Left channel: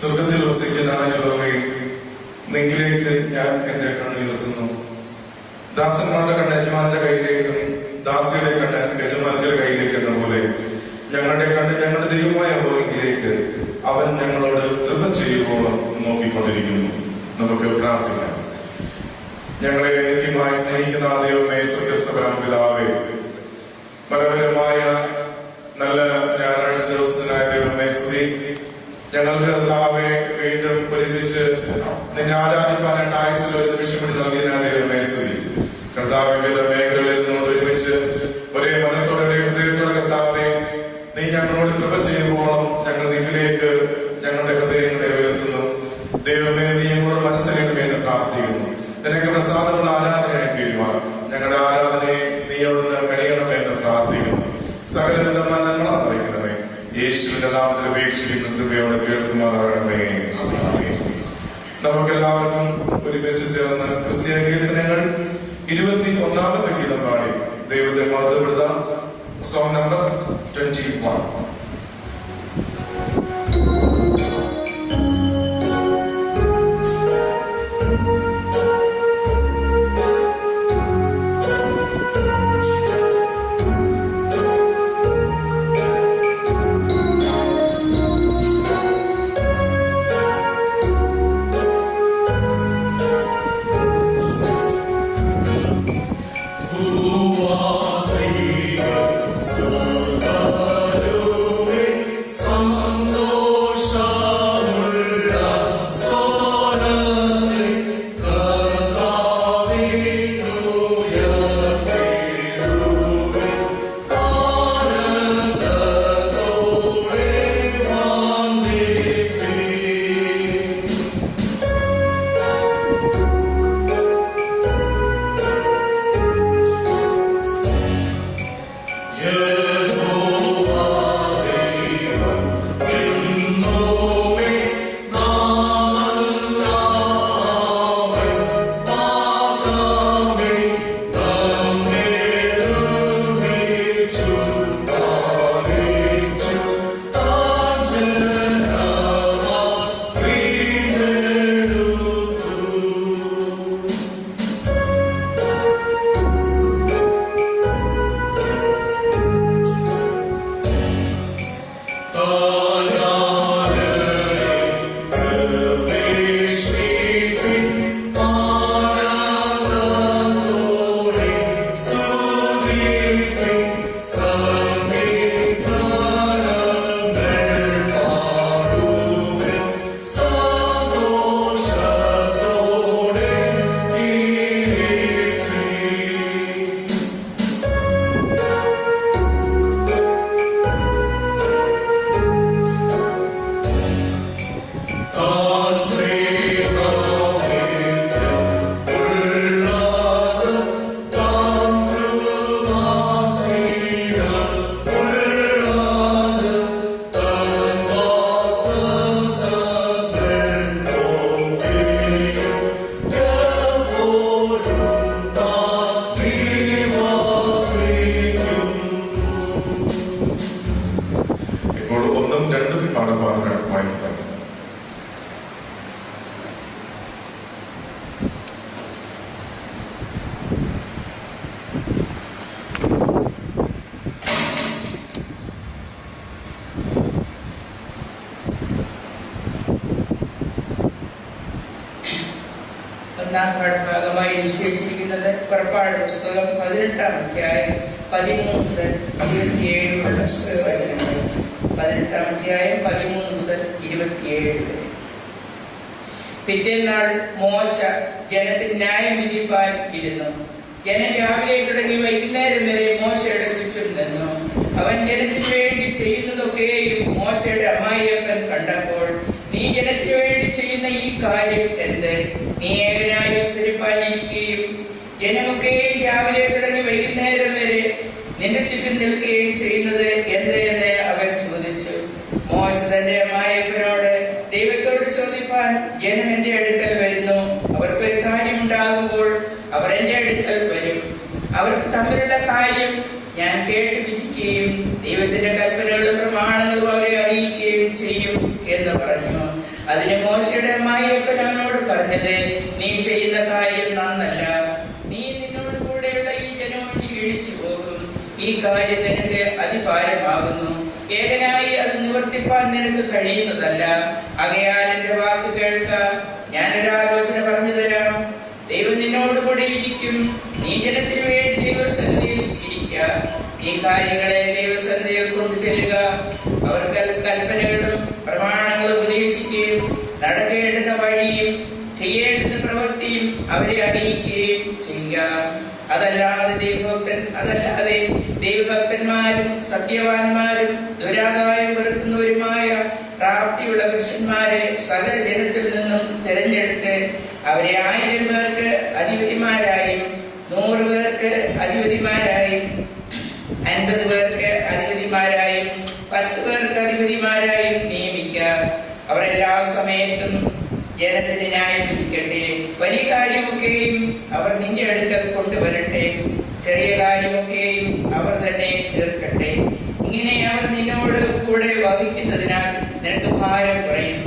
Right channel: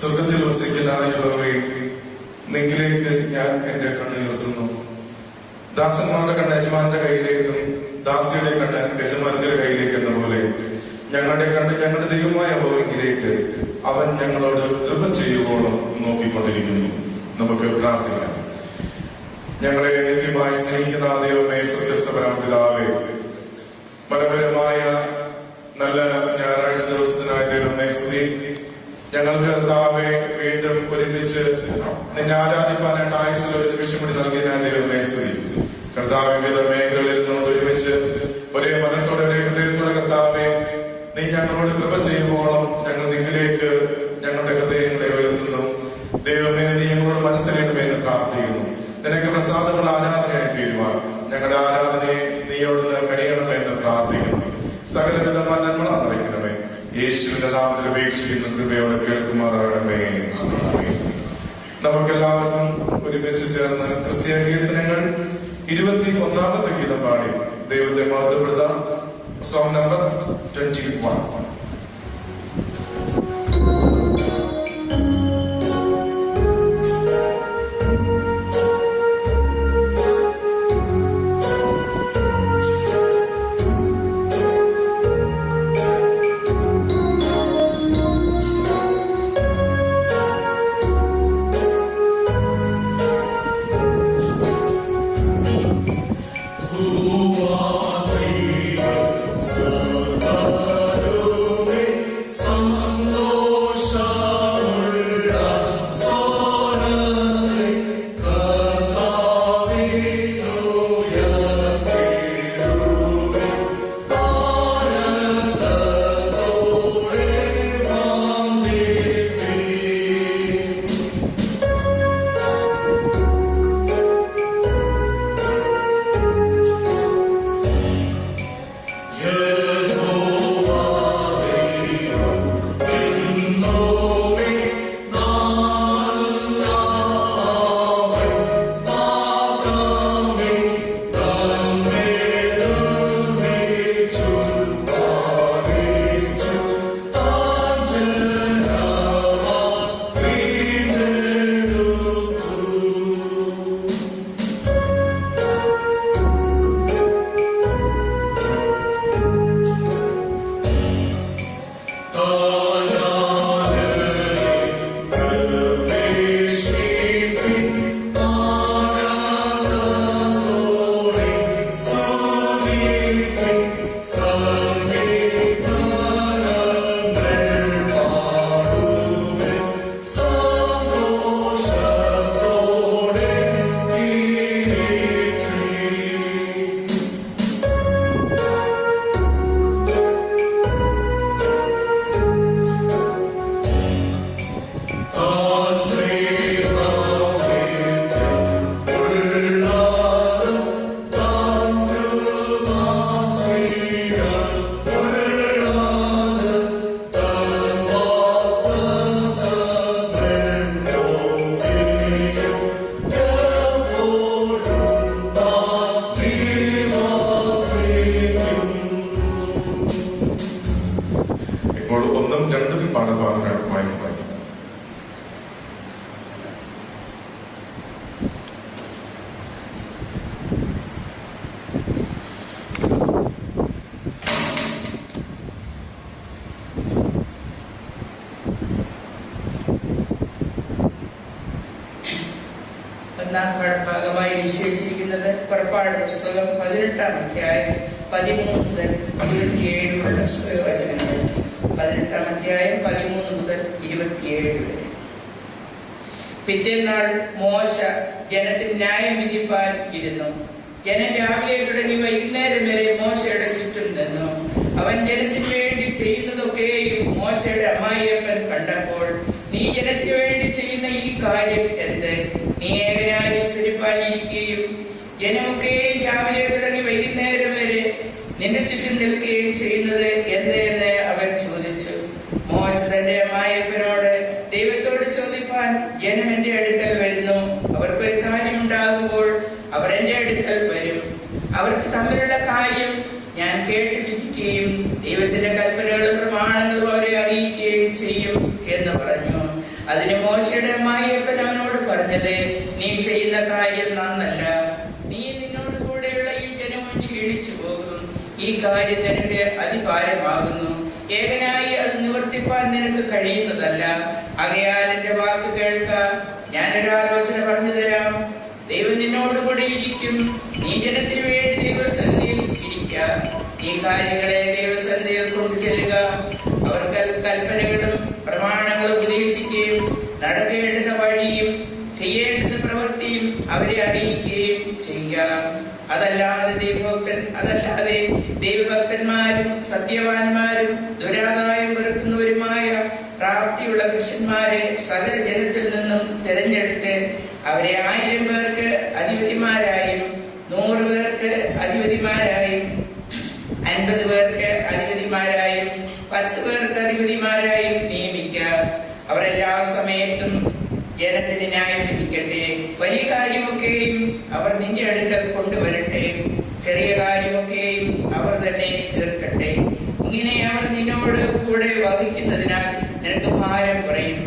സ്വർഗത്തിൽ വസിക്കുന്നവരെ നിങ്ങളിലേക്ക് ഞാൻ എന്റെ കണ്ണുയർത്തുന്നു. ദാസന്മാരുടെ കണ്ണ് യജമാന്റെ കയ്യിലേക്കും ദാസിയുടെ കണ്ണ് യജമാന്റെ കയ്യിലേക്ക് എന്ന പോലെ ഞങ്ങളുടെ കണ്ണ് ഞങ്ങളുടെ ദൈവമായ യഹോവയിലേക്ക് അവൻ ഞങ്ങളോട് കൃപ ചെയ്യുവോളം നോക്കിക്കൊണ്ടിരിക്കുന്നു. നമുക്ക് പ്രാർത്ഥിക്കാം. ഞങ്ങളെ നിത്യമായി സ്നേഹിക്കുന്ന ദൈവമേ, സ്വർഗ്ഗസ്ഥനായ പിതാവേ, മനോഹരമായ നല്ല ഞായറാഴ്ച ദിവസത്തിനായ ദൈവമേ സ്തുതി. ഞങ്ങൾക്ക് കർത്താവെ വീണ്ടും ഒരുമിച്ച് നിന്നെ ആരാധിക്കാനായിട്ട് ആയുസ്സിൽ ഒരു രക്ഷപ്പെട്ട് നൽകിയ ദൈവമേ സ്തുതി. കർത്താവ് വിവിധ മേഖലകളിൽ നിന്നുകൊണ്ട് ഒരുമിച്ച് ഒരേ മനസ്സോടെ ഹൃദയത്തോടെ കർത്താവെ നീ ഞങ്ങളോട് കൃപ ചെയ്യുമ്പോഴും ഞങ്ങൾ നിന്നിലേക്ക് ഞങ്ങളുടെ ഹൃദയങ്ങളെ ഉയർത്തുന്നു. ദൈവമേ, നീ ഞങ്ങളോട് മനസ്സിലാക്കണമെന്ന് പ്രാർത്ഥിക്കുന്നു. നിനക്ക് പ്രസാദമുള്ള ആരാധനയായി തീരുവാൻ ഞങ്ങളുടെ ആരാധനയെ നീയോട് കഴിയണമെന്ന് പ്രാർത്ഥിക്കുന്നു. സകലവിധമായ നന്മകളറിയിക്കണമേ. യേശുവിന്റെ നാമത്തിൽ ഉപേക്ഷിക്കുന്ന കൃപയോടെ കേൾക്കുമാറാകണമേ. നമുക്കെല്ലാവർക്കും ഒരുമിച്ച് ചേർന്ന് ക്രിസ്തീയ കീർത്തനങ്ങൾ 21ാമത്തെ ഗീതം പാടി ദൈവത്തെ മഹത്വപ്പെടുത്താം. Song number 21. ഭാഗമായി നിശ്ചയിച്ചിരിക്കുന്നത് പുറപ്പാട് പുസ്തകം 18-ാം അധ്യായം 13 മുതൽ 27 വചനങ്ങൾ. 18-ാം അധ്യായം 13 മുതൽ 27 വരെ. പിറ്റേന്നാൾ മോശ ജനത്തിന് ന്യായം വിധിപ്പാൻ ഇരുന്നു. ജനം രാവിലെ തുടങ്ങി വൈകുന്നേരം വരെ മോശയുടെ ചുറ്റും നിന്നു. അവൻ ജനത്തിന് വേണ്ടി ചെയ്യുന്നതൊക്കെയും മോശയുടെ അമ്മായിയപ്പൻ കണ്ടപ്പോൾ, നീ ജനത്തിന് വേണ്ടി ചെയ്യുന്ന ഈ കാര്യം എന്ത്? നീ ഏകനായി വിസ്തരിപ്പാനിരിക്കുകയും ജനമൊക്കെയും രാവിലെ തുടങ്ങി വൈകുന്നേരം വരെ നിന്റെ ചുറ്റും നിൽക്കുകയും ചെയ്യുന്നത് എന്ത് എന്ന് അവൻ ചോദിച്ചു. മോശ തന്റെ അമ്മായിയപ്പനോട്, ദൈവത്തോട് ചോദിപ്പാൻ ജനം എന്റെ അടുക്കൽ വരുന്നു. അവർക്കൊരു കാര്യം ഉണ്ടാകുമ്പോൾ അവർ എന്റെ അടുക്കൽ വരും. അവർക്ക് തമ്മിലുള്ള കാര്യം ഞാൻ കേട്ട് വിധിക്കുകയും ദൈവത്തിന്റെ കൽപ്പനകളും പ്രമാണങ്ങളും അവരെ അറിയിക്കുകയും ചെയ്യും എന്ന് പറഞ്ഞു. അതിന് മോശയുടെ അമ്മായിയപ്പൻ അവനോട് പറഞ്ഞത്, നീ ചെയ്യുന്ന കാര്യം നന്നല്ല. നീ നിന്നോട് കൂടെയുള്ള ഈ ജനവും ക്ഷീണിച്ചു പോകും. ഈ കാര്യം നിനക്ക് അതിഭാരമാകുന്നു. ഏകനായി അത് നിവർത്തിപ്പാൻ നിനക്ക് കഴിയുന്നതല്ല. ആകയാൽ എന്റെ വാക്ക് കേൾക്ക. ഞാനൊരാലോചന പറഞ്ഞു തരാം. ദൈവം നിന്നോടുകൂടി ഇരിക്കും. നീ ജനത്തിന് വേണ്ടി ദൈവസന്നിധിയിൽ ഇരിക്ക. ഈ കാര്യങ്ങളെ ദൈവസന്നിധിയിൽ കൊണ്ടു ചെല്ലുക. അവർക്ക് കൽപ്പനകളും പ്രമാണങ്ങളും ഉപദേശിക്കുകയും നടക്കേണ്ടുന്ന വഴിയും ചെയ്യേണ്ടുന്ന പ്രവൃത്തിയും അവരെ അറിയിക്കുകയും ചെയ്യുക. അതല്ലാതെ ദൈവഭക്തന്മാരും സത്യവാന്മാരും ദുരാദായം വെറുക്കുന്നവരുമായ പ്രാപ്തിയുള്ള പുരുഷന്മാരെ സകല ജനത്തിൽ നിന്നും തിരഞ്ഞെടുത്ത് അവരെ 1000 പേർക്ക് അധിപതിമാരായും 100 പേർക്ക് അധിപതിമാരായും 50 പേർക്ക് അധിപതിമാരായും 10 പേർക്ക് അധിപതിമാരായും നിയമിക്കുക. അവർ എല്ലാ സമയത്തും ജനത്തിന് ന്യായം വിധിക്കട്ടെ. വലിയ കാര്യമൊക്കെയും അവർ നിന്റെ അടുക്കൽ കൊണ്ടുവരട്ടെ. ചെറിയ കാര്യമൊക്കെയും അവർ തന്നെ തീർക്കട്ടെ. ഇങ്ങനെ അവർ നിന്നോട് കൂടെ വഹിക്കുന്നതിനാൽ നിനക്ക് ഭാരം കുറയും.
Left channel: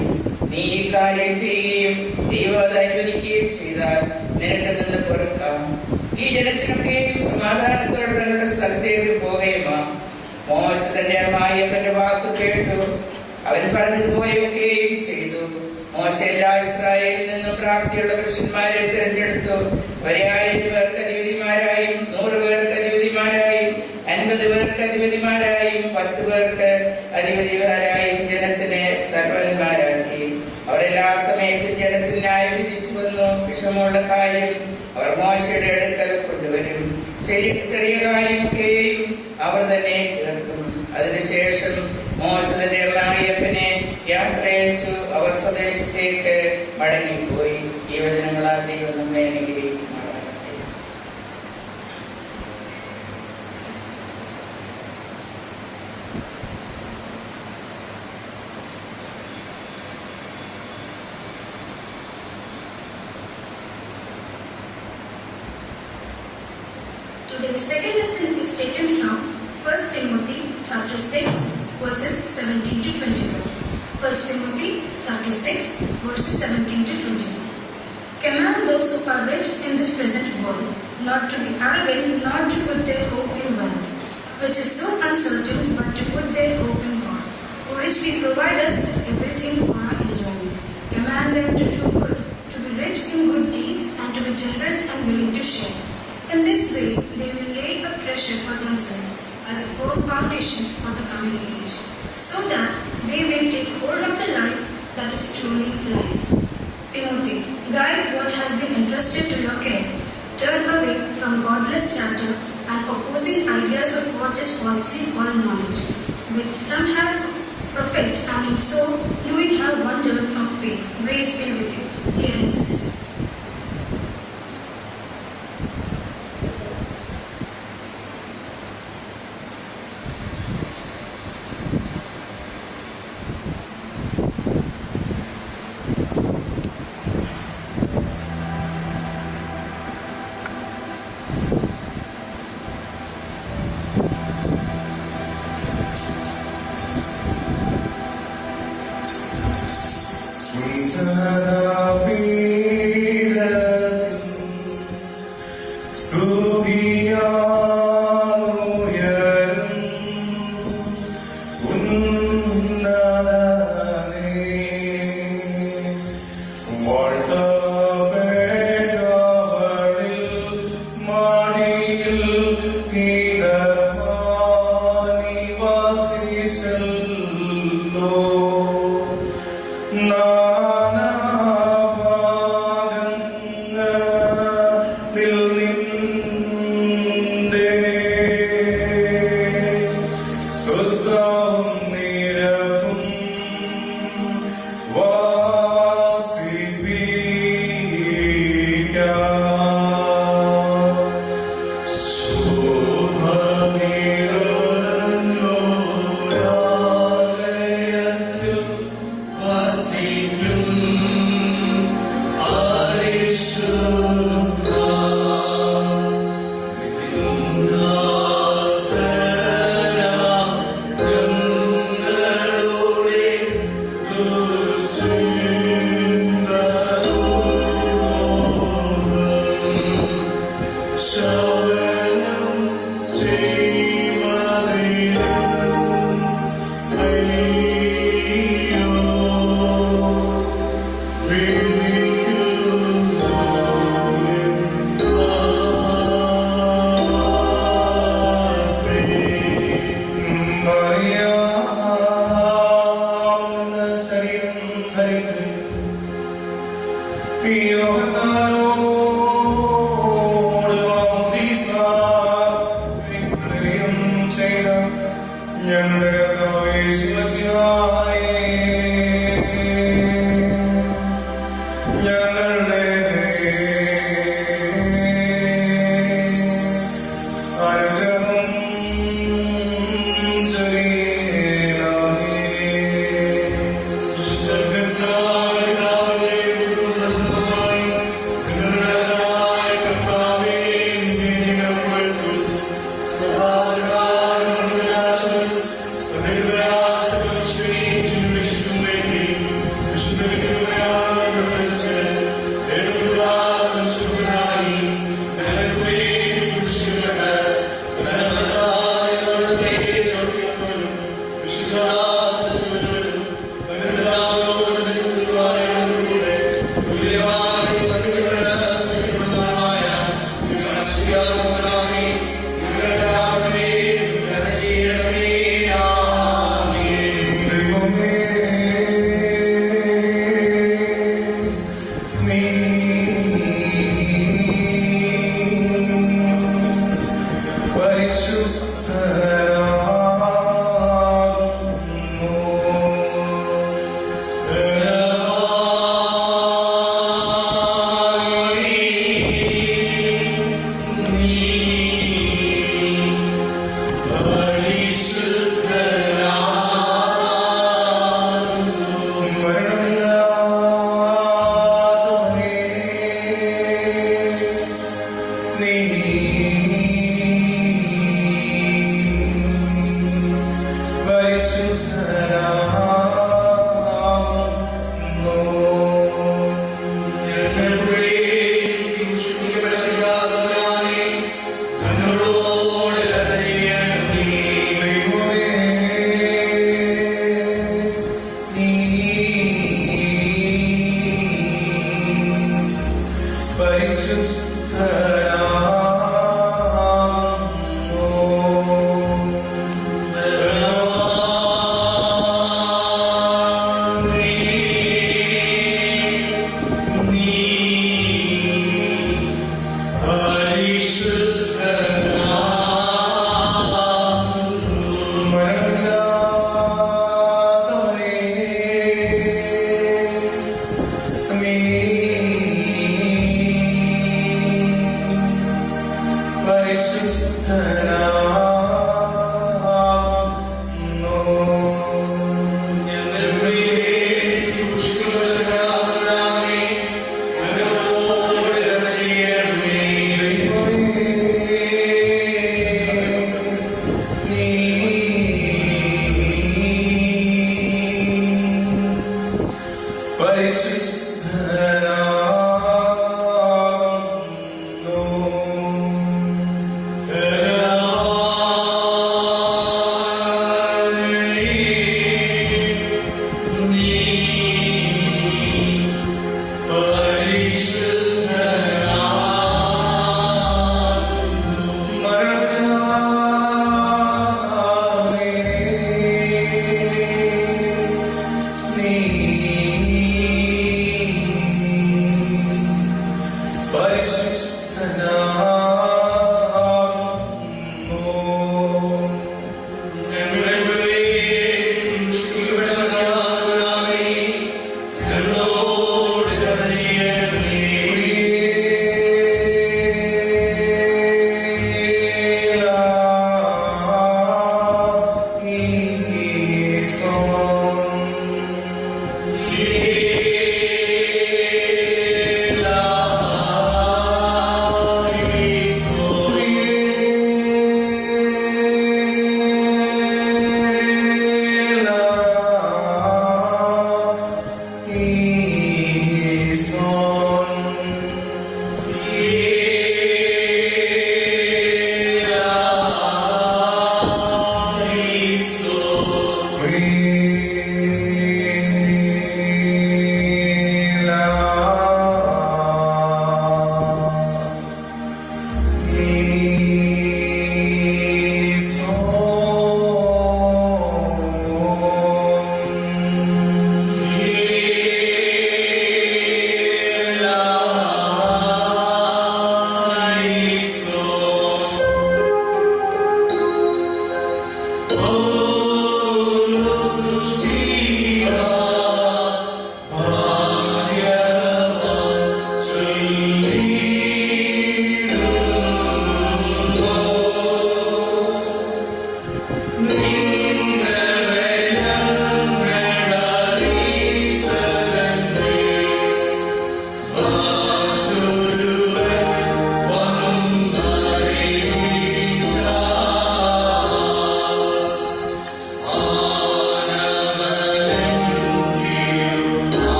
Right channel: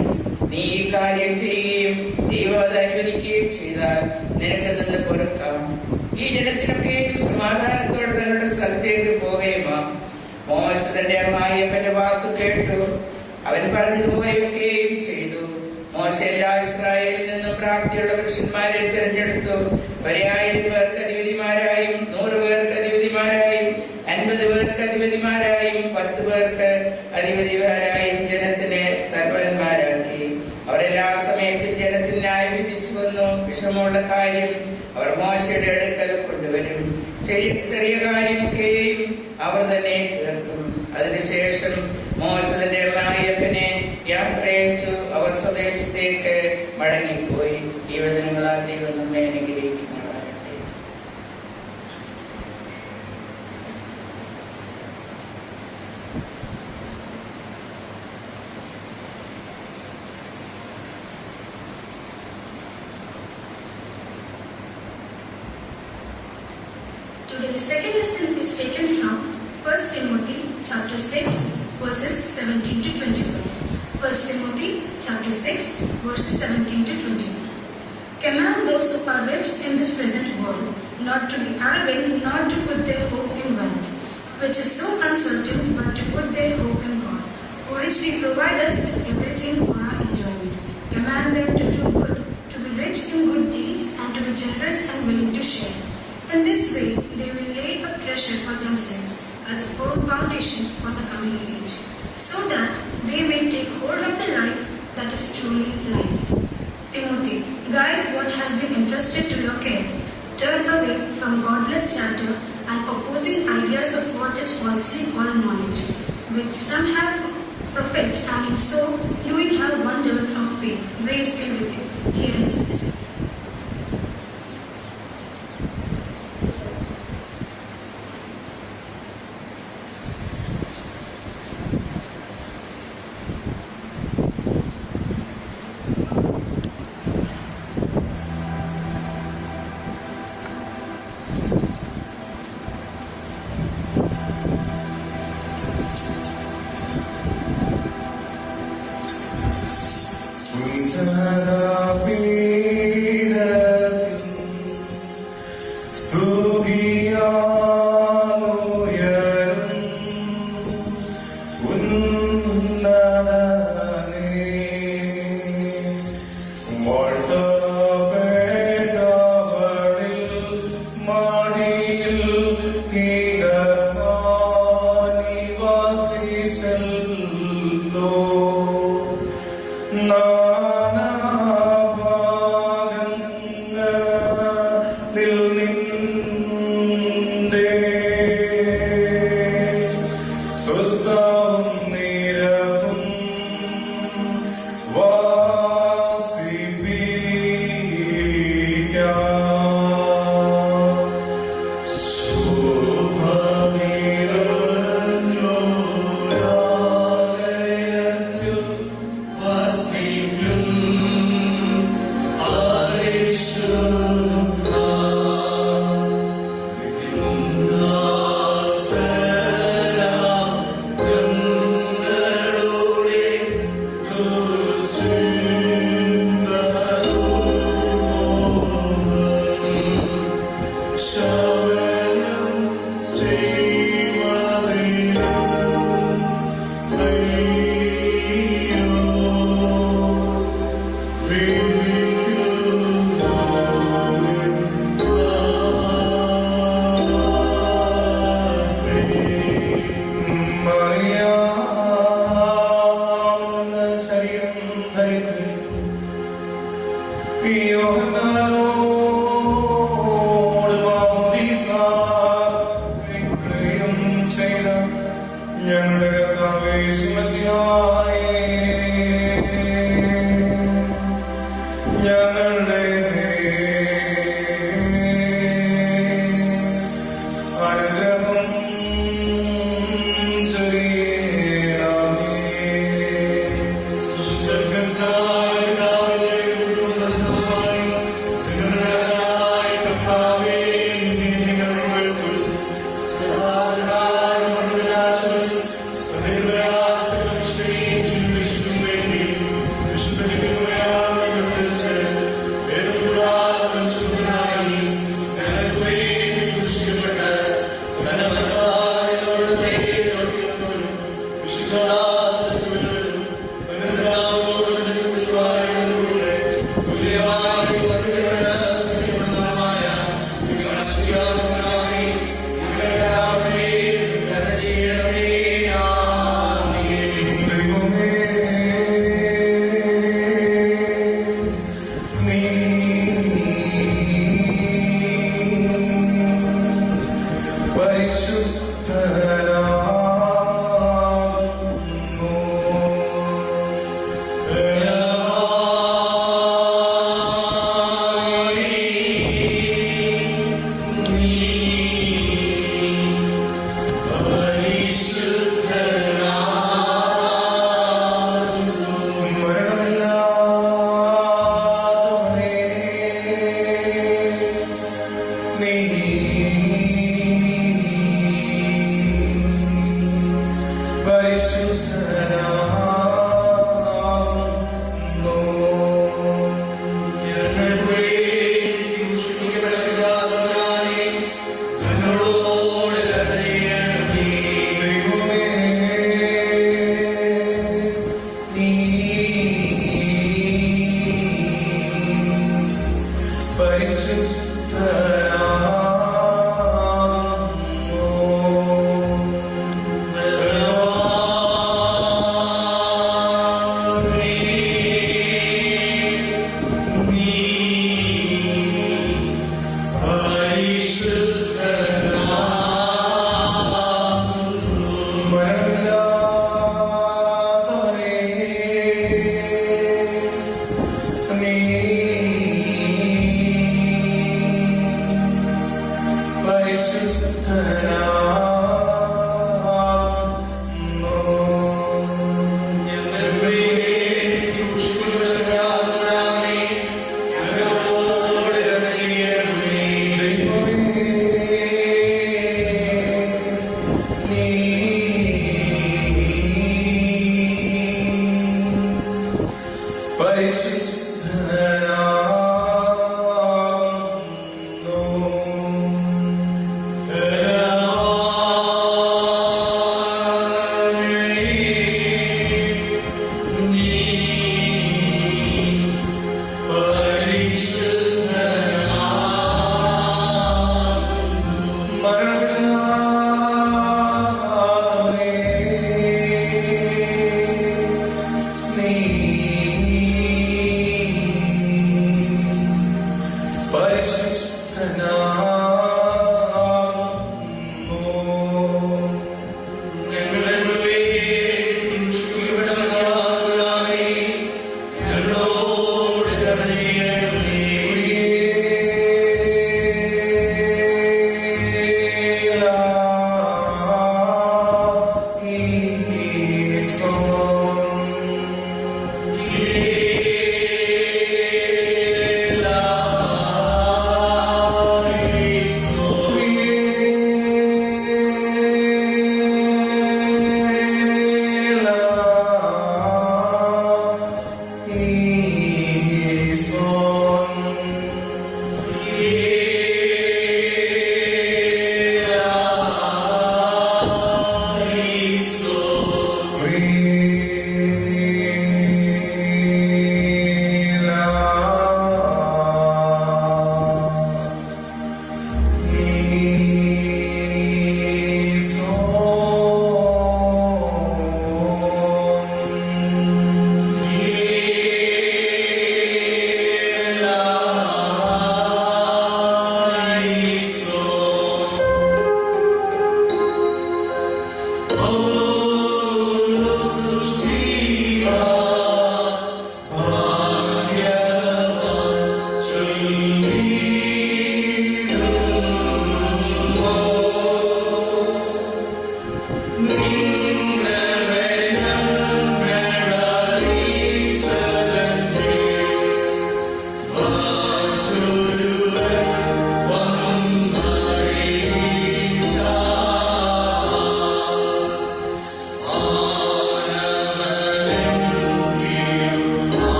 നീ ഈ കാര്യം ചെയ്യുകയും ദൈവം അത് അനുവദിക്കുകയും ചെയ്താൽ നിനക്ക് നിന്ന് പുറക്കാം. ഈ ജനത്തിനൊക്കെയും സമാധാനത്തോടെ തങ്ങളുടെ സ്ഥലത്തേക്ക് പോകേമാ. മോശ തന്റെ അമ്മായിയപ്പന്റെ വാക്ക് കേട്ടു. അവൻ പറഞ്ഞതുപോലെയൊക്കെയും ചെയ്തു. മോശ എല്ലാ ഇസ്രായേലിൽ നിന്നും പ്രാപ്തിയുള്ള പുരുഷന്മാരെ തിരഞ്ഞെടുത്തു. അവരെ 1000 പേർക്ക് അധിപതിമാരായും 100 പേർക്ക് അധിപതിമാരായും 50 പേർക്ക് അധിപതിമാരായും 10 പേർക്ക് അധിപതിമാരായും ജനത്തിന് തലവന്മാരാക്കി. അവരെല്ലാ സമയത്തും ജനത്തിന് ന്യായം വിധിച്ചു വന്നു. വിഷമമുള്ള കാര്യം അവർ മോശയുടെ അടുക്കൽ കൊണ്ടുവരും. ചെറിയ കാര്യമൊക്കെയും അവർ തന്നെ തീർക്കും. അതിനുശേഷം മോശ തന്റെ അമ്മായിയപ്പനെ യാത്രയച്ചു. അവർ സ്വദേശത്തേക്ക് മടങ്ങിപ്പോയി. ഈ വചനങ്ങളാൽ ദൈവം നമ്മെ അനുഗ്രഹിക്കുമാറാകട്ടെ. Today's second lesson is taken from 1 Timothy chapter 6 verses 17 to 21. 1 Timothy chapter 6 verses 17 to 21. Command those who are rich in this present world not to be arrogant, not to put their hope in wealth, which is so uncertain, but to put their hope in God, who richly provides us with everything for our enjoyment. Command them to do good, to be rich in good deeds, and to be generous and willing to share. In this way, they will lay a treasure for themselves as a firm foundation for the coming age, so that they may take hold of the life that is truly life. Timothy, guide what has been entrusted to your care. Turn away from godless chatter and opposing ideas of what is falsely called knowledge, which some have professed, and in so doing have wandered from faith. Grace be with you. Here ends this. See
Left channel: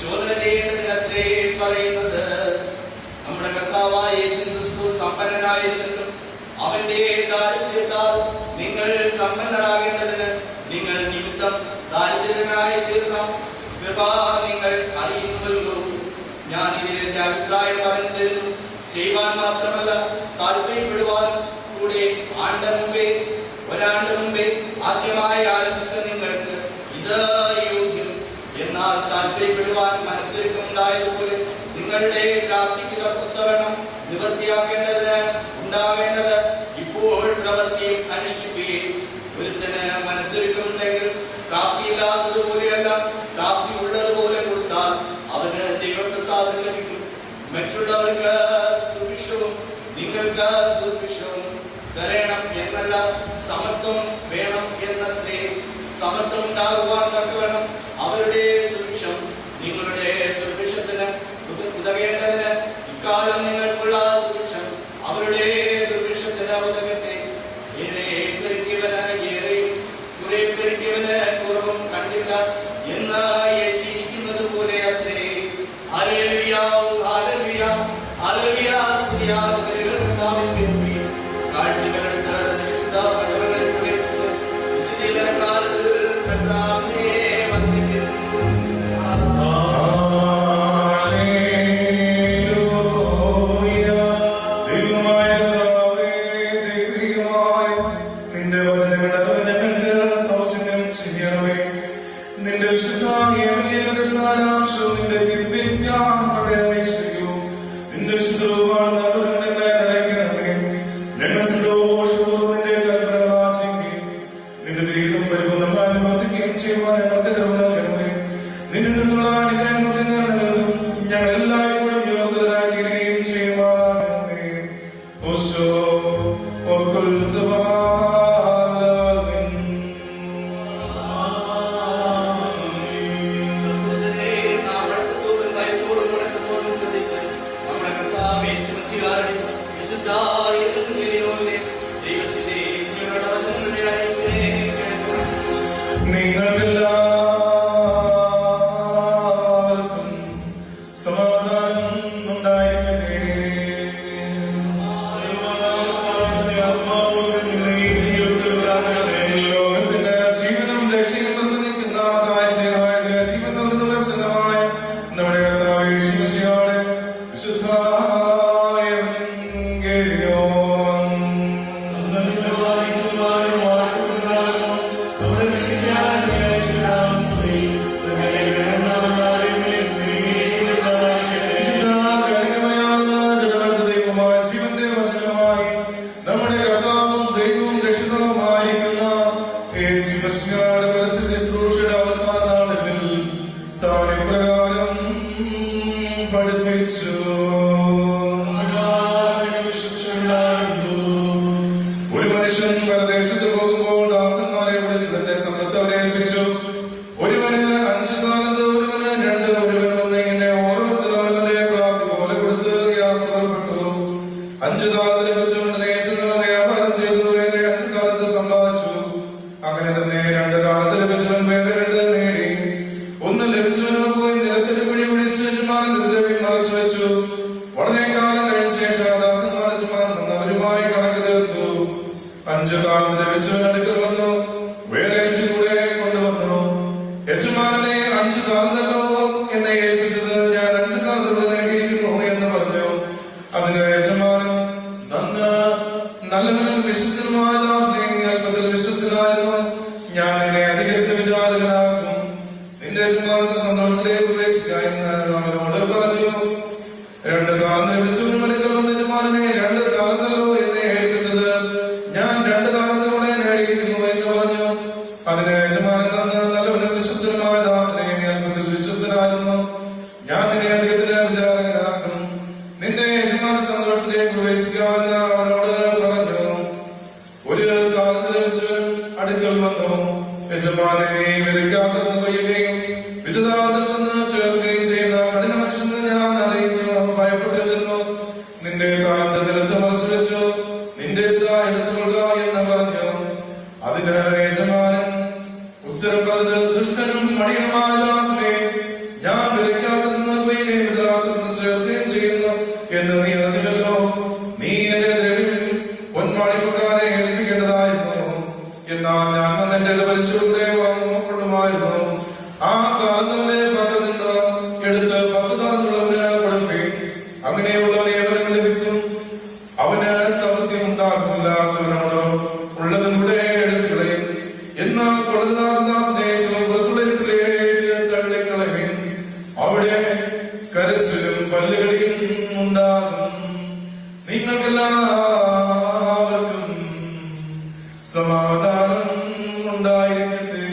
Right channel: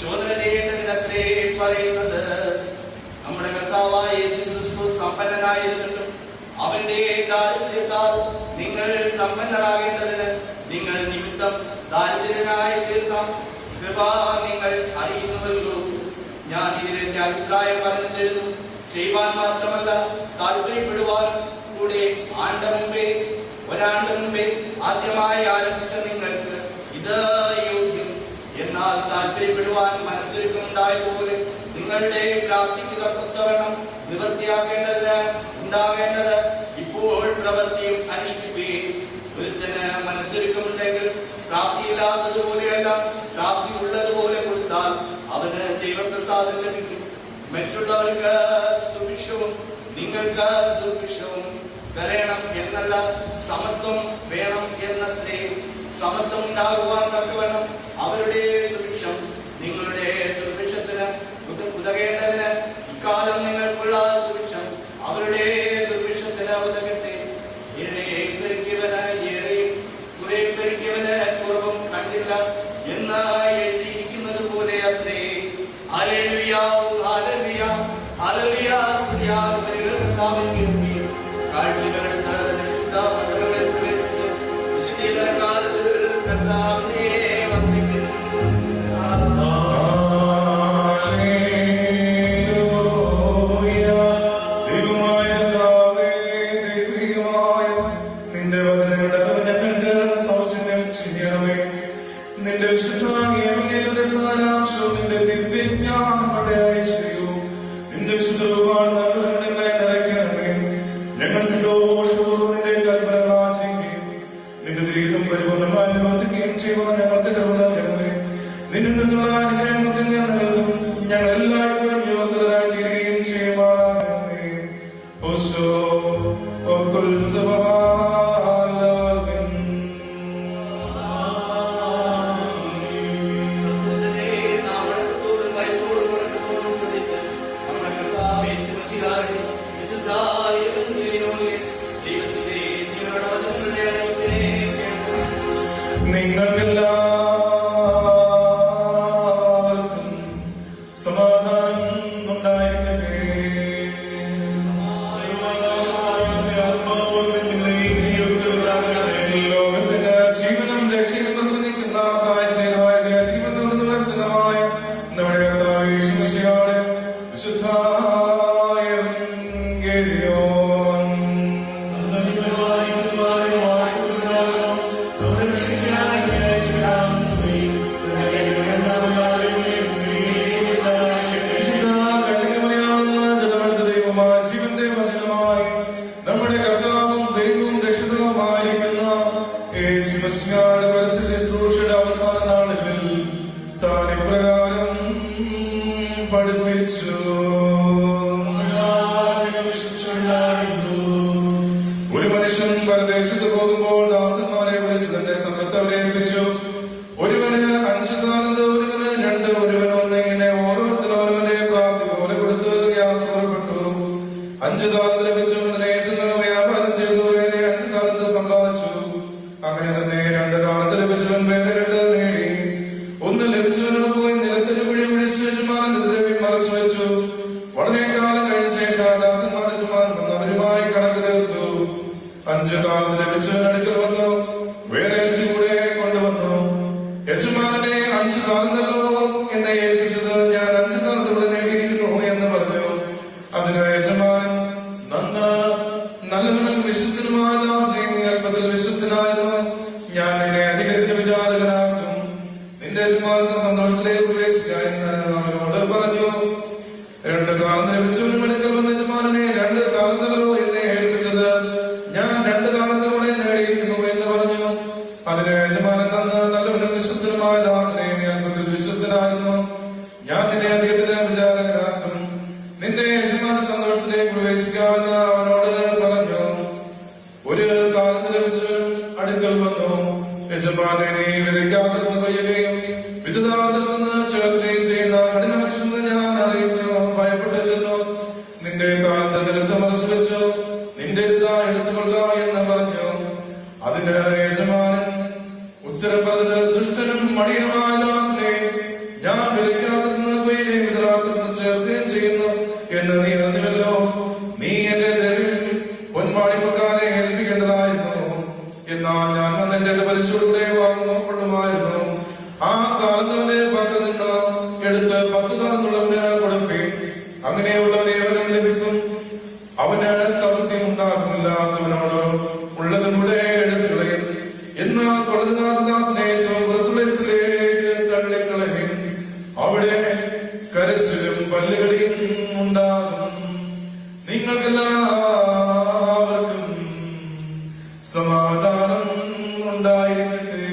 ശോധന ചെയ്യേണ്ടതിനത്രേ പറയുന്നത്. നമ്മുടെ കർത്താവ് ദരിദ്രനായിരുന്നിട്ടും അവന്റെ ദാരിദ്ര്യത്താൽ നിങ്ങൾ സമ്പന്നരാകേണ്ടതിന് നിങ്ങൾ നിമിത്തം ദാരിദ്രനായി തീർന്ന കൃപ നിങ്ങൾ അറിയുന്നുവല്ലോ. ഞാൻ ഇതിൽ എന്റെ അഭിപ്രായം പറഞ്ഞു തരുന്നു. ചെയ്യുവാൻ മാത്രമല്ല താല്പര്യപ്പെടുവാൻ കൂടെ ഒരാണ്ട് മുമ്പേ ആദ്യമായി ആരംഭിച്ച നിങ്ങൾക്ക് ഇത് യോഗ്യം. എന്നാൽ താല്പര്യപ്പെടുവാൻ മനസ്സൊരുക്കമുണ്ടായതുപോലെ നിങ്ങളുടെ പ്രാപ്തിക്ക് തക്കവണ്ണം ഉണ്ടാവേണ്ടത് ഇപ്പോൾ പ്രവൃത്തിയും അനുഷ്ഠിക്കുകയും. ഒരുത്തന് മനസ്സൊരുക്കമുണ്ടെങ്കിൽ പ്രാപ്തിയില്ലാത്തതുപോലെയല്ല പ്രാപ്തി ഉള്ളതുപോലെ കൊടുത്താൽ അവന് ദൈവപ്രസാദം ലഭിക്കും. മറ്റുള്ളവർക്ക് സുഭിക്ഷവും നിങ്ങൾക്ക് ദുർഭിക്ഷവും വരണം എന്നല്ല, സമത്വം വേണം എന്നത്രേ. സമത്വം ഉണ്ടാകുവാൻ തക്കവണ്ണം അവരുടെ സുഭിക്ഷം നിങ്ങളുടെ ദുർഭിക്ഷത്തിന് ഉതകേണ്ടതിന് ഇക്കാലം നിങ്ങൾക്കുള്ള സുഭിക്ഷം അവരുടെ ദുർഭിക്ഷത്തിന് ഉതകട്ടെ. ഏറെ പെരുക്കിയവന് ഏറെയും കുറെ പെരുക്കിയവന് കുറവും കണ്ടില്ല എന്ന് എഴുതിയിരിക്കുന്നത് പോലെ അത്രേ. Hallelujah, hallelujah, hallelujah. കാഴ്ചകളെടുത്ത് വിശുദ്ധ മണ്ഡലങ്ങളിൽ പ്രവേശിച്ച് വിശുദ്ധീകരണകാലത്തിൽ കർത്താവിനെ വന്ദിക്കുന്നു. നീ എന്റെ അങ്ങനെയുള്ളവരെ അവന് ലഭിക്കും. അവന് സൗഖ്യം ഉണ്ടാകുന്നില്ലാത്തവനോട് ഉള്ളതിലൂടെ എഴുതുകളയും. എന്നാൽ തള്ളിക്കളയും. അവിടെ കരച്ചിലും പല്ലുകളിയും ഉണ്ടാകും. നിങ്ങൾക്കെല്ലാവർക്കും സമാധാനം ഉണ്ടായിരിക്കട്ടെ.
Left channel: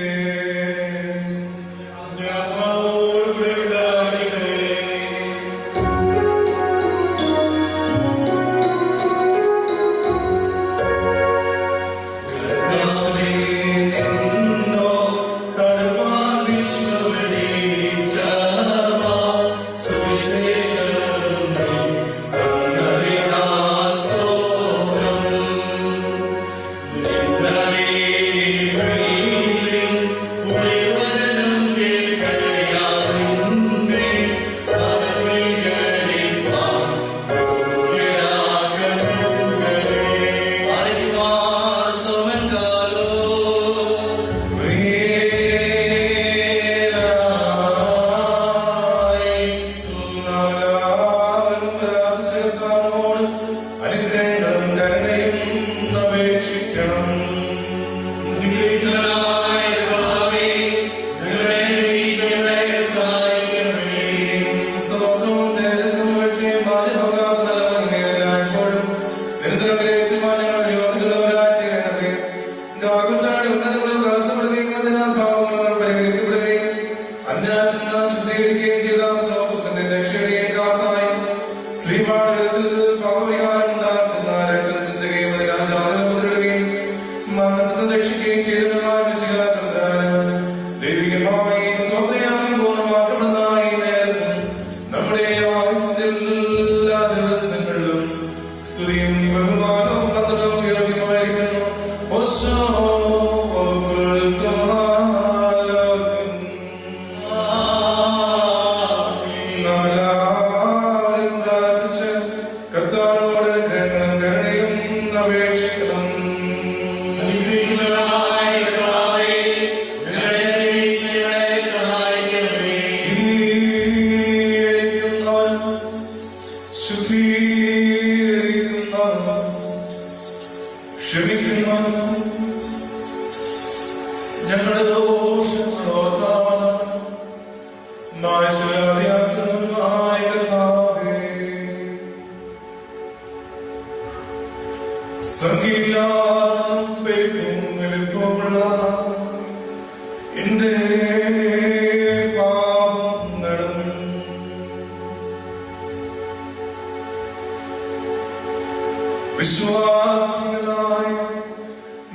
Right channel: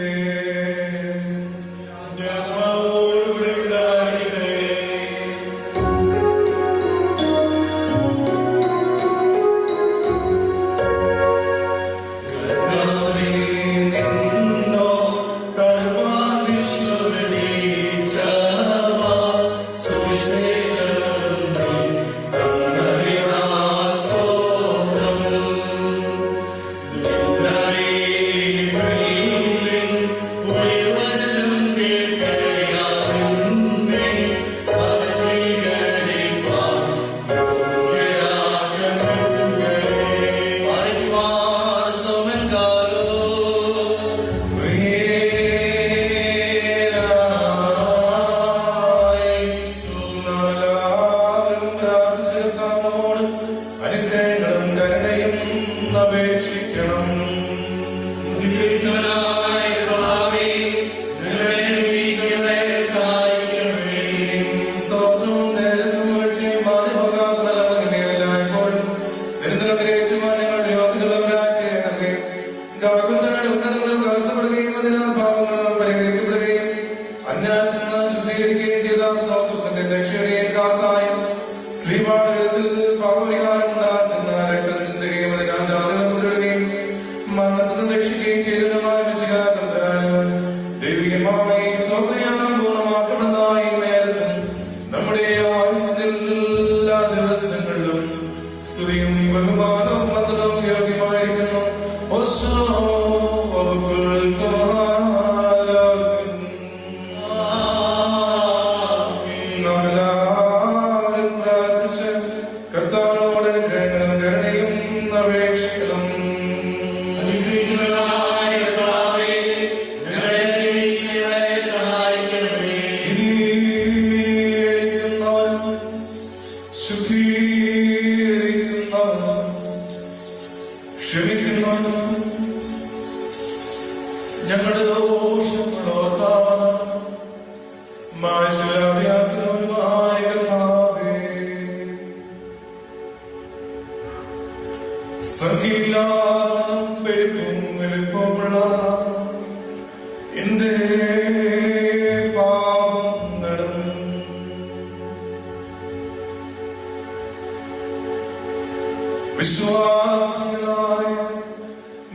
വിശ്വാസനായ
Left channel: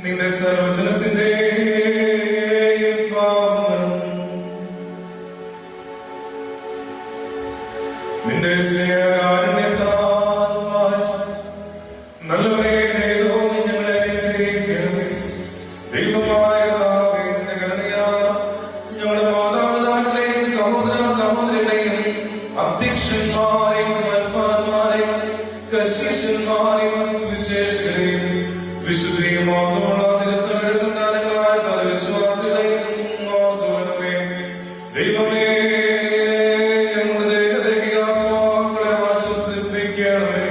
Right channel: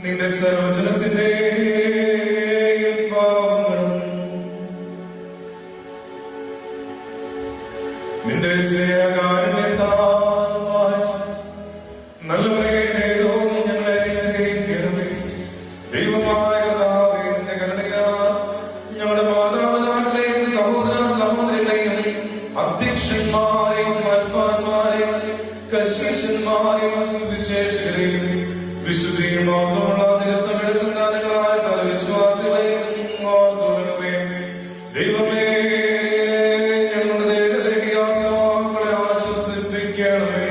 നിന്റെ സർവജനത്തിന്റെ നിന്റെ സ്നേഹകാരനെത്താൽ നല്ലവരെ ദൈവമായ ഞങ്ങളുടെ മാതാപിതാക്കളെയും സഹോദര സഹോദരികളെയും അധ്യക്ഷന്മാരെയും മൽപ്പാന്മാരെയും കശീശന്മാരെയും സുവിശേഷകരെയും വിശുദ്ധിയുമായ സർവവിശ്വാസികളെയും ദൈവമേ ആശ്വസിപ്പിക്കണമേ.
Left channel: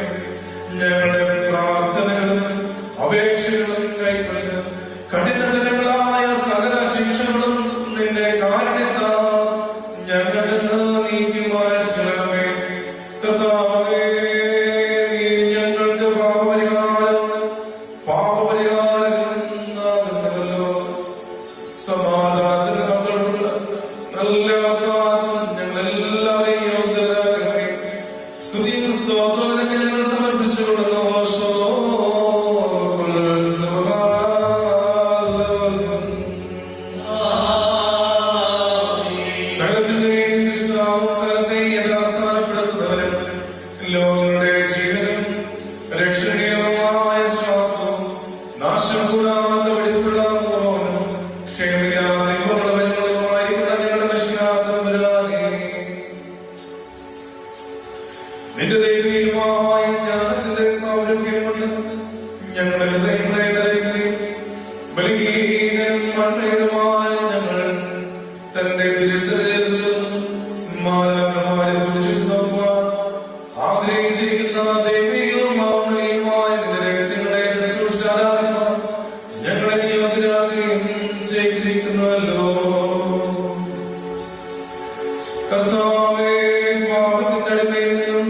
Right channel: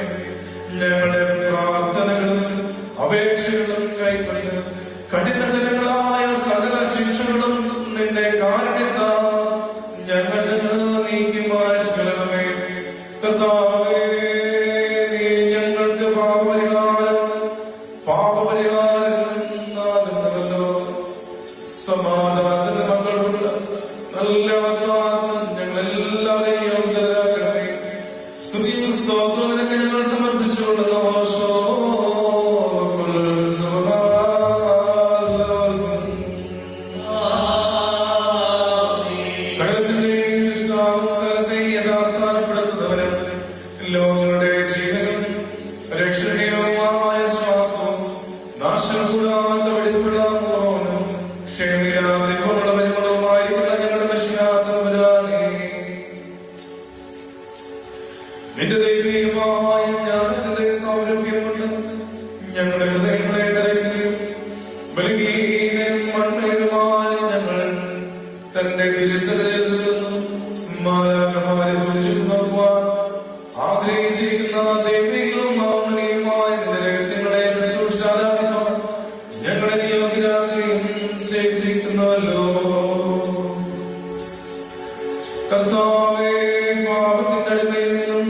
ഞങ്ങളുടെ പ്രാർത്ഥനകളും അപേക്ഷകളും കൈക്കൊള്ളുക. കഠിനതരങ്ങളായ സകല ശിക്ഷകളും നിന്റെ കാരണത്താൽ ഞങ്ങളിൽ നിന്ന് നീക്കി മാറ്റണമേ. കർത്താവേ, നീ ഞങ്ങൾക്ക് പാപപരിഹാരം നൽകുമല്ലോ. സമാധാനമുള്ള നല്ല അവസാനം ഞങ്ങളെല്ലാവരെയും അവതരാക്കണമേ. സ്തുതിയും സ്തോത്രവും ഞങ്ങൾ സമർപ്പിച്ചുകൊള്ളുന്നു. ലോകങ്ങളുടെ ജീവനും രക്ഷണീയമായ ശ്വാസവും നാശം കൂടാതെ വെളിപ്പെടാവുന്നവനും ക്ഷേമിക്കാവുന്നവരുമായിരിക്കുന്ന ഞങ്ങളുടെ വിശ്വാസവരാകെ നിന്റെ ദൈവീയമായ ചെയ്യുന്ന ദൈവികവും മൗനവുമായ രഹസ്യങ്ങളെ ശുശ്രൂഷിച്ചാൽ ഞങ്ങളെ യോഗ്യരാക്കുകയും ചെയ്തിരിക്കുന്നല്ലോ. കർത്താവേ, പാപത്തിന്റെ അടിമയിൽ നിന്നും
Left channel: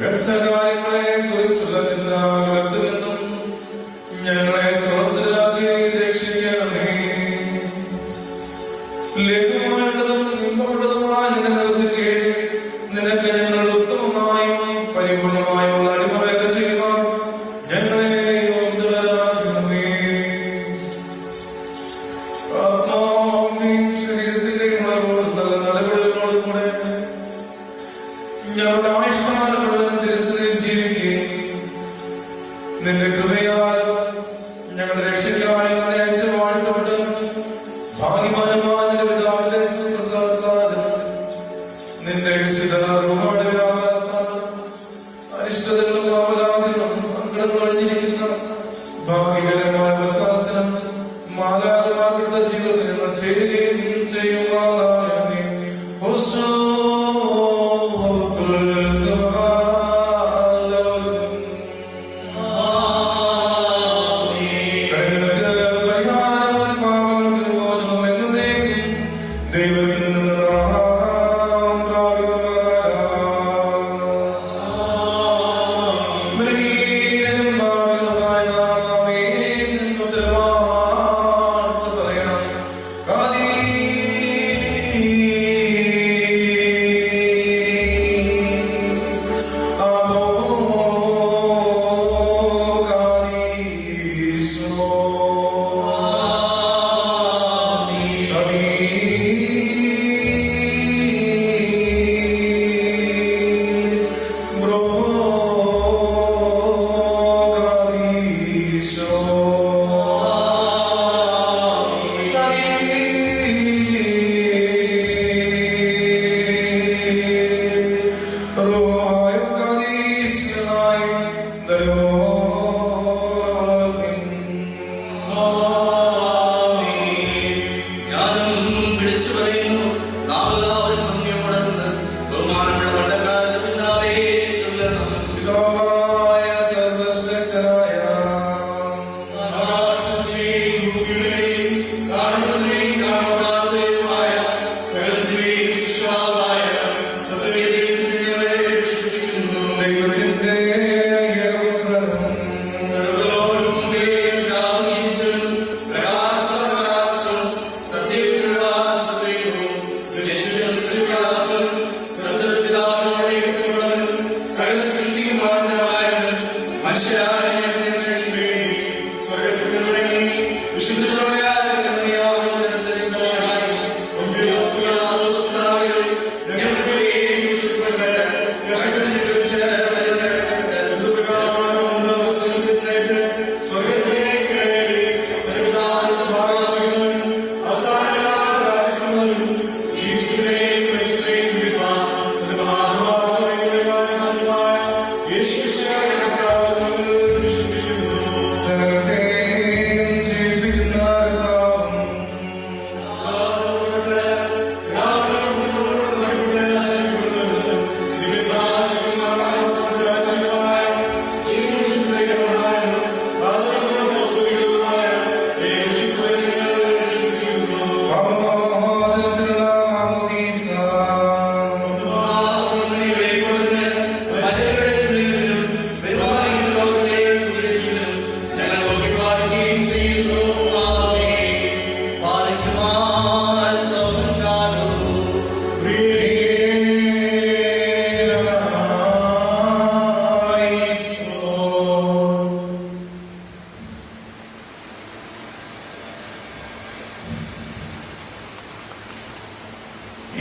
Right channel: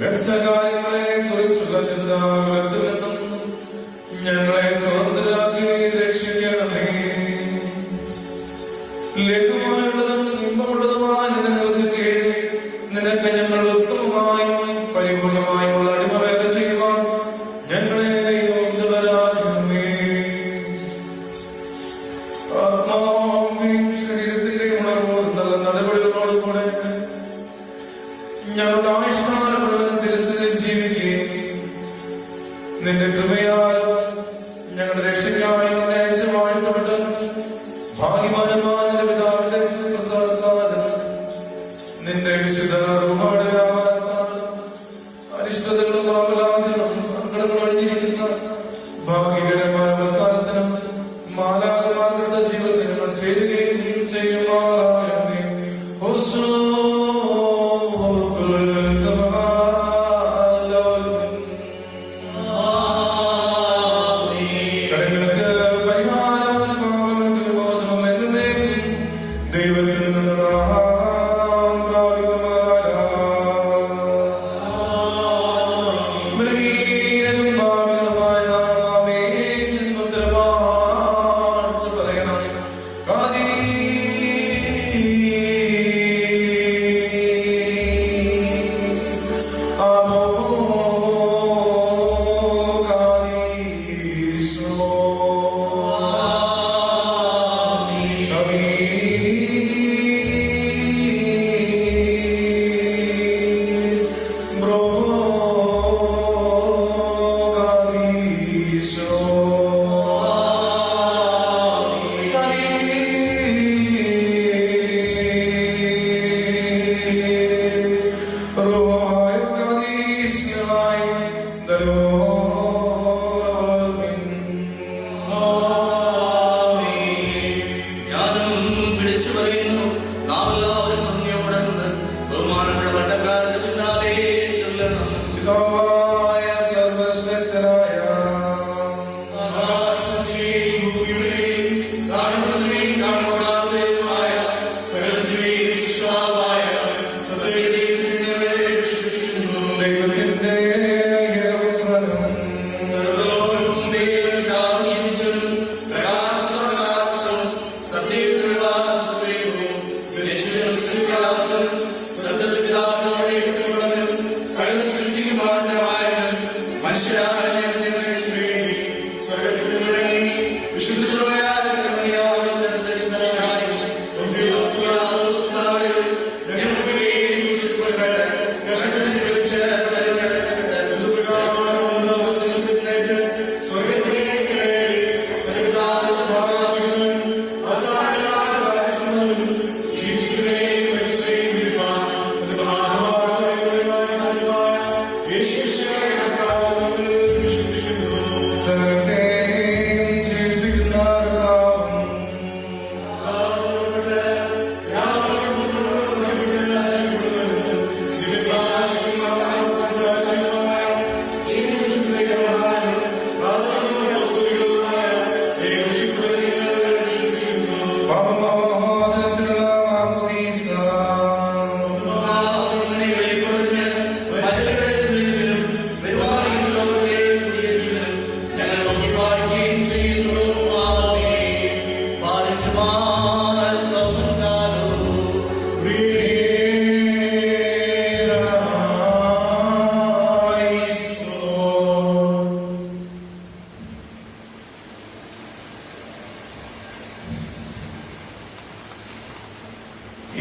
വ്യർത്ഥകാര്യങ്ങളെ കുറിച്ചുള്ള ചിന്താകുലത്തിൽ നിന്നും ഞങ്ങളെ സ്വതന്ത്രരാക്കി രക്ഷിക്കണമേ. ലഘുമായിട്ടും നിമ്പപ്പെട്ടതുമായ നിനക്ക് ഞങ്ങൾ ഉത്തമമായും പരിപൂർണമായുള്ള അടിമകളെ ചെയ്യുവാൻ ഞങ്ങളെ യോഗ്യരാക്കണമേ. ആത്മാവിന്റെയും ശരീരത്തിന്റെയും നടപടികളോട് കൂടെ ഞങ്ങളുടെ ആവശ്യമായ ദിവസത്തിൽ ജീവിക്കുകയും നിന്റെ കൃപയാൽ ഞങ്ങളുടെ രക്ഷകനായ അയച്ചു വാഴ്ത്തപ്പെട്ട് ഭാഗ്യവാന്മാരായ പിതാവിന്റെ പ്രസാദത്താലും നിന്റെ അരിഷ്ടതകളും അപരാധങ്ങളും സങ്കടങ്ങളും ജീവിക്കുന്ന ഭാഗ്യകരമായ പ്രസാദത്തിനും മാലാഖമാരുടെ ജീവിതത്തിൽ ചേരുകയും ചെയ്യുവാനാകണമേ.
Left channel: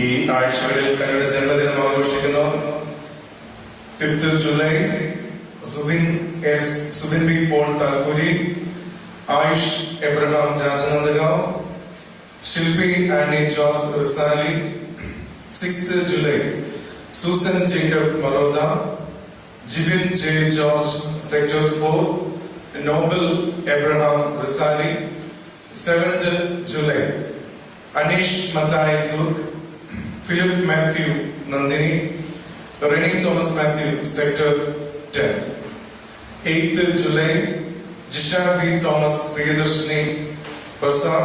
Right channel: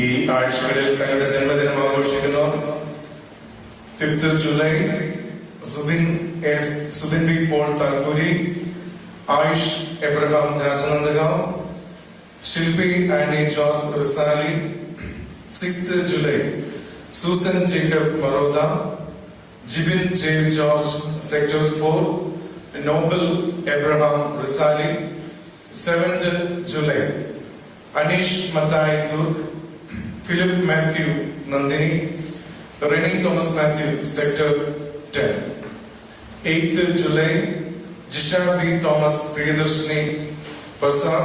ഈ ആഴ്ചകളിൽ കനയുടെ ജന്മദിനം ആഘോഷിക്കുന്നു. 5th July Subin B Paul Talpuri, Ayush Abraham Rajnandgaon, Shilpi Annie George Risali. 6th July Susan Jacob Maroda, Jibin J George sector 4, Noble Abraham Risali. 7th July Aneesh Mathai Durg, Philip Mathew Nandini, Rennie Thomas Matthew, Sector 10. 8th July, Jisha B. Thomas, Priyadarshini, Parsar.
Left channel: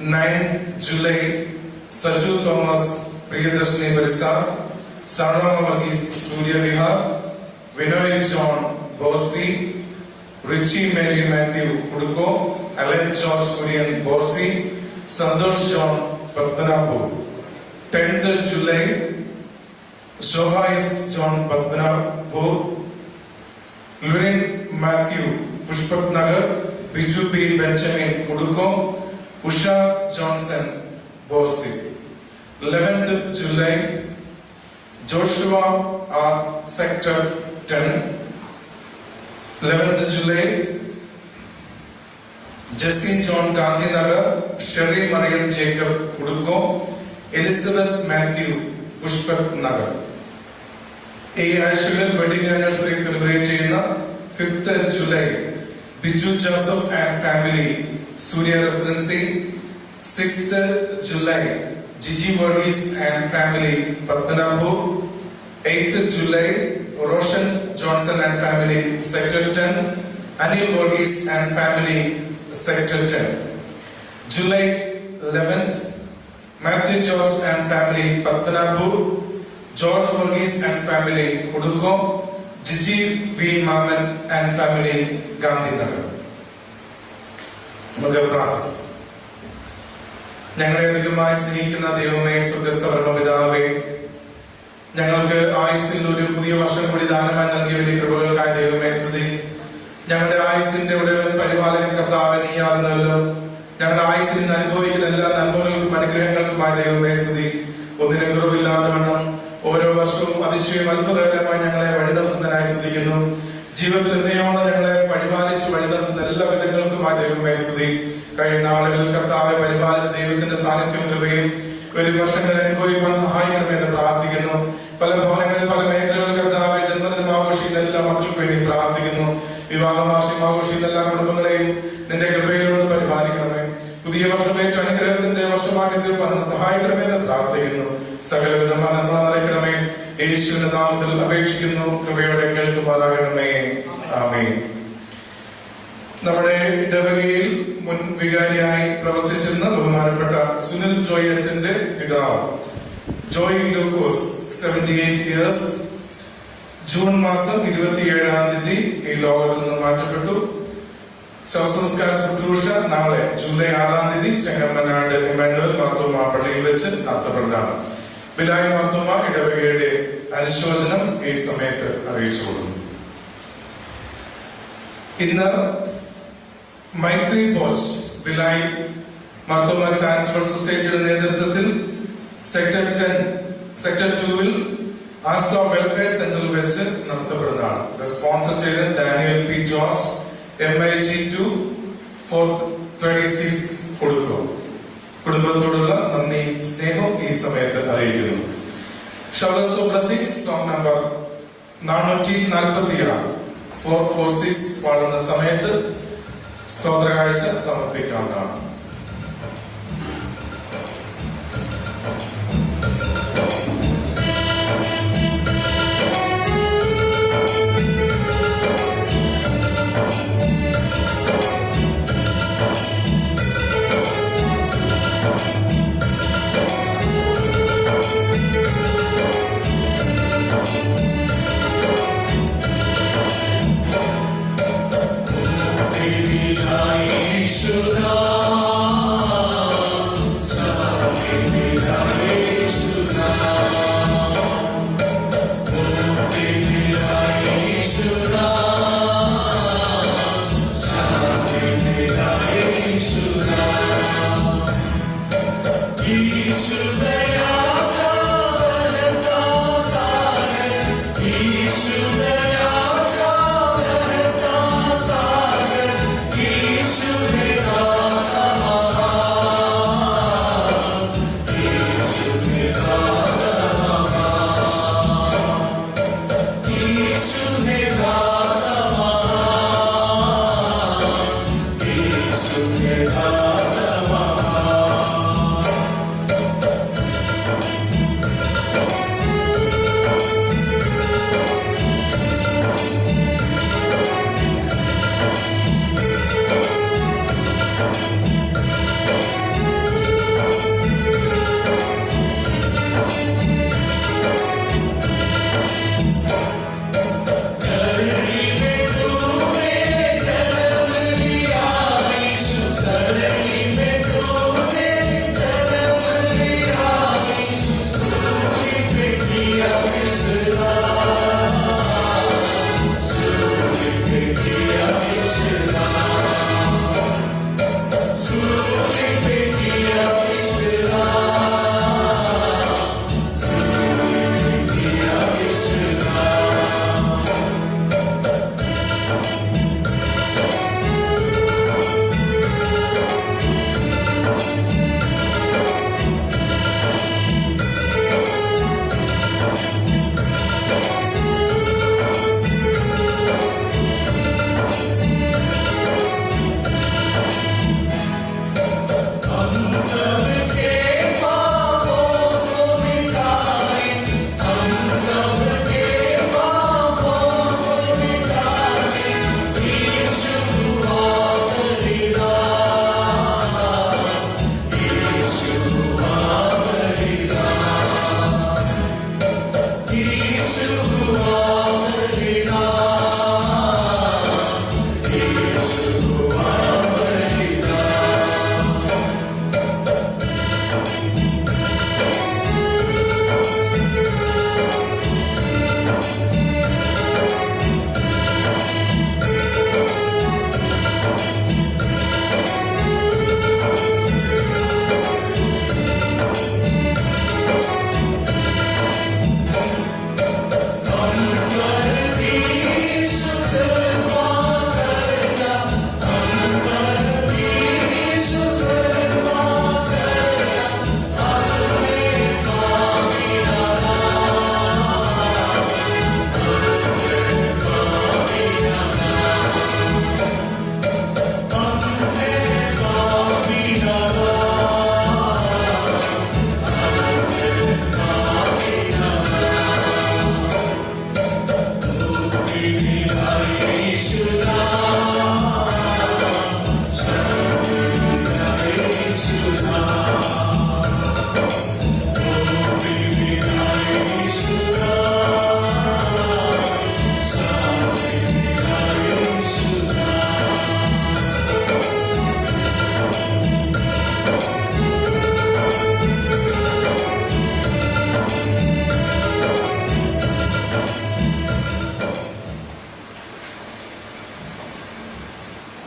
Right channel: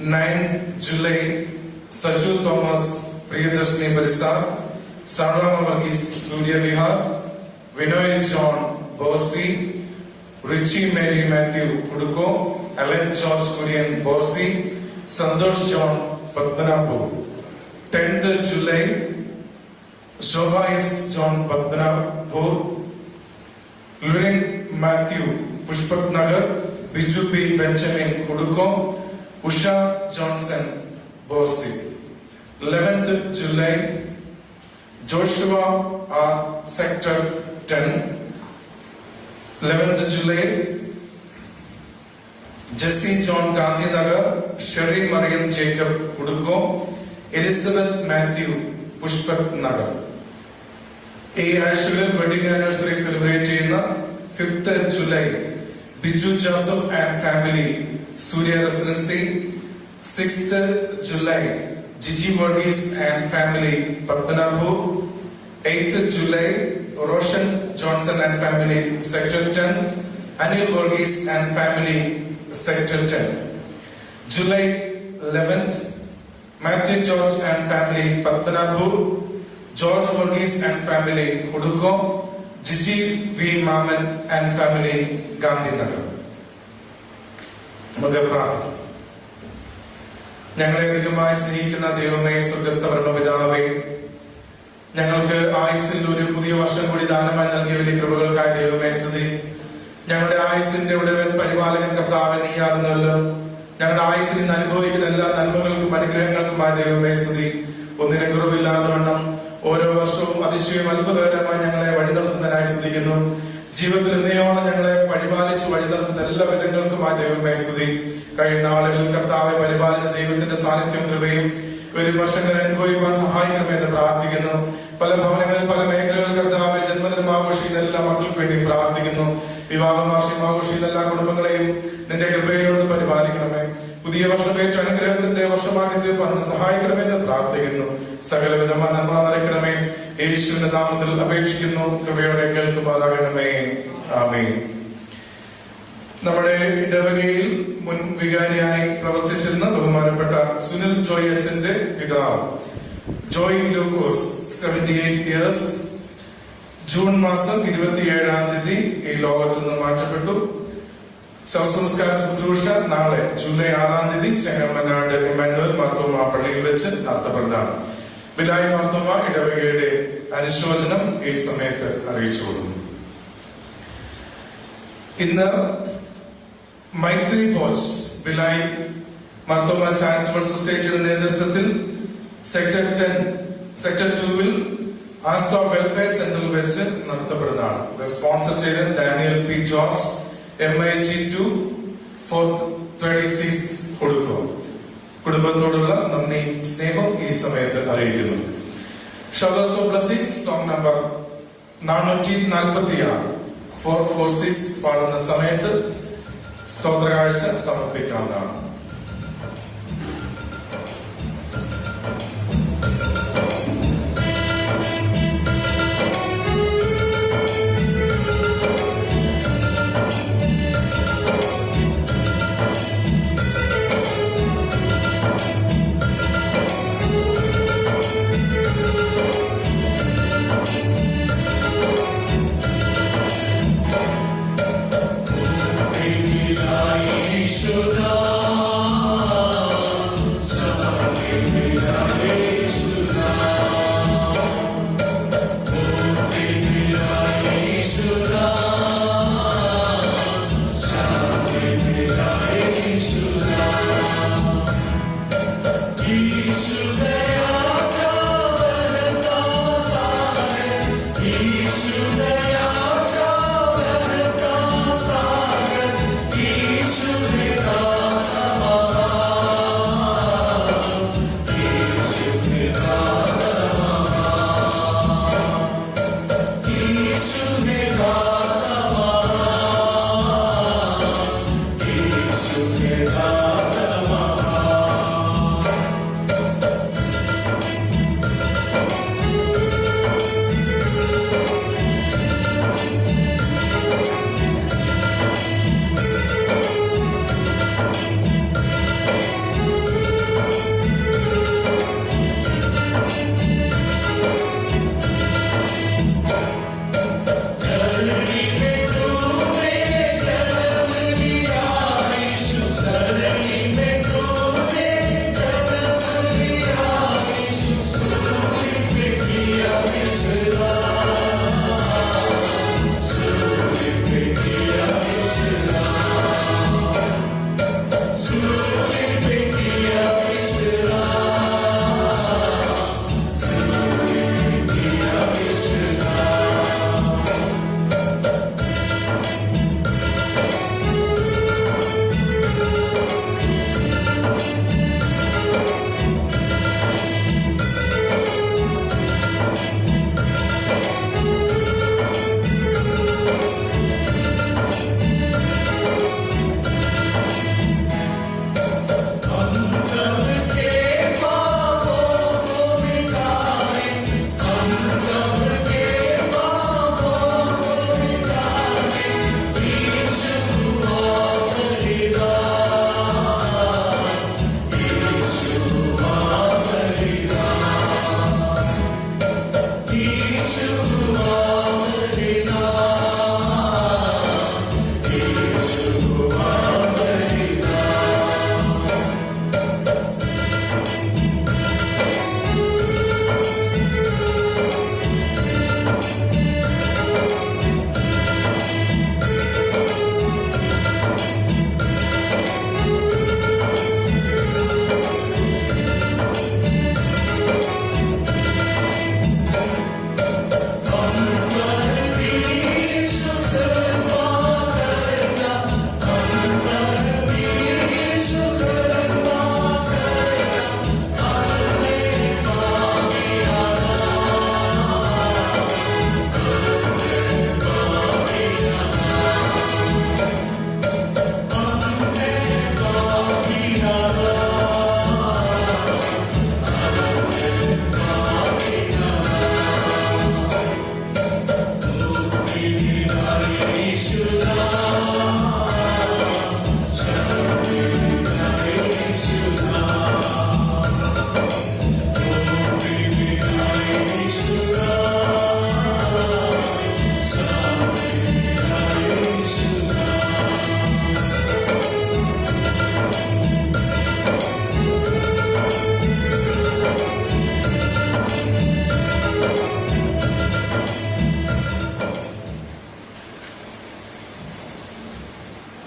9th July, Sarju Thomas, Priyadarshini, Parisar. Sarva Varghese, Surya Vihar. Vinoy John, Borsi. Richie Mary Matthew, Kuduko. Alan George Kurian, Borsi. Santosh John, Padmanapur. 10th July, Shobhais John Padmanapur. Lurin Matthew, Pushpat Nagar. Biju B. Benjamin, Kuduko. Usha Johnson, Borsi. 11th July, Joshua R. Sector 10. 11th July, Jesse John Gandhinagar, Sherry Marian Jacob Kuduko, Elizabeth Matthew Pushpat Nagar. A Ashwin wedding anniversary celebrated 5th July, Biju Joseph and family, Surya Residency. 6th July, Gigi Varghese and family, Padmanapur. 8th July, Roshan Johnson and family, Sector 10. Anil Varghese and family, Sector 10. July 11th, Matthew George and family, Padmanapur. George Varghese and family, Kuduko. Gigi V. Maman and family, Gandhinagar. Mugaprat. ഞങ്ങളെ അധികമായി സ്നേഹിക്കുന്ന ദൈവമേ, സ്വർഗ്ഗസ്ഥ പരമപിതാവേ, ഞങ്ങൾക്ക് ആയുസ്സിൽ ഒരു പുതിയ വർഷം കൂടി ദാനമായി നൽകിയ വലിയ കൃപകൾക്കായി ദൈവമേ സ്തുതി. ഞങ്ങളുടെ ആയുസ്സിന്റെ ഉടമൻ പരിപാലകൻ കർത്താവേ നീയാകുന്നല്ലോ. ഞങ്ങളുടെ ആയുസ്സിൽ നിന്ന് അനുഭവിക്കുന്ന എല്ലാ നന്മകൾക്കും അനുഗ്രഹങ്ങൾക്കുമായി ദൈവമേ സ്തുതി. ഒന്നിനെ കുറവില്ലാതെ വണ്ണം ഓരോ വർഷവും അതിശയം അത്ഭുതകരമായി ഞങ്ങളെ വഴി നടത്തുന്നതിനായി സ്തുതിക്കുന്നു. ജീവിതത്തിൽ നിയമമാണ് ഞങ്ങളെ പരിപാലിച്ച് വഴി നടത്തുന്ന എല്ലാ വിധങ്ങൾക്കുമായി ദൈവമേ സ്തുതി. കഴിഞ്ഞ നാളുകളിൽ കർത്താവെ പരിപാലിച്ച ദൈവത്തിന്റെ സാന്നിധ്യവും കൃപയും ഒരു വർഷങ്ങൾ അനുഭവിക്കാൻ സഹായിക്കണമെന്ന് പ്രാർത്ഥിക്കുന്നു. പല ഭവനങ്ങളിൽ പല മേഖലകളിൽ കർത്താവെ ജന്മദിനം ആഘോഷിക്കുന്ന എല്ലാ മക്കൾക്ക് വേണ്ടി പ്രാർത്ഥിക്കുന്നു. വിവാഹവാർഷികം ആഘോഷിക്കുന്ന എല്ലാ കുടുംബങ്ങളെയും നിന്റെ കൃപയിലൂടെ പരിപാലിക്കണമേ. പുതിയ വർഷം ഏറ്റവും അനുഗ്രഹത്തിന്റെ വർഷമാക്കി തീർപ്പാൻ സഹായിക്കണമെന്ന് പ്രാർത്ഥിക്കുന്നു. സകലവിധ നന്മ നിറയ്ക്കണമേ. യേശുവിന്റെ നാമത്തിൽ അപേക്ഷിക്കുന്നു. കൃപയോടെ കേൾക്കുമാറാകണമേ. ആമേൻ. നമ്മുടെ ഇടവകയിൽ മുൻ വികാരിയായി പ്രവർത്തിച്ചിരുന്ന ബഹുമാനപ്പെട്ട സുനിൽ ജോയ് അച്ഛന്റെ പിതാവ് ജോയ് ലൂക്കോസ് 78 years, ജൂൺ മാസം 27-ാം തീയതി ഈ ലോകത്ത് നിന്ന് മാറ്റപ്പെട്ടു. ശവസംസ്കാര ശുശ്രൂഷ നാളെ ജൂലൈ 6-ാം തീയതി ചെങ്ങമ്മനാട് എമ്മാനുവൽ മാർത്തോമ പള്ളിയിൽ വെച്ച് നടത്തപ്പെടുന്നതാണ്. ബിലായി മാർത്തോമ ഇടവകയുടെ അനുശോചനം ഈ സമയത്ത് അറിയിച്ചു കൊടുക്കുന്നു. ഇന്ന് മൈത്രി പോസ്റ്റ് ബിലായി മാർത്തോമ ചാരിറ്റബിൾ സൊസൈറ്റിയുടെ നേതൃത്വത്തിൽ സെക്ടർ 2-ൽ ആസ്ത വെൽഫെയർ സെന്ററിൽ വെച്ച് നടത്തപ്പെടുന്നതാണ്. സ്പോൺസർ ചെയ്ത് ഡാനിയൽ പി ജോർജ്, MIG2 436 കൊടുക്കും. കുടുംബത്തോടുള്ള നന്ദി സ്നേഹവും ഈ സമയത്ത് അറിയിക്കുന്നു. ഷൗഡേഴ്സ് ഓഫ് ബ്ലെസ്സിംഗ് സോങ് നമ്പർ 446 446 പാടുന്ന സമയത്ത് സ്തോത്രകാഴ്ച സമർപ്പിക്കാവുന്നതാണ്. Should I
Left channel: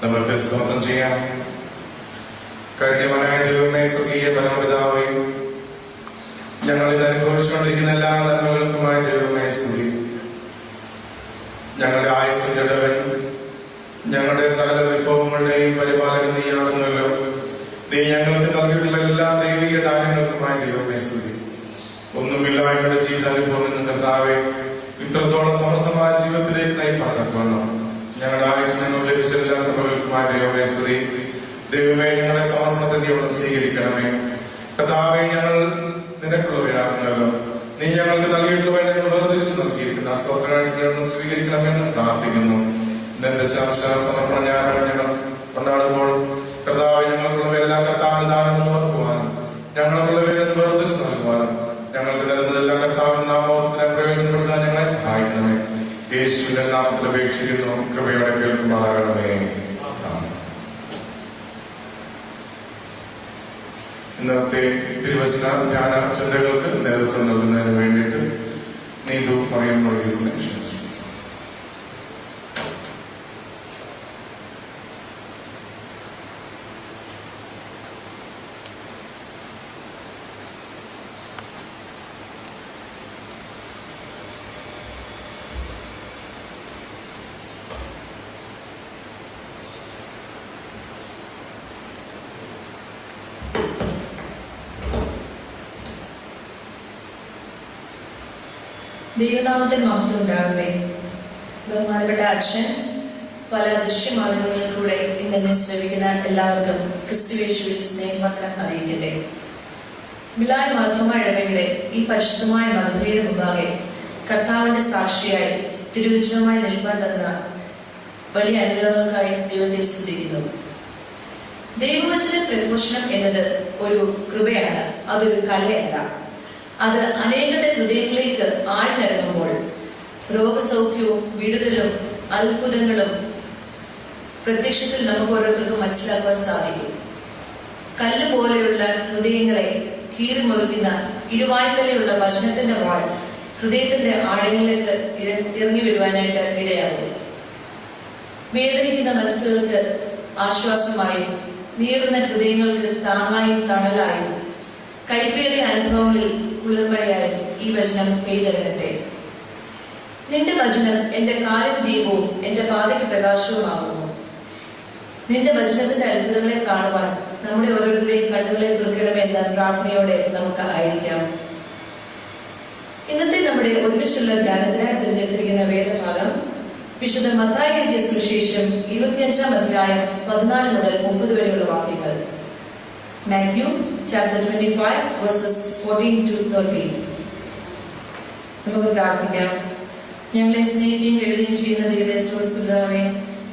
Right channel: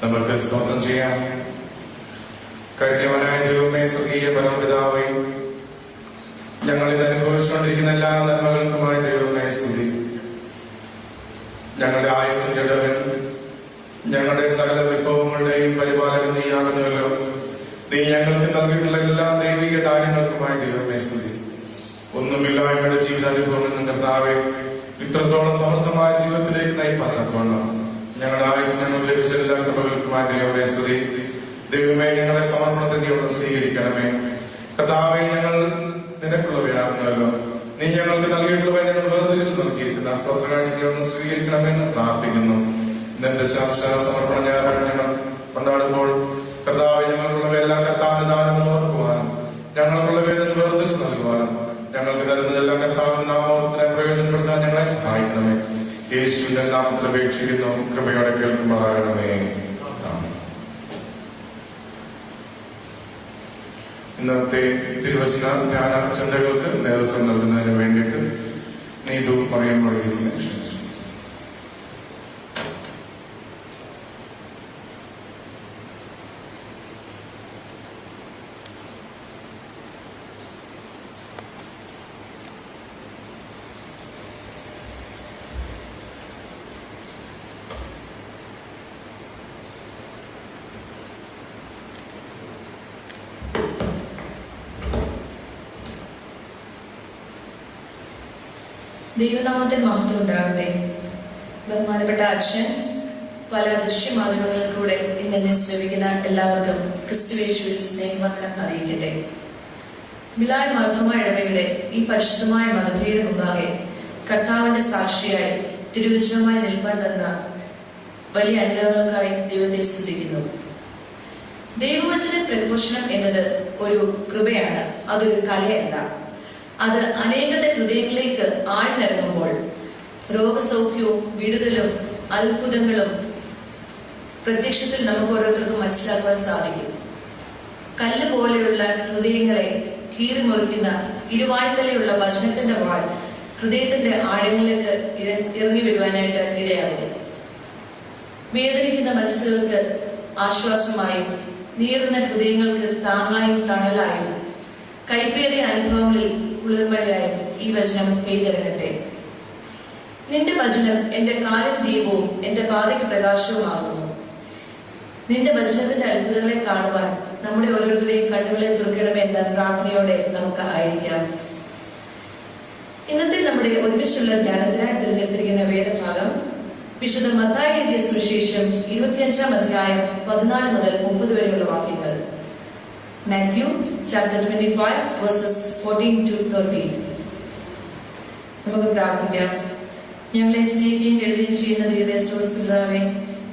നമുക്ക് സ്തോത്രം ചെയ്യാം. കരുണ്യവാനായ ദൈവമേ, സ്വർഗീയ പരമപിതാവേ, ഞങ്ങളിൽ അനുഭവിച്ചുകൊണ്ടിരിക്കുന്ന എല്ലാ നന്മകൾക്കുമായ ദൈവമേ സ്തുതി. ഞങ്ങളുടെ ആയുസ്സിന്റെ ദേവൻ, ഞങ്ങളുടെ സകല വിഭവങ്ങളുടെയും പരിപാലകൻ നീയാകുന്നല്ലോ. നീ ഞങ്ങൾക്ക് നൽകിയിട്ടുള്ള എല്ലാ ദൈവിക ദാനങ്ങൾക്കുമായ ദൈവമേ സ്തുതി. ഒന്നുമില്ലായ്മയുടെ ജീവിതാനുഭവം കർത്താവെ ഇത്രത്തോളം സമർത്ഥമായ ജീവിതത്തിലേക്ക് നയിപ്പാക്കണം. ഞങ്ങളുടെ ആയുസ് നിങ്ങൾ ലഭിച്ച എല്ലാ കൃപകൾക്കുമായ ദൈവമേ സ്തുതി. ദൈവമേ, ഞങ്ങളുടെ സമർത്ഥതയോടെ സ്വീകരിക്കണമേ. കർത്താവെ, ഞങ്ങൾ നിനക്കുള്ളവരാകുന്നല്ലോ. നീ ഞങ്ങൾക്ക് നൽകിയിട്ടുള്ള ഞങ്ങൾ വേർതിരിച്ചു നോക്കിയിരിക്കുന്ന സ്തോത്രകാഴ്ചകളൊന്ന് സ്വീകരിക്കണമെന്ന് പ്രാർത്ഥിക്കുന്നു. ഇന്നത്തെ സമർപ്പണ ഞായറാഴ്ചകൾ കൊണ്ടാടുമ്പോൾ കർത്താവ് ഞങ്ങൾക്കുള്ള എല്ലാ കർത്താവിൻ ദാനമെന്ന് ഓർക്കുവാനും ഞങ്ങൾക്കുള്ളവരെ വേർതിരിച്ചു നൽകുവാനും ഞങ്ങൾക്ക് നൽകുന്നതെല്ലാം കർത്താവിൻ നാമത്തിൽ പ്രയോജനപ്പെടുത്താൻ ഞങ്ങളെ സഹായിക്കണമേ. യേശുവിന്റെ നാമത്തിൽ അപേക്ഷിക്കുന്നു. കൃപയോടെ കേൾക്കുമാറാകണമേ. ഇന്നത്തെ തിരുവചന ധ്യാന ചിന്തകൾക്ക് നേതൃത്വം നൽകുന്നതിന് വേണ്ടിയിട്ട് നീതു പറയുമ്പോൾ ദൈവനാമത്തിൽ മഹത്വം ഉണ്ടാകട്ടെ. ബഹുമാനപ്പെട്ട അച്ഛൻ, പല ദൃശ്യമാധ്യമങ്ങളിലൂടെ ഇന്നെ ശ്രമിക്കുന്ന എല്ലാവർക്കും ക്രിസ്തുവേശുവിൽ സ്നേഹവന്ദനം അറിയിക്കട്ടെ. മിലാൻ മാർത്തോമ ഇടവകയുടെ ഈ പരിശുദ്ധമായ മതബലിയുടെ മുമ്പാകെ കർത്താവിന്റെ സാക്ഷിയായി തിരുവചനമായി നിൽക്കാൻ തന്ന വലിയ അനുഗ്രഹങ്ങൾക്കായി ദൈവത്തെ സ്തുതിക്കുന്നു. ദൈവവചന പ്രഘോഷണം എന്നത് ഒരു കൃപയാണ്, അതൊരു കലയല്ല. അത് അനേകരുടെ ഹൃദയങ്ങളിലേക്ക് ആഴ്ന്നിറങ്ങുമ്പോൾ രോഗസൗഖ്യവും വിടുതലും അത്ഭുതങ്ങളും പ്രത്യക്ഷത്തിൽ നമുക്ക് ഓരോരുത്തർക്കും മനസ്സിലാക്കാൻ സാധിക്കും. കല്ല് പോലെയുള്ള ഹൃദയങ്ങളെ കീറിമുറിക്കുന്ന ഇരുവായ്ത്തലയുള്ള വചനത്തിന്റെ വാൾ ഹൃദയത്തിന്റെ ആഴങ്ങളിലേക്ക് ഇറങ്ങി വരുവാനായിട്ട് ഇടയാകും. വേദനിക്കുന്ന മനസ്സുകൾക്ക് ആശ്വാസമായും നീറുന്ന ഹൃദയങ്ങൾക്ക് താങ്ങായും തണലായും കൈപ്പേറിയ അനുഭവങ്ങളിൽ കുളിർമഴയായും ഈ വചനം പെയ്തിറങ്ങട്ടെ. നിന്റെ വചനം എന്റെ കാലിന് ദീപവും എന്റെ പാതയ്ക്ക് പ്രകാശവുമാകുന്നു. നിന്റെ വചനത്തിന്റെ അത്ഭുതങ്ങളെ കാണുവാൻ നമ്മുടെ ഓരോരുത്തരുടെയും കണ്ണുകളെ തുറക്കണമെന്ന പ്രാർത്ഥനയോടെ നമുക്ക് ആയിരിക്കാം. ഇന്നത്തെ നമ്മുടെ ഒരുമിച്ചുള്ള ധ്യാനത്തിനായി തിരഞ്ഞെടുത്തിരിക്കുന്ന വേദഭാഗം വിശുദ്ധ മത്തായി എഴുതിയ സുവിശേഷം 25-ാം അധ്യായം 14 മുതൽ 30 വരെയുള്ള വാക്യങ്ങൾ. Matthew chapter 25 verses 14 to 13. നമുക്ക് പ്രാർത്ഥിക്കാം. ഞങ്ങളെ സ്നേഹിക്കുകയും എഴുതുകയും ചെയ്യുന്ന ദൈവമേ, സ്വസ്തുതാവേ,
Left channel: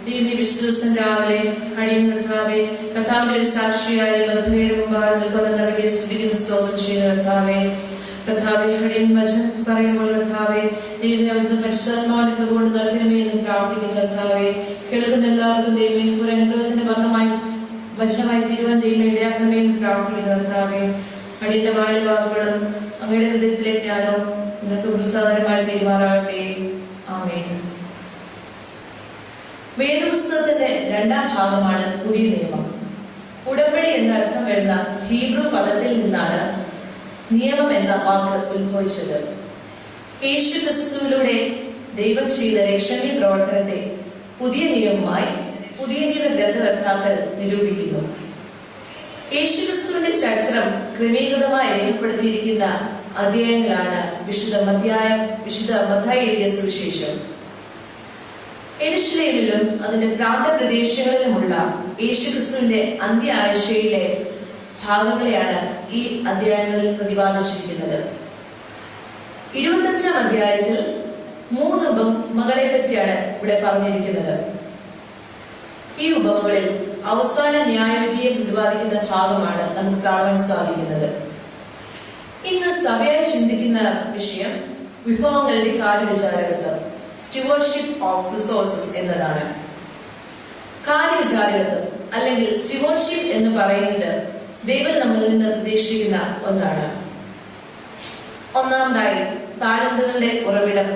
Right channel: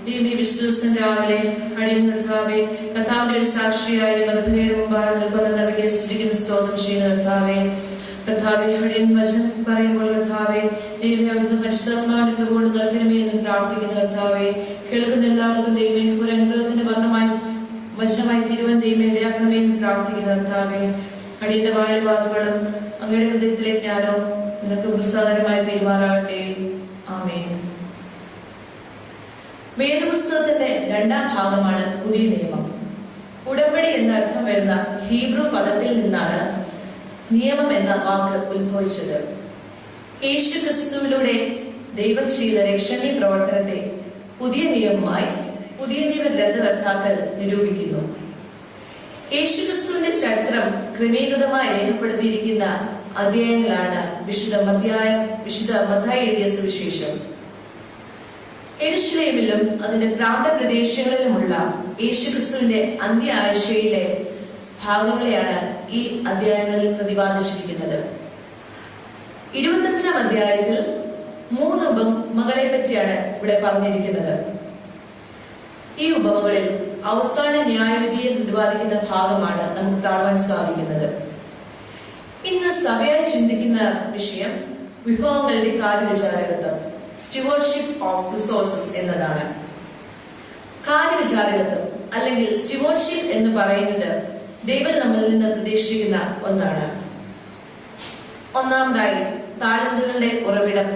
ദൈവമേ, വിശുദ്ധ രാവിലെ കഴിയും കർത്താവേ, കർത്താവിന്റെ ഒരു സാക്ഷിയായ മതബലിയുടെ മുമ്പാകെ നിൽക്കുന്നവരെ സ്തുതിക്കുന്ന സ്തോത്രം ചെയ്യുന്ന കർത്താവേ, കർത്താവെ ഹൃദയം വചനം പറയുമ്പോൾ കർത്താവെ ദൈവമേ അവിടുന്ന് പരിശുദ്ധാത്മാവിനെ കൊണ്ട് നൽകണമേ എന്ന് പ്രാർത്ഥിക്കുന്ന കർത്താവെ, കേൾക്കുന്ന എല്ലാവർക്കും ദൈവമേ ഒരു അനുഗ്രഹത്തിന്റെ വർണ്ണമായി വചനമായി തീരുവാൻ ദൈവമേ ഇടയാക്കണമേ എന്ന് പ്രാർത്ഥിക്കുന്ന കർത്താവെ, അടിയുടെ വായിൽ വാക്കുകളും അങ്ങയുടെ ഹൃദയത്തിലെ ജ്ഞാനവും നിങ്ങൾക്ക് പ്രസാദകരമായി തീരുമാറാകട്ടെ. ആമേൻ. വേദപുസ്തകത്തിന്റെ 2-ാം ഭാഗമാണ് പുതിയ നിയമം. ഉടമ്പടി എന്ന അർത്ഥം വരുന്ന ഹീബ്രു പദത്തിൽ നിന്നാണ് നിയമം എന്ന വാക്ക് ഉത്ഭവിച്ചത്. യേശു ക്രിസ്തുവിലൂടെ ദൈവം ചെയ്ത രക്ഷണീയ പ്രവർത്തനത്തെ പുതിയ നിയമമായി പുതിയ നിയമ ഗ്രന്ഥകർത്താക്കൾ നിരൂപിക്കുന്നു. യേശു ക്രിസ്തുവിന്റെ ചരിത്രം ക്രമീകൃതമായി രേഖപ്പെടുത്തിയിരിക്കുന്ന അധ്യായങ്ങളാണ് വിശുദ്ധ മത്തായി എഴുതിയ സുവിശേഷം. യെരുശലേമിലും അതിന്റെ പ്രാന്തപ്രദേശങ്ങളിലുമുള്ള യേശു ക്രിസ്തുവിന്റെ അന്ത്യ ആഴ്ചയിലെ ഭാഗങ്ങളെയാണ് ഈ അധ്യായങ്ങളിൽ പ്രതിപാദിച്ചിരിക്കുന്നത്. 25-ാം അധ്യായത്തിൽ 3 ഉപമകളെ പറ്റിയാണ് ഇവിടെ പറഞ്ഞിരിക്കുന്നത്. ഈ ഉപമകളിൽ അവസാന ന്യായവിധിയെ പ്രതിപാദിക്കുന്ന ഭാഗമാണ് നമുക്ക് കാണുവാൻ സാധിക്കുന്നത്. ഇന്ന് സഭയായി ചിന്തിക്കുന്ന വിഷയം വിഭവങ്ങളുടെ കാര്യവിചാരകത്വം, സ്റ്റുവർഷിപ്പ് ഓഫ് റിസോഴ്സസ് എന്നതാണ്. കാര്യവിചാരകത്വം അല്ലെങ്കിൽ സ്റ്റുവർഷിപ്പ് എന്ന് പറയുന്നത് ദൈവം നമ്മളിൽ നിന്ന് പ്രതീക്ഷിക്കുന്ന ഒന്നാണ്. ഒന്നാമതായി താലന്തുകളുടെ ഉറവിടം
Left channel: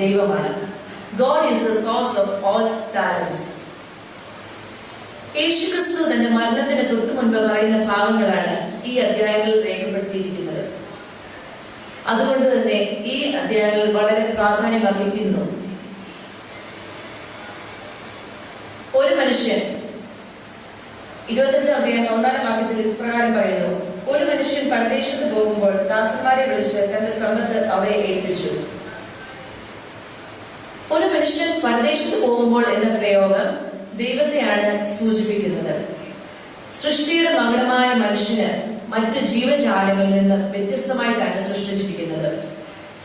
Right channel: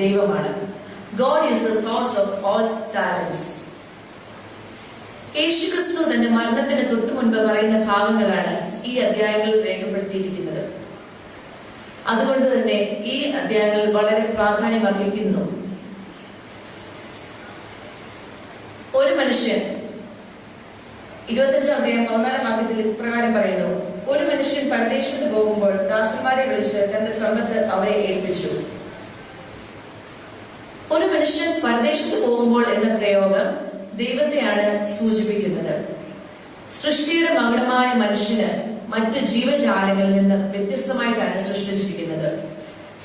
ദൈവമാണ്. God is the source of all talents. യേശുക്രിസ്തു തന്റെ മരണത്തിന് തൊട്ടു മുൻപ് പറയുന്ന ഭാഗങ്ങളാണ് ഈ അധ്യായങ്ങളിൽ രേഖപ്പെടുത്തിയിരിക്കുന്നത്. അതുകൊണ്ട് തന്നെ ഈ അധ്യായങ്ങൾ വളരെ പ്രാധാന്യം അർഹിക്കുന്നു. ഒരു മനുഷ്യൻ 25 അധ്യായം 1 വാക്യത്തിൽ ഇപ്രകാരം പറയുന്നു, ഒരു മനുഷ്യൻ പരദേശത്ത് പോകുമ്പോൾ ദാസന്മാരെ വിളിച്ച് തന്റെ സമ്പത്ത് അവരെ ഏൽപ്പിച്ചു. ഒരു മനുഷ്യൻ പരദേശത്ത് പോകുമ്പോൾ എന്ന പ്രയോഗം ദൈവത്തെയാണ് സൂചിപ്പിക്കുന്നത്. സൃഷ്ടിയുടെ മകുടമായ മനുഷ്യന് മറ്റ് ജീവജാലങ്ങളിൽ നിന്ന് വ്യത്യസ്തമായിട്ടാണ് സൃഷ്ടിച്ചിരിക്കുന്നത്.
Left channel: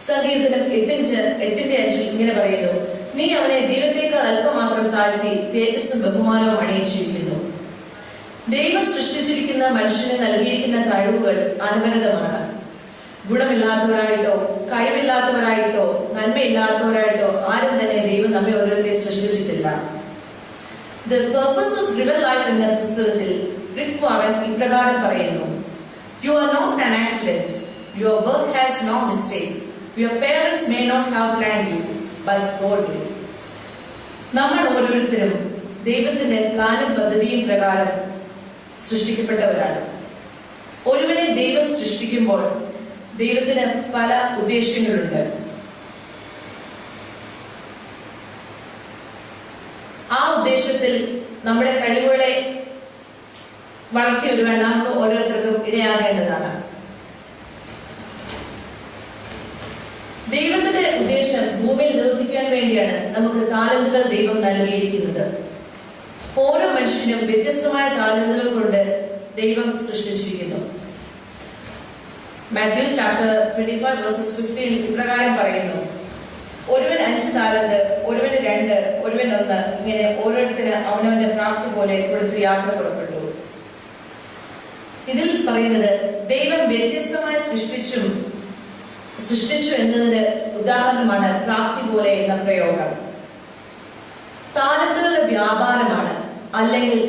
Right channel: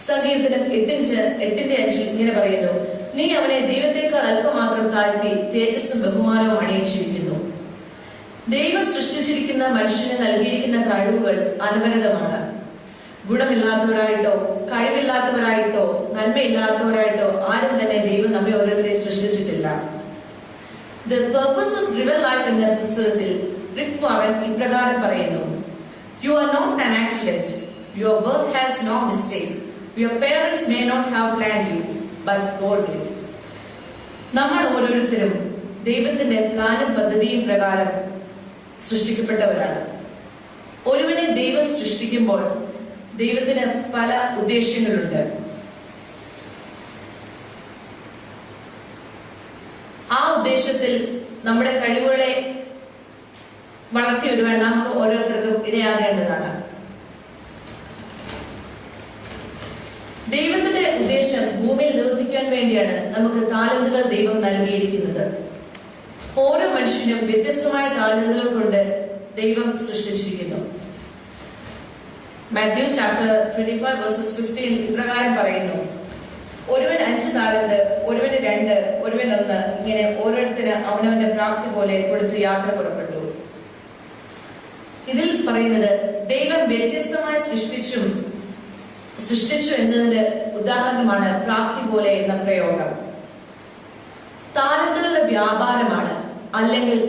സങ്കീർത്തനം 8:5 ഇങ്ങനെ പറയുന്നു, നീ അവനെ ദൈവത്തേക്കാൾ അല്പമാത്രം താഴ്ത്തി തേജസ്സും ബഹുമാനവും അണിയിച്ചിരിക്കുന്നു. ദൈവം സൃഷ്ടിച്ചിരിക്കുന്ന മനുഷ്യന് നൽകിയിരിക്കുന്ന കഴിവുകൾ അനവരതമാണ്. ഗുണമില്ലാത്തവരായിട്ടോ കഴിവില്ലാത്തവരായിട്ടോ നന്മയില്ലാത്തവരായിട്ടോ ആരും തന്നെ ദൈവം നമ്മെ ഓരോരുത്തരെ സൃഷ്ടിച്ചിട്ടില്ല. The purpose of real life എന്ന പുസ്തകത്തിൽ റിക് വാഗൻ ഇപ്രകാരം പറയുന്നു, You are not an accident. Your birth has no mistake. Your parents may not have planned you, but God did. നമ്മൾ ഓരോരുത്തരും ദൈവത്തിന്റെ പ്ലാനും പദ്ധതിയും പ്രകാരം സൃഷ്ടിക്കപ്പെട്ടവരാണ്. ഒരുവനെ ദൈവം സൃഷ്ടിക്കുമ്പോൾ ദൈവത്തിന് പല ഉദ്ദേശ്യങ്ങളുണ്ട്. ആ ഉദ്ദേശത്തിൽ നമ്മുടെ കഴിവുകളെ വളർത്തി വരുവാൻ നമുക്ക് ഓരോരുത്തർക്കും ഇടയാകേണ്ടതാണ്. ദൈവത്തിന്റെ ഉദ്ദേശം ഭൂമിയിൽ നിവർത്തിക്കാൻ വേണ്ടിയാണ് നമുക്ക് താലന്തുകൾ ദൈവം നൽകിയിരിക്കുന്നത്. ഓരോ മനുഷ്യനും വ്യത്യസ്തമായ താലന്തുകൾ കൊണ്ട് ദൈവം സൃഷ്ടിച്ചിരിക്കുന്നു. മാത്യു ചാപ്റ്റർ 25:15 ഇപ്രകാരം പറയുന്നു, ഒരുവൻ 5 താലന്ത്, ഒരുവന് 2, ഒരുവൻ 1, ഇങ്ങനെ ഓരോരുത്തര് അവനവന്റെ പ്രാപ്തി പോലെ കൊടുത്ത് യാത്ര പുറപ്പെട്ടു. ഇതിൽ പറയുന്നത് ദൈവം വ്യത്യസ്തമായി സൃഷ്ടിച്ചു എന്നതിന്റെ ഉദാഹരണമാണ് പ്രാപ്തി പോലെ എന്ന പ്രയോഗം. താലന്തുകളുടെ വ്യാപാരമാണ് അല്ലെങ്കിൽ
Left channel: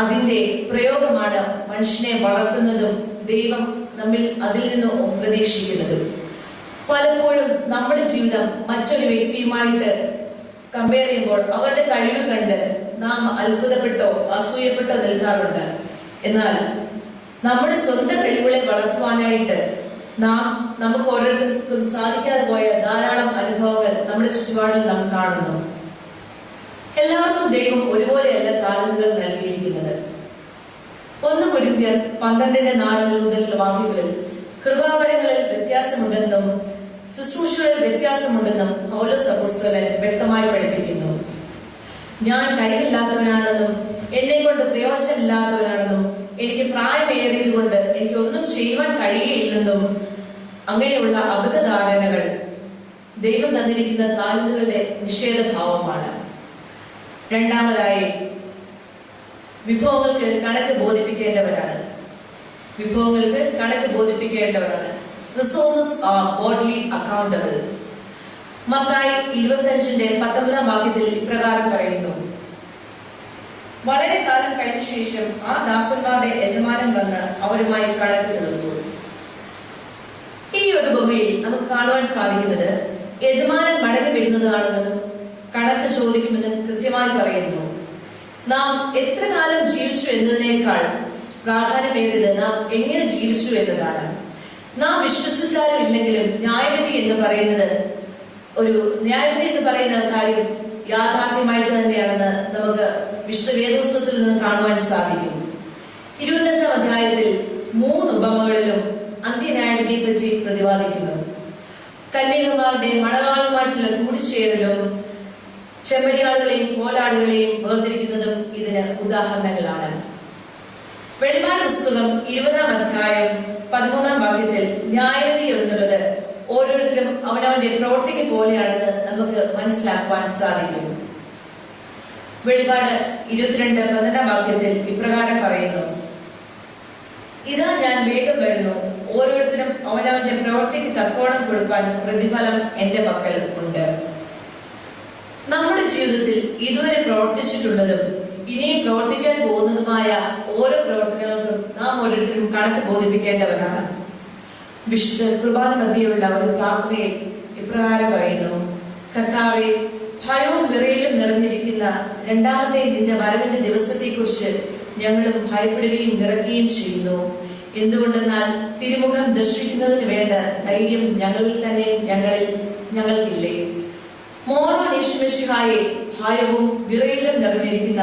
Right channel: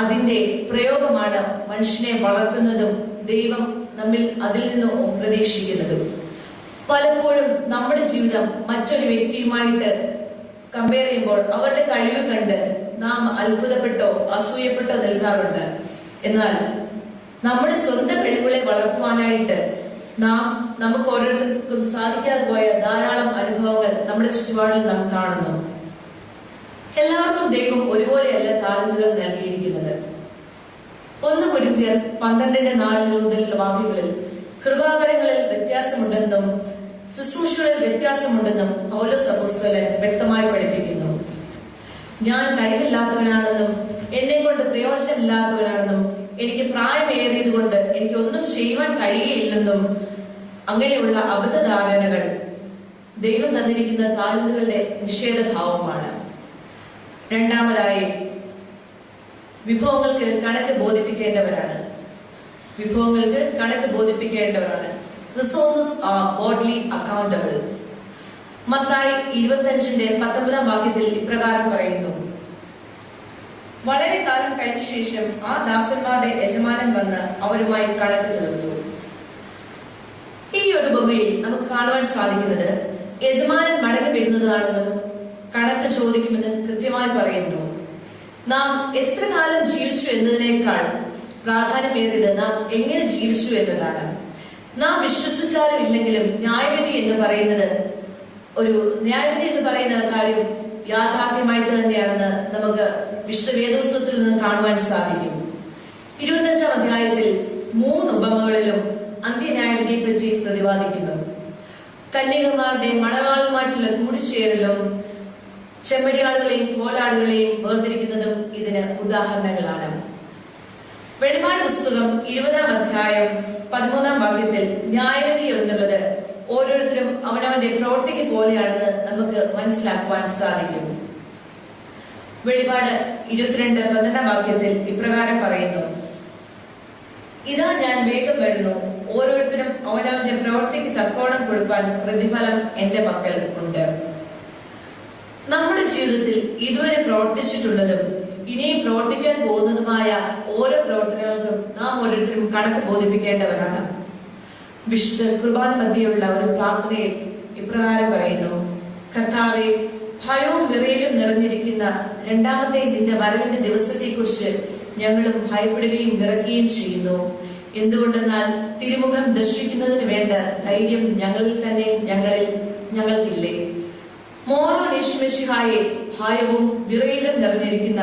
അതിന്റെ പ്രയോഗമാണ് മനുഷ്യനെ വളർത്തുന്നതും ദൈവം നമ്മിൽ അതിൽ നിന്ന് പ്രതീക്ഷിക്കുന്നതും. പലപ്പോഴും നമ്മുടെ ജീവിതം മറ്റൊരു വ്യക്തിയുമായിട്ട് കമ്പയർ ചെയ്യുമ്പോൾ അവരുടെ കഴിവ് കണ്ട് നാം അത്ഭുതപ്പെട്ടോ അസൂയപ്പെട്ടോ നിൽക്കാറുണ്ട്. എന്നാൽ നമ്മുടെ സ്വന്തം കഴിവുകളെ വളർത്തുവാനായിട്ട് നമുക്ക് ഓരോരുത്തർക്കും സാധിക്കാതെ പോയ ധാരാളം അനുഭവങ്ങൾ നമ്മുടെ ചുറ്റുപാടിൽ നാം കാണുന്നു. എല്ലാവർക്കും ദൈവം ഒരുപോലെയല്ല താലന്തുകൾ നൽകിയിരിക്കുന്നത്. 1 കൊരിന്ത്യർ 12:4 മുതലുള്ള വാക്യങ്ങളിൽ കൃപാവരങ്ങളിൽ വ്യത്യാസമുണ്ടെന്നും ശുശ്രൂഷകളിൽ വ്യത്യാസമുണ്ടെന്നും പൗലോസ് അപ്പോസ്തലൻ വ്യക്തമായി പഠിപ്പിക്കുന്നു. ഞാൻ കഴിവില്ലാത്തവനാണെന്നും എന്നെ കൊണ്ട് പ്രയോജനമില്ലാത്തവനാണെന്നും എനിക്ക് പ്രായമേറിയത് കൊണ്ട് എനിക്ക് ഒന്നും ചെയ്യുവാൻ കഴിയുകയില്ലെന്നും അങ്ങനെയുള്ള അബദ്ധധാരണകൾ ദൈവം തന്നിരിക്കുന്ന താലന്തുകളുടെ നിഷേധഭാവമാണ്. രണ്ടാമതായി, വിഭവങ്ങൾക്ക് കണക്ക് ബോധിപ്പിക്കേണ്ടവരാണ്. Resources are bodily accountable. Mathai 25:19 വാക്യത്തിൽ ഇപ്രകാരം പറയുന്നു, വളരെ കാലം കഴിഞ്ഞ ശേഷം ആ ദാസന്മാരുടെ യജമാനൻ വന്ന് അവരുമായി കണക്ക് തീർത്തു. ഈ ഒരു ഉപമയിൽ നമുക്ക് കാണുവാൻ സാധിക്കുന്നത് യജമാനൻ മടങ്ങി വരുന്നതാണെന്നും കണക്ക് ചോദിക്കുമെന്നും കൃത്യമായി പറയുന്നു. നാം എത്ര കാലം ജീവിച്ചു എന്നതിനേക്കാൾ പ്രാധാന്യമേറിയത് നാം എങ്ങനെ ജീവിച്ചു എന്നതാണ്. നാം വിശ്വസിച്ചാലും ഇല്ലെങ്കിലും ന്യായവിധി എന്ന് പറയുന്ന കാര്യം യാഥാർത്ഥ്യമായിട്ട് തന്നെയാണെന്ന് നമുക്ക് വിശുദ്ധ വേദപുസ്തകത്തിൽ നിന്ന് കാണുവാൻ സാധിക്കും. 25-ാം അധ്യായത്തിൽ 3 ഉപമകളിലും അന്ത്യന്യായവിധിയെ പറ്റി പ്രതിപാദിക്കുന്നു. കന്യകമാരുടെ മണവാളുമായിട്ടുള്ള കൂടിച്ചേരലും ചെമ്മരിയാടുകളെയും കോലാടുകളെയും വേർതിരിക്കുന്നതും ഇതിന് ഉദാഹരണങ്ങളാണ്. വെളിപാട് പുസ്തകം 20-ാം അധ്യായം 13-ാം വാക്യത്തിൽ ന്യായവിധി എന്നുള്ളത് ഓരോരുത്തരും അവനവന്റെ പ്രവൃത്തിക്ക് പോലെയാണെന്ന് നമുക്ക് മനസ്സിലാക്കുവാൻ സാധിക്കും. വെളിപാട് 22:12 വാക്യത്തിൽ ഇപ്രകാരം പറയുന്നു, ഇതാ ഞാൻ വേഗം വരുന്നു, ഓരോരുത്തരും അവനവന്റെ പ്രവൃത്തിക്ക് തക്കോണം കൊടുക്കാൻ പ്രതിഫലം എന്റെ പക്കൽ ഉണ്ട്. നമ്മുടെ ജീവിതത്തിൽ ഇതുവരെ പ്രവർത്തിച്ചിട്ടുള്ളതും ഇനിയും പ്രവർത്തിക്കാൻ പോകുന്നതുമായ ഓരോ പ്രവർത്തനങ്ങൾക്കും നാം ഓരോരുത്തരും കണക്ക് ബോധിപ്പിക്കേണ്ടവരാണ്. വിശുദ്ധ കുർബാന മധ്യയുള്ള ഒരു പ്രാർത്ഥനയിൽ ഇപ്രകാരം പറയുന്നു, കർത്താവേ, ഭയവും വിറയലും നിറഞ്ഞിരിക്കുന്ന രണ്ടാമത്തെ നിന്റെ വരവിന്റെ ദിവസത്തെക്കുറിച്ച് ഞങ്ങളും ഭയപ്പെടുകയും വിറയ്ക്കുകയും ചെയ്യുന്നു. എന്തുകൊണ്ടെന്നാൽ തിരുമുഖം ദർശിക്കുന്നതിന് വേണ്ട ധൈര്യം ഞങ്ങളിൽ തന്നെ ഞങ്ങൾക്കില്ലേ? മോറോ യേശുമിശിഹായെ, ഭയവും വിറയലും നിറഞ്ഞിരിക്കുന്ന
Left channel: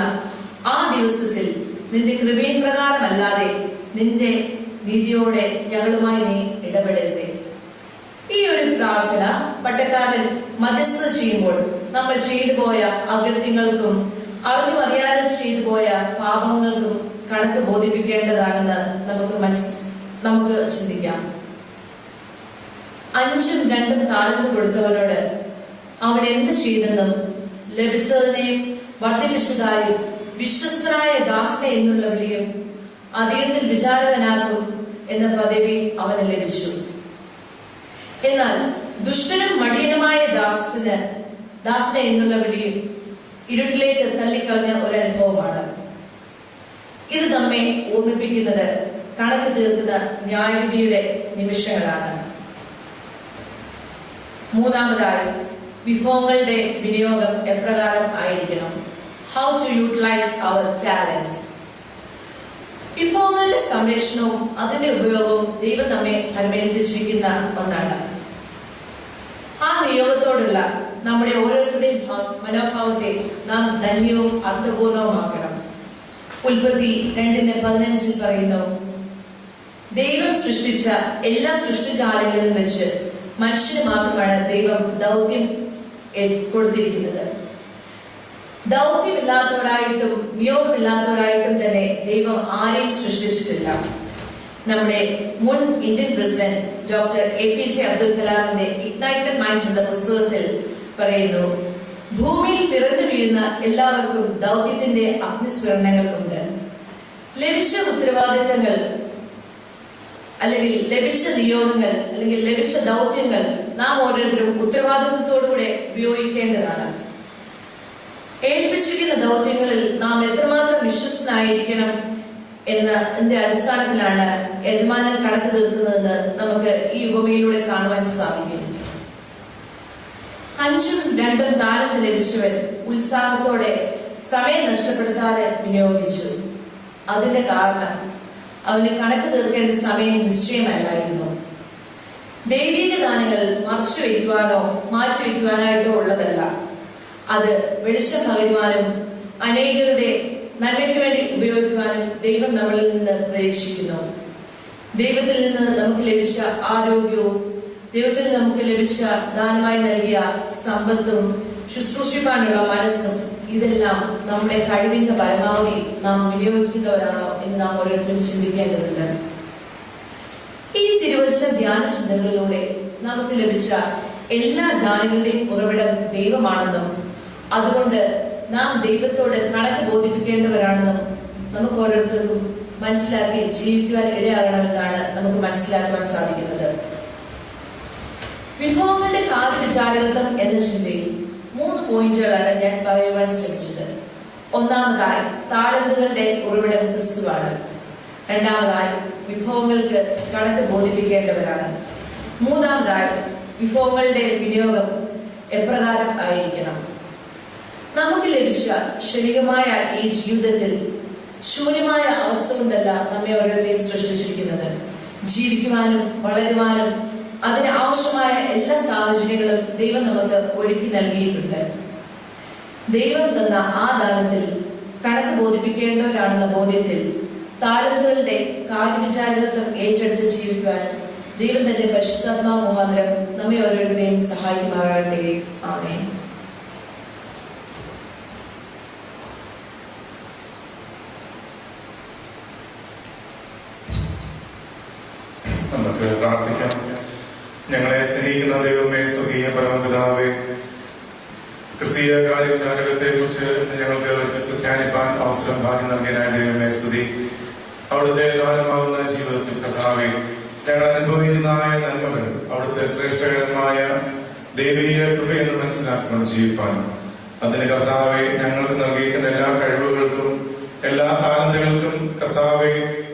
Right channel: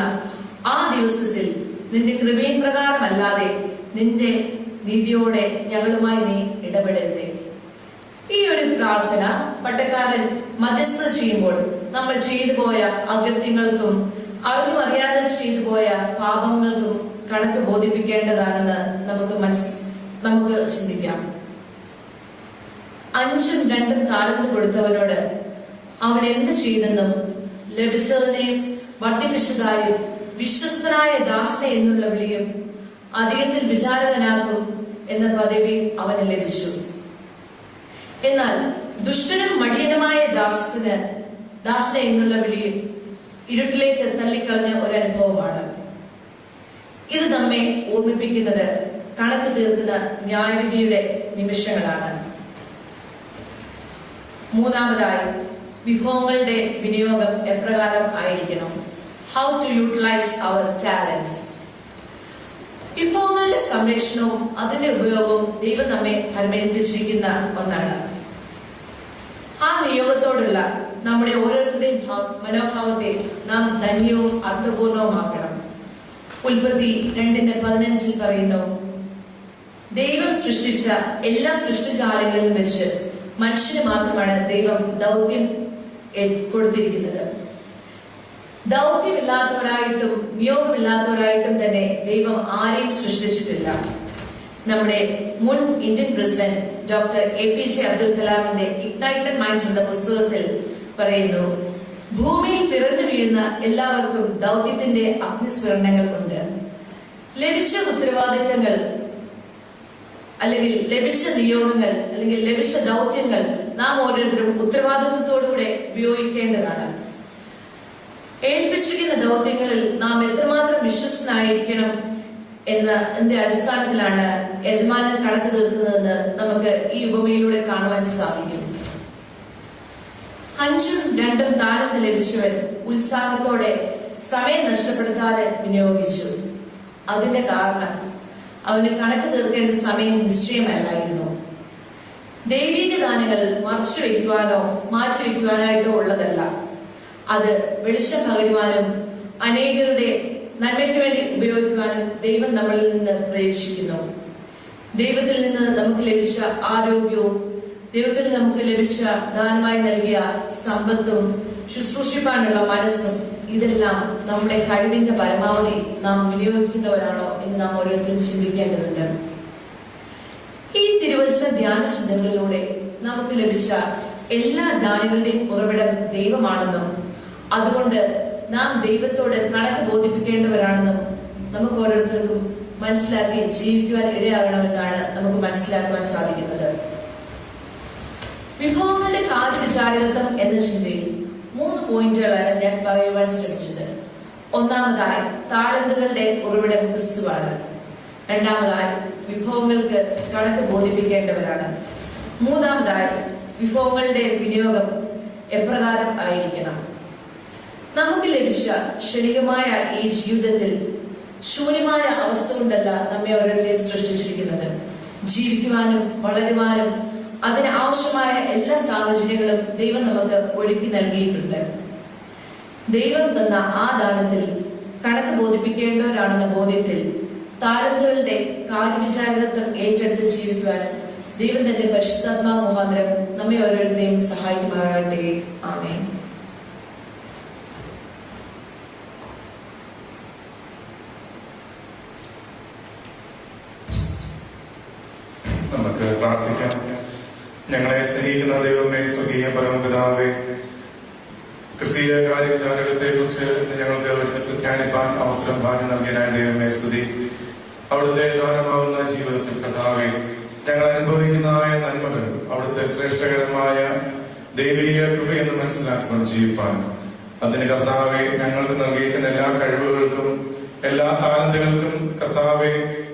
ആ ദിവസത്തിൽ നിന്റെ കൃപയിൻ പ്രകാരമല്ലാതെ നിന്റെ നീതിയോടെ ഞങ്ങളുമായി നീ ഇടപെടരുതേ. ഈ ഒരു പ്രാർത്ഥന പട്ടക്കാരൻ മധ്യസ്ഥത ചെയ്യുമ്പോൾ നമ്മൾ ചെയ്തു പോയ അകൃത്യങ്ങൾക്കും അറിഞ്ഞു അറിയാതെ ചെയ്തു പോയ പാപങ്ങൾക്കും കണക്ക് ബോധിപ്പിക്കേണ്ടതാണെന്ന് നമുക്ക് ചിന്തിക്കാം. 5ഉം 2ഉം താലന്ത് കൊടുത്തവനോട് അവൻ എന്ത് ചെയ്തെന്നും ലഭിച്ചതിനെ വർദ്ധിപ്പിച്ചതായും വിശ്വസ്തനായ ദാസനെ എന്നുള്ള വിളിയും അധികത്തിൽ വിചാരകനാക്കും എന്ന പദവി അവന് ലഭിച്ചു. എന്നാൽ ദുഷ്ടനും മടിയനുമായ ദാസനെ എന്നുള്ള വിളിയും ഇരുട്ടിലേക്ക് തള്ളിക്കളഞ്ഞ ഒരു അനുഭവമാണ്. ഇത് നമ്മെ ഓർമ്മിപ്പിക്കുന്നത് കണക്ക് തീർക്കുന്ന ന്യായവിധിയുടെ നിമിഷങ്ങളാണ്. മൂന്നാമതായി, വിഭവങ്ങളുടെ വിനിയോഗം എപ്രകാരം ആയിരിക്കണം? How to utilise our talents. വിഭവങ്ങളുടെ സംരക്ഷണവും അതിന്റെ ഉപയോഗവും ദൈവം നമ്മെ പരിമേൽപ്പിച്ചിരിക്കുന്ന ഒന്നാണ്. ആ നിയോഗത്തോടുള്ള നമ്മുടെ ഓരോരുത്തരുടെയും മനോഭാവത്തെ നാം ധന്യവും അർത്ഥപൂർണവുമാക്കണം. ഉൽപ്പത്തി 2:15 പറയുന്നു, ദൈവം സൃഷ്ടിച്ച എല്ലാ സൃഷ്ടിജാലങ്ങളിലും വെച്ച് മനുഷ്യന് മാത്രമാണ് ദൈവം ദൗത്യം കൊടുത്തിരിക്കുന്നത്. ദൗത്യമില്ലാത്തവരായിട്ടും നിയോഗമില്ലാത്തവരായിട്ടും തന്നെ ദൈവം ആരെയും സൃഷ്ടിച്ചിട്ടില്ല. നമ്മുടെ മുൻ Indian president doctor APJ Abdul കലാമിന്റെ ഇഗ്നൈറ്റഡ് മൈൻഡ്സ് എന്ന പുസ്തകത്തിൽ പറയുന്നു, ഭൂമിയിൽ പിറന്നു വീഴുന്ന എല്ലാവർക്കും ദൗത്യത്തിന്റെ അഗ്നിസ്ഫുരണങ്ങൾ ഉണ്ട്. ലഭിച്ച ഉത്തരവാദിത്തങ്ങൾ അല്ലെങ്കിൽ ലഭിച്ച നിയോഗങ്ങൾ അല്ലെങ്കിൽ ലഭിച്ച ദൗത്യങ്ങൾ നാം ഓരോരുത്തരും ഉത്തരവാദിത്വത്തോടുകൂടെ ഉപയോഗിക്കേണ്ടതാണ്. ഏൽപ്പിച്ചിരിക്കുന്ന ദൗത്യങ്ങളിൽ നാം എത്രമാത്രം വിശ്വസ്തനായിരിക്കണം എന്നതിന്റെ അടിസ്ഥാനത്തിലാണ് യജമാനൻ കണക്ക് തീർക്കുന്നതെന്ന് നമുക്ക് ഈ ഉപമയിലൂടെ കാണുവാൻ സാധിക്കും. 5ഉം 2ഉം താലന്ത് ലഭിച്ചവൻ ഉത്സാഹത്തോടെ സമയം നഷ്ടപ്പെടുത്താതെ വിനിയോഗിച്ചു. അതിന്റെ കാരണം അവന് കണക്ക് തീർക്കേണ്ട സമയം നിശ്ചയമല്ലായിരുന്നു. ദൈവിക ദാനങ്ങൾ മറച്ചു വയ്ക്കുവാനോ മാറ്റിവെക്കുവാനായിട്ടോ ഉള്ളതല്ല. അത് വെളിച്ചം പകരുവാനും അനേകരുടെ നന്മയ്ക്ക് വേണ്ടി ഉപയോഗിക്കാനും ദൈവം നമ്മളിൽ നിന്ന് പ്രതീക്ഷിക്കുന്നു. ദൈവത്തിൽ നിന്ന് നമുക്ക് ലഭിച്ച ആരോഗ്യവും ദൈവത്തിൽ നമുക്ക് ലഭിച്ച ദാനമായി നൽകിയ സമ്പത്തും ശുശ്രൂഷിക്കാനുള്ള മനസ്സും ഇതെല്ലാം നമ്മുടെ കഴിവിന്റെ പരമാവധി നാം വിനിയോഗിക്കുന്നവരാണോ എന്ന് നാം ഓരോരുത്തരും ചിന്തിക്കേണ്ടതുണ്ട്. ഈ തിരുവചന ധ്യാന ചിന്തകളിലൂടെ നമുക്ക് ലഭിച്ച എല്ലാ ദാനങ്ങളുടെയും ഉറവിടം ദൈവമാണെന്നും അതുകൊണ്ട് നാം ദൈവത്തോട് കണക്ക് ബോധിപ്പിക്കേണ്ടവരാണെന്നും നമുക്ക് ഓരോരുത്തർക്കും മനസ്സിലാക്കി ജീവിക്കുവാൻ ഇടയാകണമെന്നാണ് നമുക്ക് മനസ്സിലാക്കുവാൻ സാധിക്കുന്നത്. വിഭവങ്ങളുടെ കാര്യവിചാരകത്വം എന്ന ചിന്തയിൽ 3 പോയിന്റുകളാണ് ഞാൻ പറയുവാൻ ശ്രമിച്ചത്. ഒന്നാമതായി, താലന്തുകളുടെ ഉറവിടം ക്രിസ്തുവാണ്. രണ്ടാമതായി, വിഭവങ്ങൾക്ക് കണക്ക് ബോധിപ്പിക്കേണ്ടവരാണ്. മൂന്നാമതായി, വിഭവങ്ങളുടെ വിനിയോഗം എപ്രകാരം ആയിരിക്കണം. നമുക്ക് ലഭിച്ച ക്ഷണികമായ ഈ ജീവിതത്തിൽ ശൂന്യമായ അവസ്ഥ കൊണ്ടല്ല നമ്മെ ഓരോരുത്തരെയും സൃഷ്ടിച്ചിരിക്കുന്നത്. ജീവിക്കുവാനും വളരുവാനും അതിന് ആവശ്യമായ എല്ലാ സാഹചര്യങ്ങളും ദൈവം നമുക്ക് ഒരുക്കി നൽകിയിട്ടുണ്ട്. ദൈവം തന്ന ആ ദാനത്തിൽ കണക്ക് ബോധിപ്പിക്കേണ്ടവരാണെന്ന ബോധ്യത്തിൽ താലന്തുകളുടെ കാര്യവിചാരകത്വം ഏറ്റെടുത്ത് ജീവിക്കുവാനും ദൈവം തന്റെ പരിശുദ്ധാത്മാവ് മുഖാന്തരം നമ്മെ ഓരോരുത്തരെയും സഹായിക്കുമാറാകട്ടെ. ആമേൻ. നമുക്ക് പ്രാർത്ഥിക്കാം. ഞങ്ങളെ സ്നേഹിക്കുന്ന ദൈവമേ, സ്വർഗീയ പരമപിതാവേ, ക്രിസ്തീയ കാര്യവിചാരകത്തെ കുറിച്ച് ഞങ്ങൾക്ക് ഒരുമിച്ച് ധ്യാനിപ്പാൻ അവസരം ഭാഗ്യം നൽകിയതിനായ ദൈവമേ സ്തുതി. അവിടുത്തെ ദാനമാകുന്ന ജീവിതത്തിൽ കർത്താവേ, ഞങ്ങൾ അനുഭവിക്കുന്ന നന്മകൾ അവിടുത്തെ ശ്രേഷ്ഠകരമായ ദൈവീക കൃപയെന്ന് മനസ്സിലാക്കണം ജീവിപ്പാൻ. അതിന് കർത്താവെ ഞങ്ങൾക്ക് നൽകിയിരിക്കുന്ന എല്ലാ കഴിവുകൾക്കും എല്ലാ താലന്തുകൾക്കും കർത്താവെ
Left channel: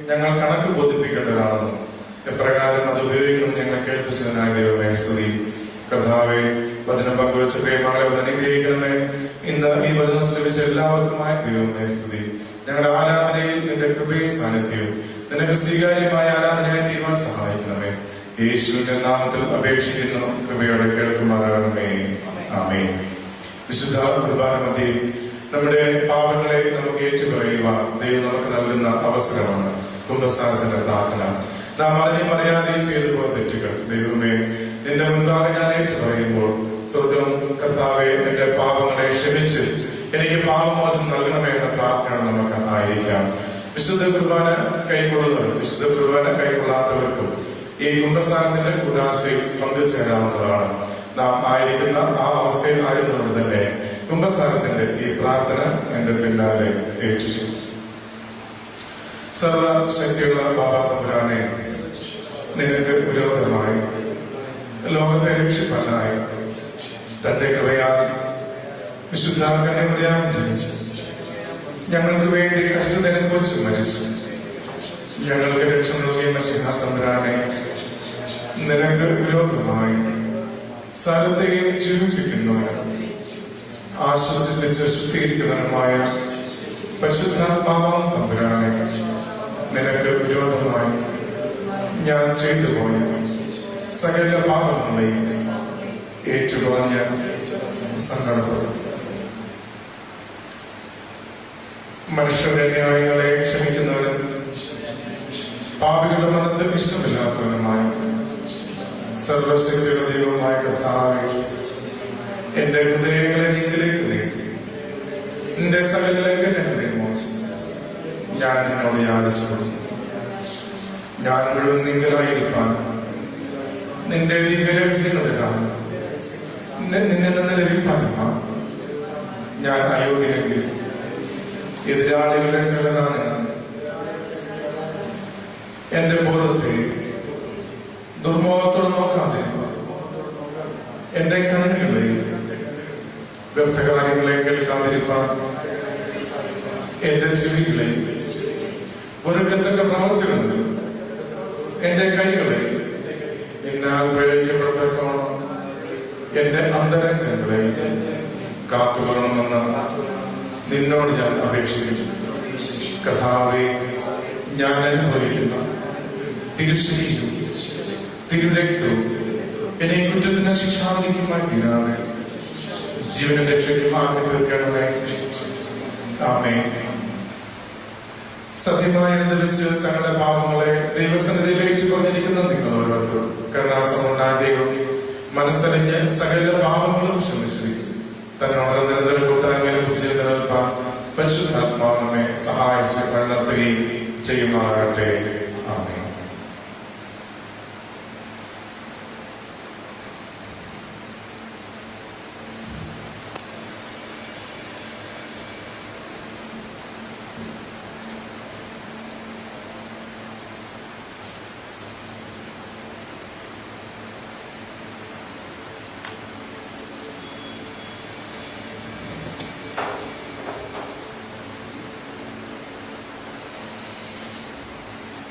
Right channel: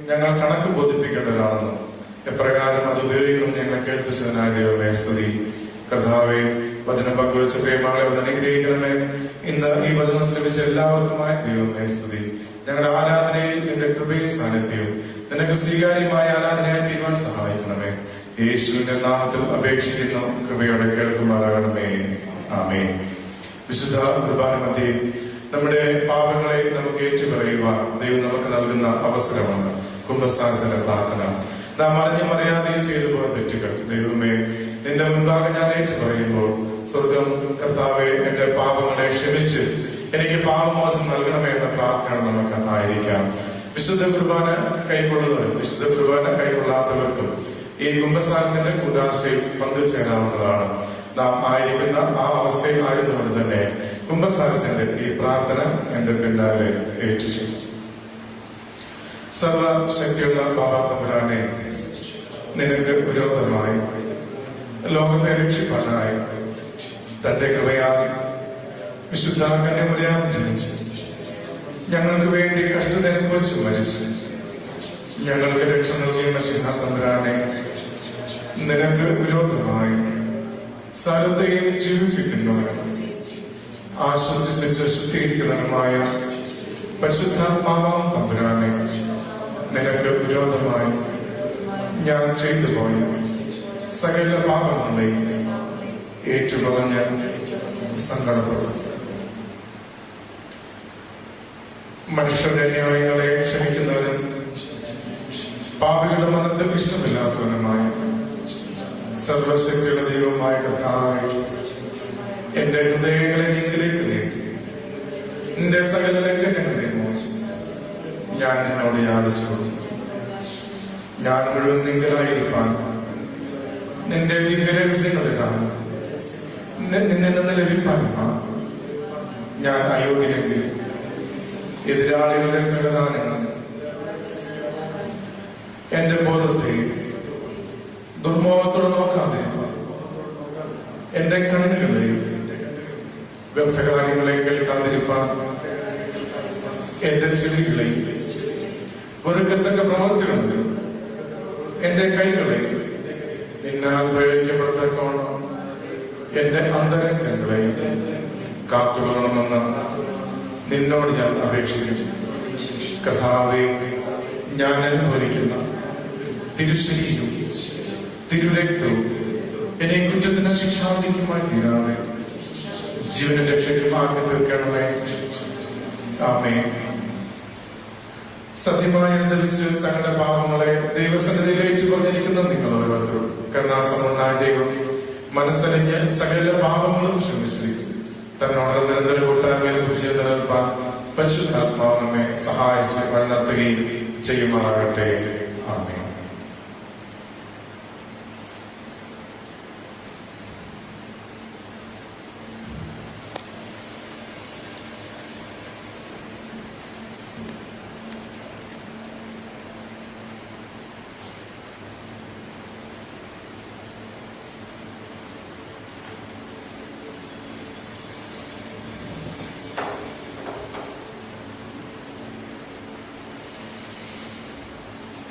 ഞങ്ങൾ കണക്ക് ബോധിപ്പിക്കേണ്ടവരാണെന്നും എപ്രകാരം അത് ഉപയോഗിക്കണം ഞങ്ങൾ കേൾപ്പിച്ചതിനായ ദൈവമേ സ്തുതി. കർത്താവെ, വചനം പങ്കുവെച്ച പ്രേമങ്ങളെ അനുഗ്രഹിക്കണമേ. ഇന്ന് ഈ വചനം ശ്രമിച്ച എല്ലാവർക്കുമായ ദൈവമേ സ്തുതി. ഞങ്ങളുടെ ആരാധനയിൽ നിന്റെ കൃപയും സാന്നിധ്യവും നിനക്ക് സ്വീകാര്യമായ ആരാധനയായി തീരുമാനം സഹായിക്കണമേ. യേശുവിന്റെ നാമത്തിൽ അപേക്ഷിക്കുന്നു, കൃപയോടെ കേൾക്കുമാറാകണമേ. ആമേൻ. വിശുദ്ധ കുർബാന മധ്യേ നമ്മുടെ പാപങ്ങളെ നമുക്ക് ഏറ്റുപറയുവാൻ ദൈവം നമുക്ക് നൽകുന്ന അവസരമാണ് കുംഭസാരത്തിന്റെ പ്രാർത്ഥന. നാം അറിഞ്ഞും അറിയാതെയും ചെയ്തു പോയ തെറ്റുകൾ ദൈവമേ എന്റെ മുൻപാകെ ഞാൻ ഏറ്റുപറയുമ്പോൾ സ്വർഗം കർത്താവെ എന്റെ പാപങ്ങളെ ക്ഷമിച്ച് എനിക്ക് പാപമോചനം നൽകണമേ എന്ന പ്രാർത്ഥന നമുക്ക് ആയിരിക്കാം. വിശുദ്ധ കുർബാന കൈക്കൊള്ളുന്നവരും വിശുദ്ധ കുർബാന കൈക്കൊള്ളാത്തവർക്കും ഈ കുംഭസാരത്തിന്റെ ഉദാശയിൽ പങ്കുചേരാവുന്നതാണ്. നാം ആയിരിക്കുന്ന ആ അവസ്ഥയിൽ ആയിരുന്നുകൊണ്ട് തന്നെ കുംഭസാരത്തിന്റെ ഈ പ്രാർത്ഥന എന്റെ പിന്നാലെ ഏറ്റിച്ചു. സർവശക്തിയുള്ള ബാബാ തമ്പുരാനെ, നിനക്ക് വിരോധമായി ലോകത്തെ രക്ഷിപ്പാനായി തന്റെ കൃപയാൽ വിശുദ്ധ കന്യകയാൽ ജനിച്ചു, ഞങ്ങൾക്ക് വേണ്ടി കഷ്ടതയെക്കുറിച്ച് മരിച്ചു, ഞങ്ങൾക്ക് രക്ഷ നൽകിയ സിംഹതമ്പുരാനെ, നിനക്ക് വിരോധമായി സകലത്തെയും ജീവിപ്പിക്കുന്നവൻ ആശ്വസിപ്പിച്ച് ശുദ്ധീകരിക്കുന്നവനുമായ പരിശുദ്ധാത്മാവാം തമ്പുരാനെ, നിനക്ക് വിരോധമായി ഞാൻ ചെയ്തു പോയ സകല പാപങ്ങളെയും ഏറ്റുപറഞ്ഞ സന്ദർഭം മനുഷ്യരുടെ ന്യായങ്ങളെ ക്ഷമിക്കുന്നവനും പാപികളുടെ മനത്തിൽ ഇഷ്ടമില്ലാത്തവനുമായ സർവശക്തിയുടെ ദൈവമായ കർത്താവേ, എന്റെ ഹൃദയങ്ങളെ നീക്കിലേക്ക് നീക്കി നിന്റെ സകല ലംഘനങ്ങളെ മോചിച്ചു ഞാൻ നിന്നോട് യാചിച്ചു. ഞാൻ മുഴുവൻ നീങ്കലായിരിക്കാൻ നിന്റെ ദിവ്യരഹസ്യങ്ങളിലാണ് നിന്നിൽ നിന്ന് ലഭിക്കാനുമാണ് ഞാൻ അയോഗ്യനെങ്കിൽ എതിരാളികളുടെ സകലദാനം എന്റെ ബോധത്തെ ദുർമോഹത്തോടെ നോക്കാതെ എന്റെ കണ്ണുകളെ വ്യർത്ഥകാര്യങ്ങളെ കേൾക്കാതിരിക്കാൻ എന്റെ ചെവികളെ വെറുക്കത്തക്ക പ്രവർത്തികളിൽ എന്റെ കൈകളെ നിന്നാൽ പ്രയോഗിക്കപ്പെട്ടോണം എന്റെ അന്തരംഗങ്ങളെ കാത്തുകൊള്ളണമെന്ന് നിന്നോട് ഞാൻ അപേക്ഷിക്കുന്നു. കർത്താവേ, ഞാൻ അനുഭവിക്കുന്ന തിരുശരീരവും തിരുരക്തവും എന്നെ കുറ്റത്തിന് ശിക്ഷാവിധിക്കുമായി തീരാതെ ജീവന രക്ഷകമാക്കി തീർക്കണമേ. ആമേൻ. സത്യമായി ധരിച്ച് തങ്ങളുടെ പാപങ്ങളെ ദൈവസന്നിധിയിലേക്ക് പറഞ്ഞിരിക്കുന്ന നിങ്ങൾ ഓരോരുത്തരും കരുണാസമ്പന്നനായ ദൈവം മനസ്സറിഞ്ഞ് സകല പാപങ്ങളും ക്ഷമിച്ചിരിക്കും. തന്നോട് നിരന്തരം കൂട്ടായ്മയിൽ ചെയ്ത് നിൽപ്പാൻ പരിശുദ്ധാത്മാവിനെ സഹായിച്ച് കണ്ടെത്തുകയും ചെയ്യുമാറാകട്ടെ. ആമേൻ.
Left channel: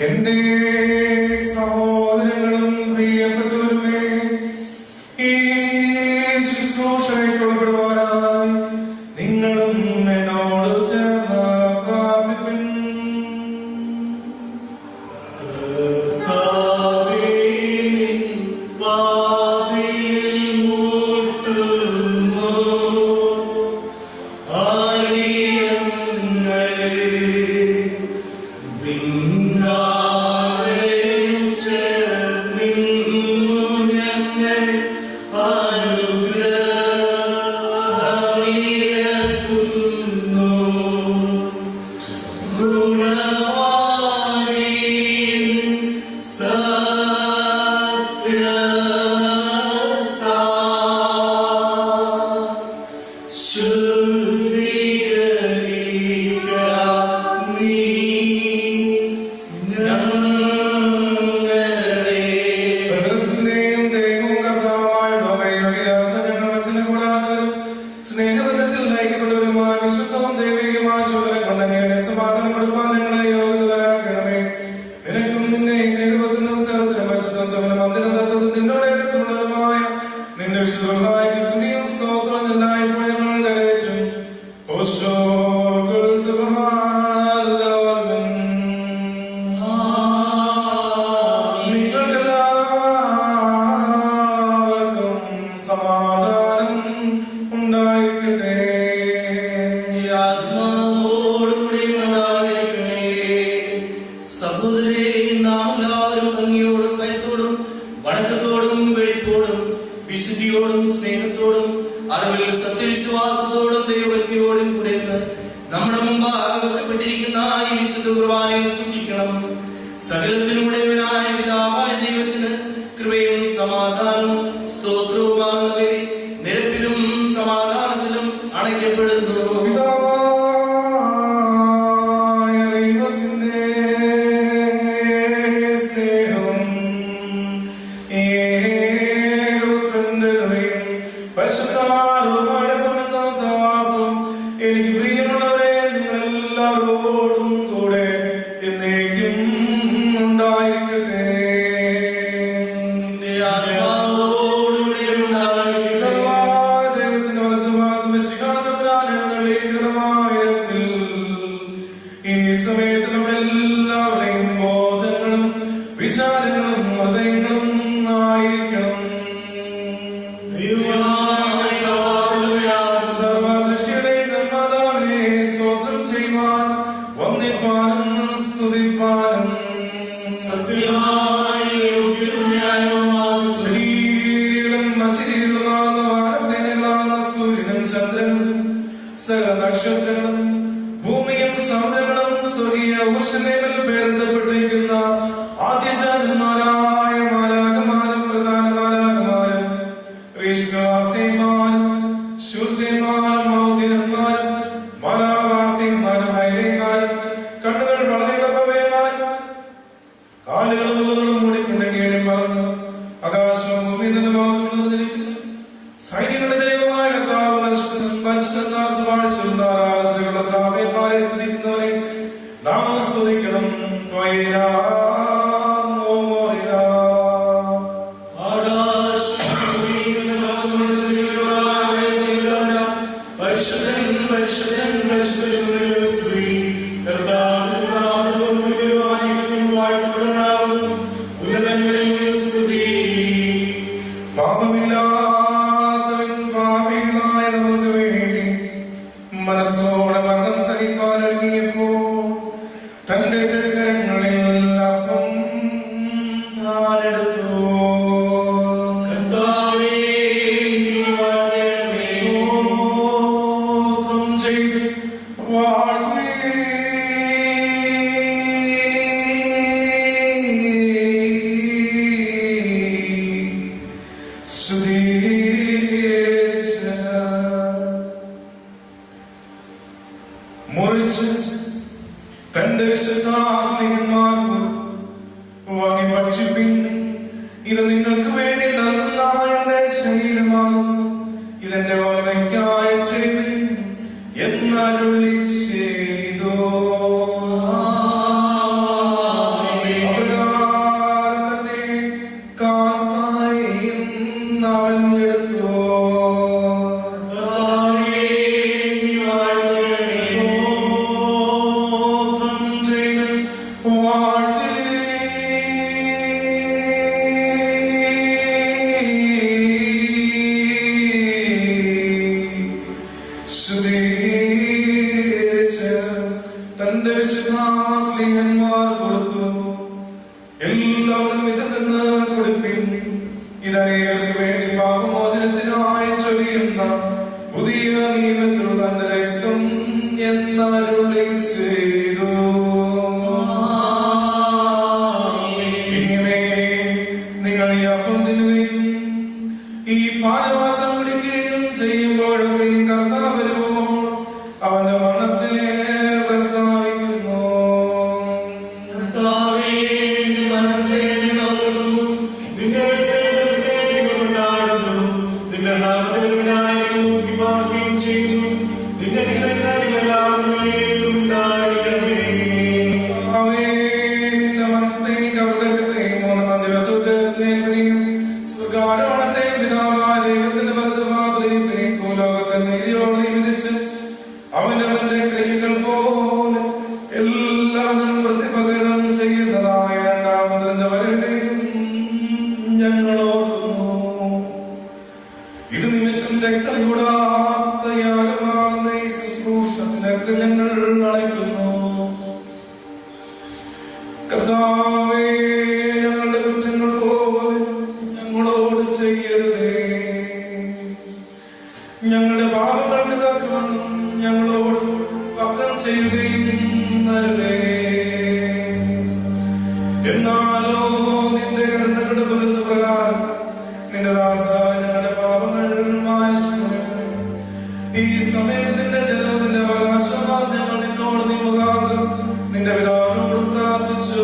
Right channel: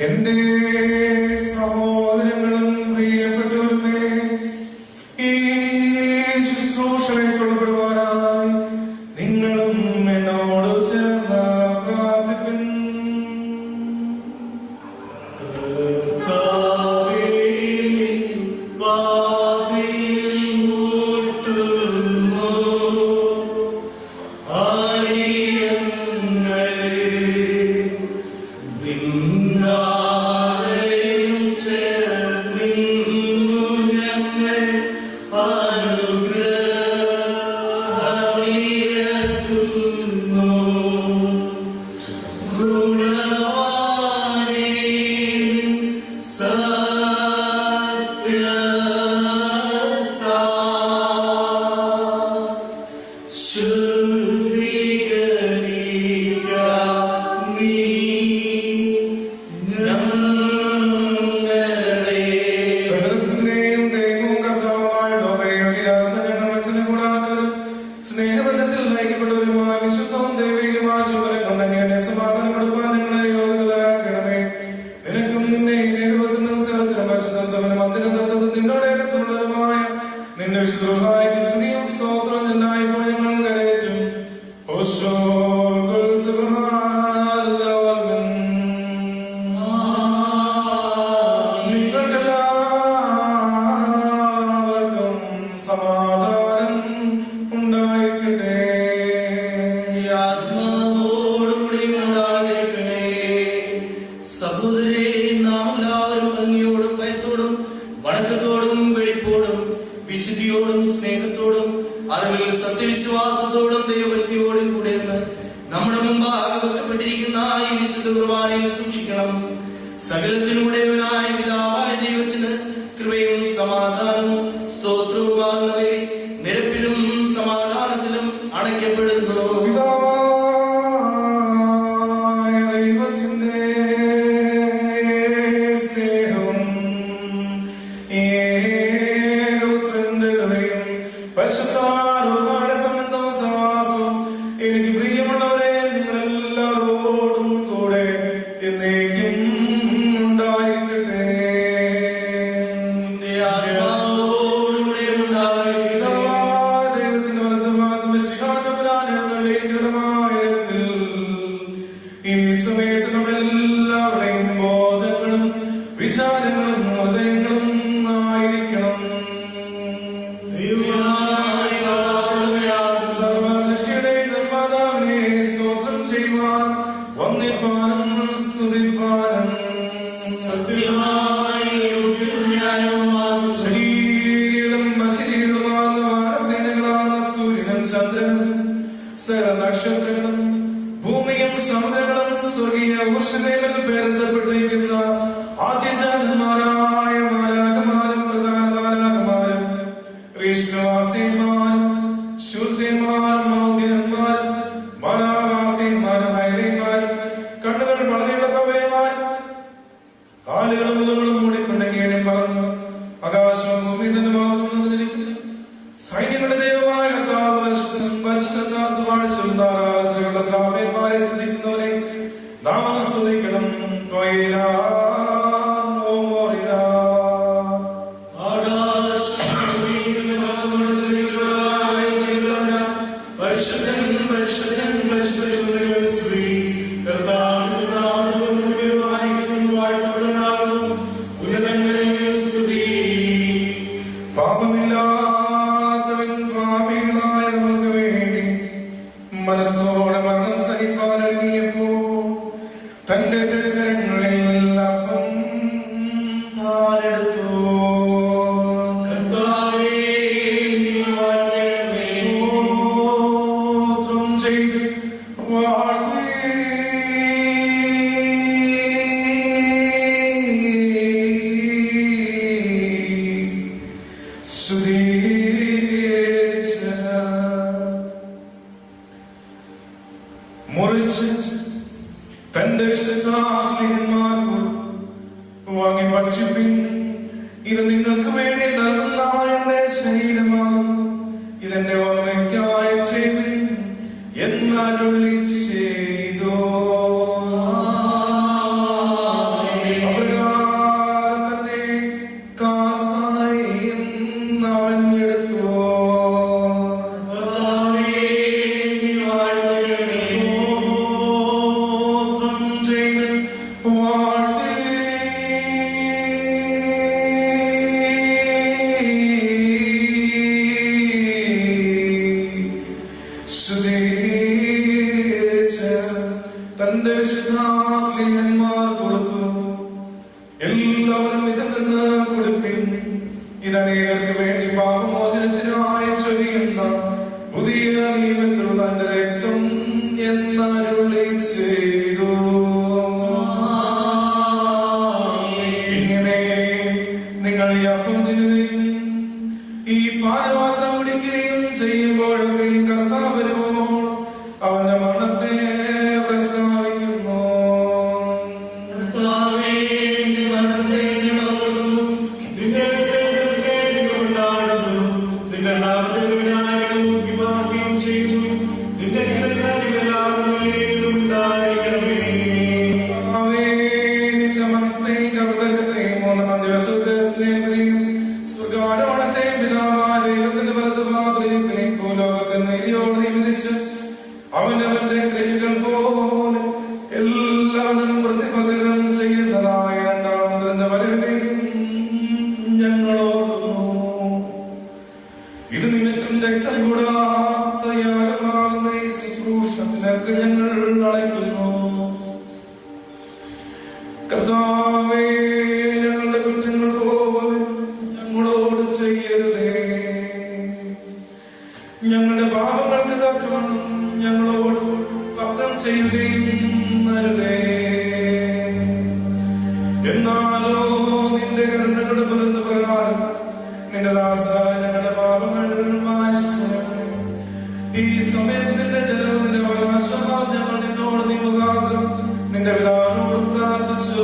എന്റെ സഹോദരങ്ങളും പ്രിയപ്പെട്ടവരുമേ, ഈ ശുശ്രൂഷയെ തുടരുവാനായി നിങ്ങളും എന്നോട് ചേർന്ന് പ്രാർത്ഥിപ്പിൻ. Say സുഖാരോണത്തെ നിമിത്തം രക്തം യാഗമാകുന്ന ഈ ശുശ്രൂഷ നിനക്ക് ഞങ്ങൾ അളക്കുന്നു. കർത്താവേ, ഞങ്ങളുടെ കുറ്റങ്ങൾ പോലെ ഞങ്ങളോട് ചെയ്യരുതേ. ഞങ്ങളുടെ പാപങ്ങൾക്ക് തക്കവണ്ണം ഞങ്ങളോട് പകരം ചെയ്യുകയും അരുതേ. എന്നാലോ നിന്റെ കരുണയുടെ പ്രകാരം നിന്റെ ദാസനായ ഞങ്ങളുടെ പാപങ്ങൾ മായ്ച്ചു. ഈ സമയത്തിന്റെ ജനത്തിന്റെ അവകാശമാണ് ഞങ്ങൾ നിന്നോട് നിയമകാലം നിന്റെ പിതാവിനോട് പ്രാർത്ഥിച്ചു.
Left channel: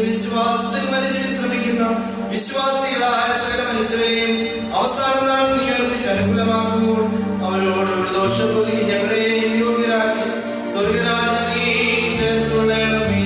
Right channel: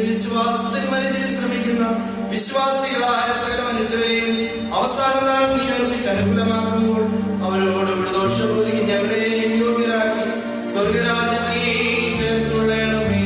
വിശ്വാസത്തിൽ മരിച്ചു ശ്രമിക്കുന്ന വിശ്വാസ മനുഷ്യരെയും അവസാന നാൾ നീ അർപ്പിച്ച് അനുകൂലമാകുമ്പോൾ അവരോട് ഒരു ദോഷവും ഞങ്ങളെയും യോഗ്യരാക്കി സ്വർഗരാജ്ഞി ചേർത്തുള്ളണമേ.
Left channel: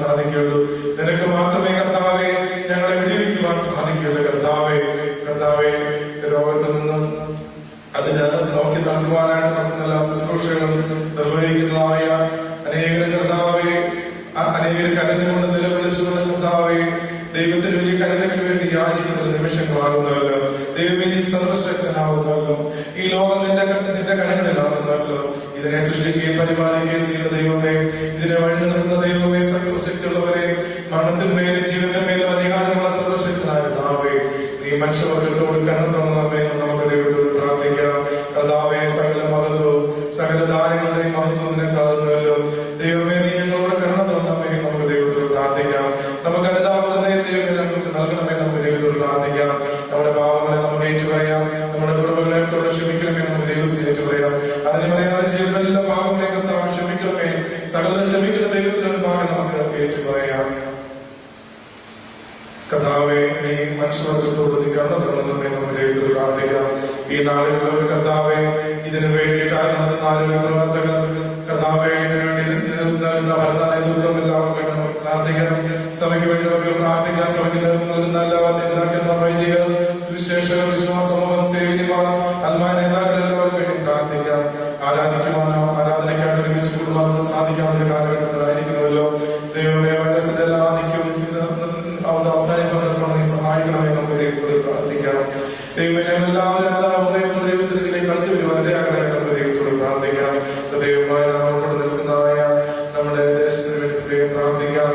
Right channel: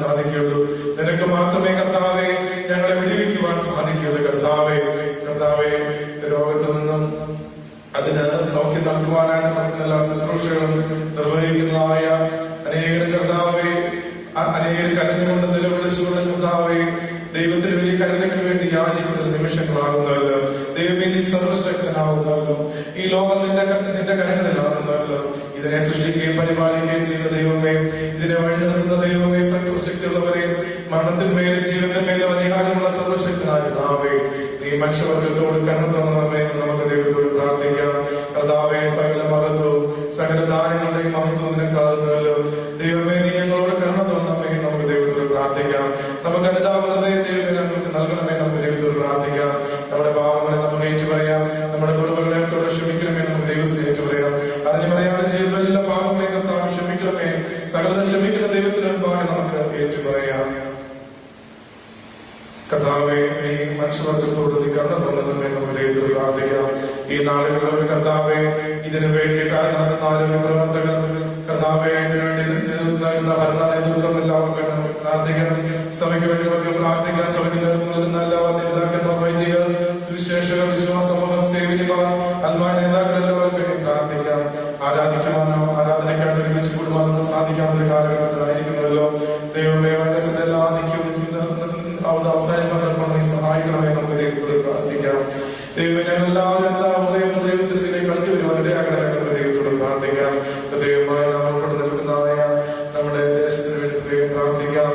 സാധിക്കുകയുള്ളൂ. നിനക്ക് മാത്രമേ കർത്താവേ ഞങ്ങളെ വിടുവിക്കുവാൻ സാധിക്കുകയുള്ളൂ. കർത്താവേ രോഗത്തിൽ നിന്നും അതിന് സൗഖ്യം നൽകുവാനായിട്ട് നമുക്ക് എല്ലാ ശുശ്രൂഷകളും നിർവഹിക്കുന്നതായ അനേകം കർത്താവേ അനേകം കരുതുകൊണ്ട് നിലവിളിച്ചുകൊണ്ട് കർത്താവേ ദൈവത്തിന് വലിയ കരുണയ്ക്ക് വേണ്ടി യാചിക്കുന്ന നിമിഷങ്ങളാകുന്നവല്ലോ. ദൈവമേ നീ സർവശക്തനാകുന്നവല്ലോ. ഈ ലോകം നിന്റെ കരങ്ങളിലാകുന്നവല്ലോ. ഇതിനെ സൃഷ്ടിക്കുകയും പരിപാലിക്കുകയും ചെയ്യുന്ന ദൈവമേ, ഇതിനെ വഴി നടത്തുന്ന ദൈവമേ, സർവശക്തിയുള്ളവരെ മരണത്തിന്മേലും ജീവിതത്തിന്മേലും അധികാരമുള്ള സർവശക്തനായ കർത്താവേ, നീ മനുഷ്യവർഗത്തോട് കരുണ തോന്നണമേ എന്ന് നമുക്ക് ദൈവത്തോട് പ്രാർത്ഥിക്കാം. കർത്താവേ, സകല മഹത്വവും സകല ദാനങ്ങളുടെയും മഹത്വവും നിനക്കാകുന്നുവല്ലോ. ദൈവമേ, നീ ഞങ്ങളോട് കരുണ തോന്നണമേ എന്ന് നമുക്ക് ദൈവത്തോട് പ്രാർത്ഥിക്കാം. നമുക്ക് അനുതാപത്തെ ദൈവമേ നമുക്ക് നൽകണമേ നമുക്ക് ദൈവത്തോട് പ്രാർത്ഥിക്കാം. നമ്മുടെ പാപങ്ങളെ നമ്മൾ ഏറ്റു പറയാം. നമ്മുടെ കുടുംബങ്ങളെ കൊണ്ട് ക്ഷമിക്കണമേ നമുക്ക് ദൈവത്തെ ഏറ്റു പറയാം. അതിന് പറയാതെ ചെയ്തതെല്ലാം പാപങ്ങളെ കർത്താവ് ക്ഷമിക്കണമേ. സകലം ക്ഷമിക്കുന്ന ദൈവത്തിനുമായി നമുക്ക് ഏറ്റു പറയാം. കർത്താവെ, നീ മനുഷ്യവർഗത്തോട് നീ കരുണ തോന്നണമേ നമുക്ക് ദൈവത്തോട് പ്രാർത്ഥിക്കാം. ഈ നാളുകളിൽ കർത്താവെ ഇതിനു വേണ്ടി കാരണം പ്രവർത്തകർ കർത്താവെ ഇതിനുവേണ്ടി നേതൃത്വം പ്രാർത്ഥിക്കാം. സഭയ്ക്ക് വേണ്ടി നമുക്ക് പ്രാർത്ഥിക്കാം. സഭയ്ക്ക് നൽകുന്ന എല്ലാ നേതാക്കന്മാർ, വൈദികർ, സുവിശേഷ വിശ്വാസമൂഹം സേവിക്കുവാൻ അൽവാ നേതാക്കന്മാർക്ക് വേണ്ടി പ്രാർത്ഥിക്കാം. ആരാധിക്കുവാനോ ആരാധനയ്ക്കായിട്ട് ഒരുമിച്ച് കൂടുവാനോ സാധിക്കാത്ത കാലഘട്ടത്തിലായിരിക്കുമല്ലോ. ദൈവമേ, അവസാനിക്കാൻ നീ സഹായിക്കണമേ നമുക്ക് ദൈവത്തോട് പ്രാർത്ഥിക്കാം. ദൈവമേ, എല്ലാവരും ദൈവത്തിലേക്ക് അടുത്ത് വരുവാൻ ഇടയാകണമേ നമുക്ക് ദൈവത്തോട് പ്രാർത്ഥിക്കാം. ദൈവമായ നമ്മളോട് നിൽക്കുന്നതായ നമ്മുടെ ദേശത്തിന് വേണ്ടി പ്രാർത്ഥിക്കാം.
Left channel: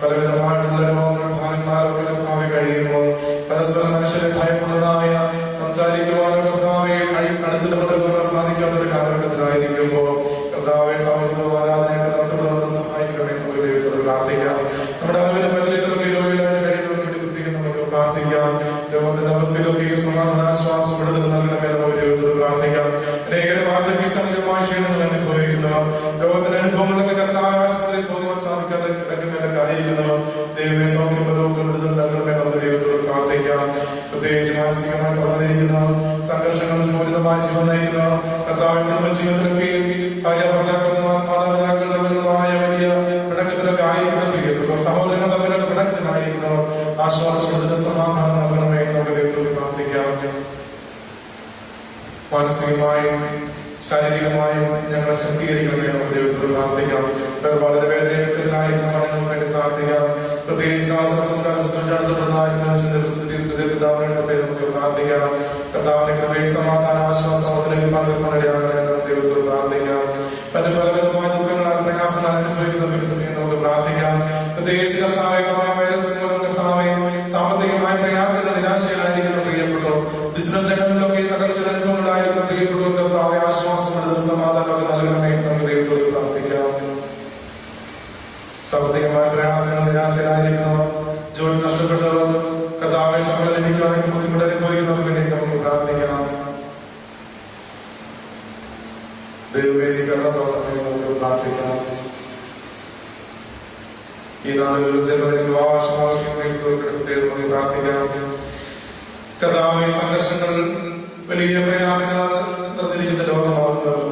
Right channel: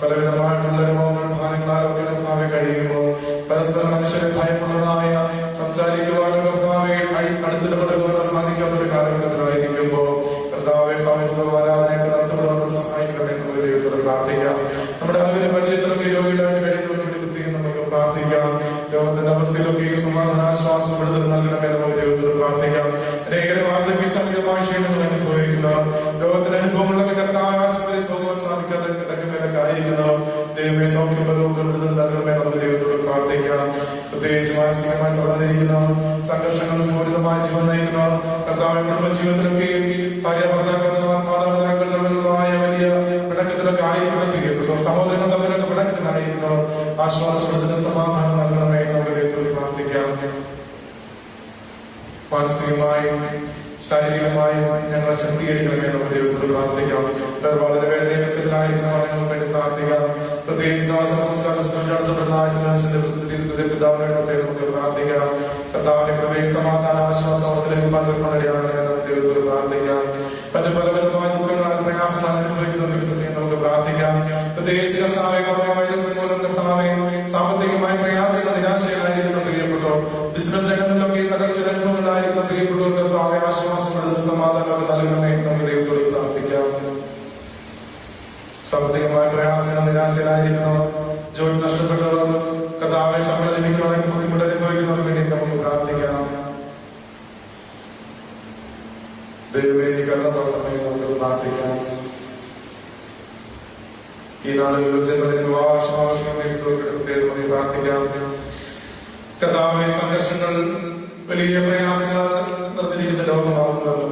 പലവിധമായിട്ടുള്ള രോഗങ്ങൾ ഭാര്യമാരൊക്കെ കർത്താവെ കഴിയുമ്പോൾ പരസ്പരം മനുഷ്യരെ ഭയപ്പെടുന്നതായ സംസാരിക്കുവാനോ കർത്താവെ അടുത്തിടപെടുവാനോ സാധിക്കാത്ത ഒരു കാലഘട്ടത്തിലായിരിക്കുമ്പോൾ കർത്താവെ സ്വാമിത്വ ആരാധന നടത്തപ്പെടുന്ന സഹായിക്കണമേ നമുക്ക് ദൈവത്തോട് പ്രാർത്ഥിക്കാം. നമ്മുടെ അറിവിന്റെ പരിചയത്തിൽ രോഗികളായിട്ട് കഴിയുന്നവർക്ക് കുത്തിയും നമുക്ക് പ്രാർത്ഥിക്കാം. ലോകത്തിന്റെ അവസ്ഥയിലൊക്കെ സമാധാനാശ്വാസപ്പെടുന്നത് നൽകണമേ നമുക്ക് ദൈവത്തോട് പ്രാർത്ഥിക്കാം. അനേകം സംഘമായ ക്ഷീണം അനുഭവിക്കുന്ന ലോകത്തിന്റെ അനുഭവങ്ങളുടെ കർത്താവ് ആശ്രയിച്ച് സാധിക്കാതെ ആയിരിക്കുന്നു. ദൈവമേ, സൗഖ്യപ്പെടുന്നത് നൽകണമേ നമുക്ക് ദൈവത്തോട് പ്രാർത്ഥിക്കാം. പ്രത്യേകിച്ച് മാനസികമായി വളർന്നിരിക്കുന്ന സംഘർഷങ്ങൾ മൂലിതമായി വന്നിരിക്കുന്ന കർത്താവിന്റെ ജീവിതത്തിലൊക്കെയും മാതാപിതാക്കൾ തമ്മിലുള്ളതായ വലിയ പിണക്കത്തിലൊക്കെ ആയിരിക്കുന്ന സഹോദരങ്ങൾ തമ്മിലൊക്കെ പിണക്കത്തിലായിരിക്കുന്നു. ആശ്വാസപ്പെടുന്ന സമാധാനം നൽകണമേ നമുക്ക് ദൈവത്തോട് പ്രാർത്ഥിക്കാം. മാനസികമായും ശാരീരികമായും ഞങ്ങൾ ശക്തീകരിക്കണമേ നമുക്ക് ദൈവത്തോട് പ്രാർത്ഥിക്കാം. വളരെ വേദനയിലായിരിക്കുന്നവർക്ക് വേണ്ടി പ്രാർത്ഥിക്കാം. പ്രത്യേകിച്ച് നമുക്ക് പ്രാർത്ഥിക്കാം. കർത്താവിന്റെ കൃപയും സമാധാന ആശ്വാസത്തിലേക്ക് നമുക്ക് ദൈവത്തോട് പ്രാർത്ഥിക്കാം. പല പലവിധമായ ദുഃഖങ്ങളാൽ പ്രയാസങ്ങൾ അനുഭവിക്കുന്നവർക്ക് നമുക്ക് പ്രാർത്ഥിക്കാം. പ്രത്യേകിച്ച് കർത്താവെ സാമ്പത്തികമായ പ്രയാസങ്ങൾ നിരാശയിലായിരിക്കുന്ന പ്രിയപ്പെട്ടോ, ബിസിനസ് രംഗങ്ങളിലൊക്കെ തകർച്ചയുണ്ടായിരിക്കുന്ന പ്രിയപ്പെട്ടോ കർത്താവെ ആശ്വാസമുള്ളത് സമാധാനം നൽകണമേ നമുക്ക് ദൈവത്തോട് പ്രാർത്ഥിക്കാം. സാമ്പത്തികമായ പ്രയാസങ്ങൾ നിരാശയിലായിരിക്കുന്നവർ, ജോലി നഷ്ടപ്പെട്ടവർ, കർത്താവെ സംഘടിപ്പിക്കുവാനും ബുദ്ധിമുട്ട് അനുഭവിക്കുന്നവർക്ക് വേണ്ടി നമുക്ക് പ്രാർത്ഥിക്കാം. ദൈവമേ, നീ കരുണ തോന്നണമേ നമുക്ക് പ്രാർത്ഥിക്കാം. ഈ നാളുകളിൽ ജനങ്ങളിൽ നമുക്ക് പ്രാർത്ഥിക്കാം. കർത്താവെ, സംഘർഷങ്ങൾ വലിയ പ്രയാസങ്ങൾ നിറഞ്ഞിരിക്കുന്ന ലോകമാകുന്നത്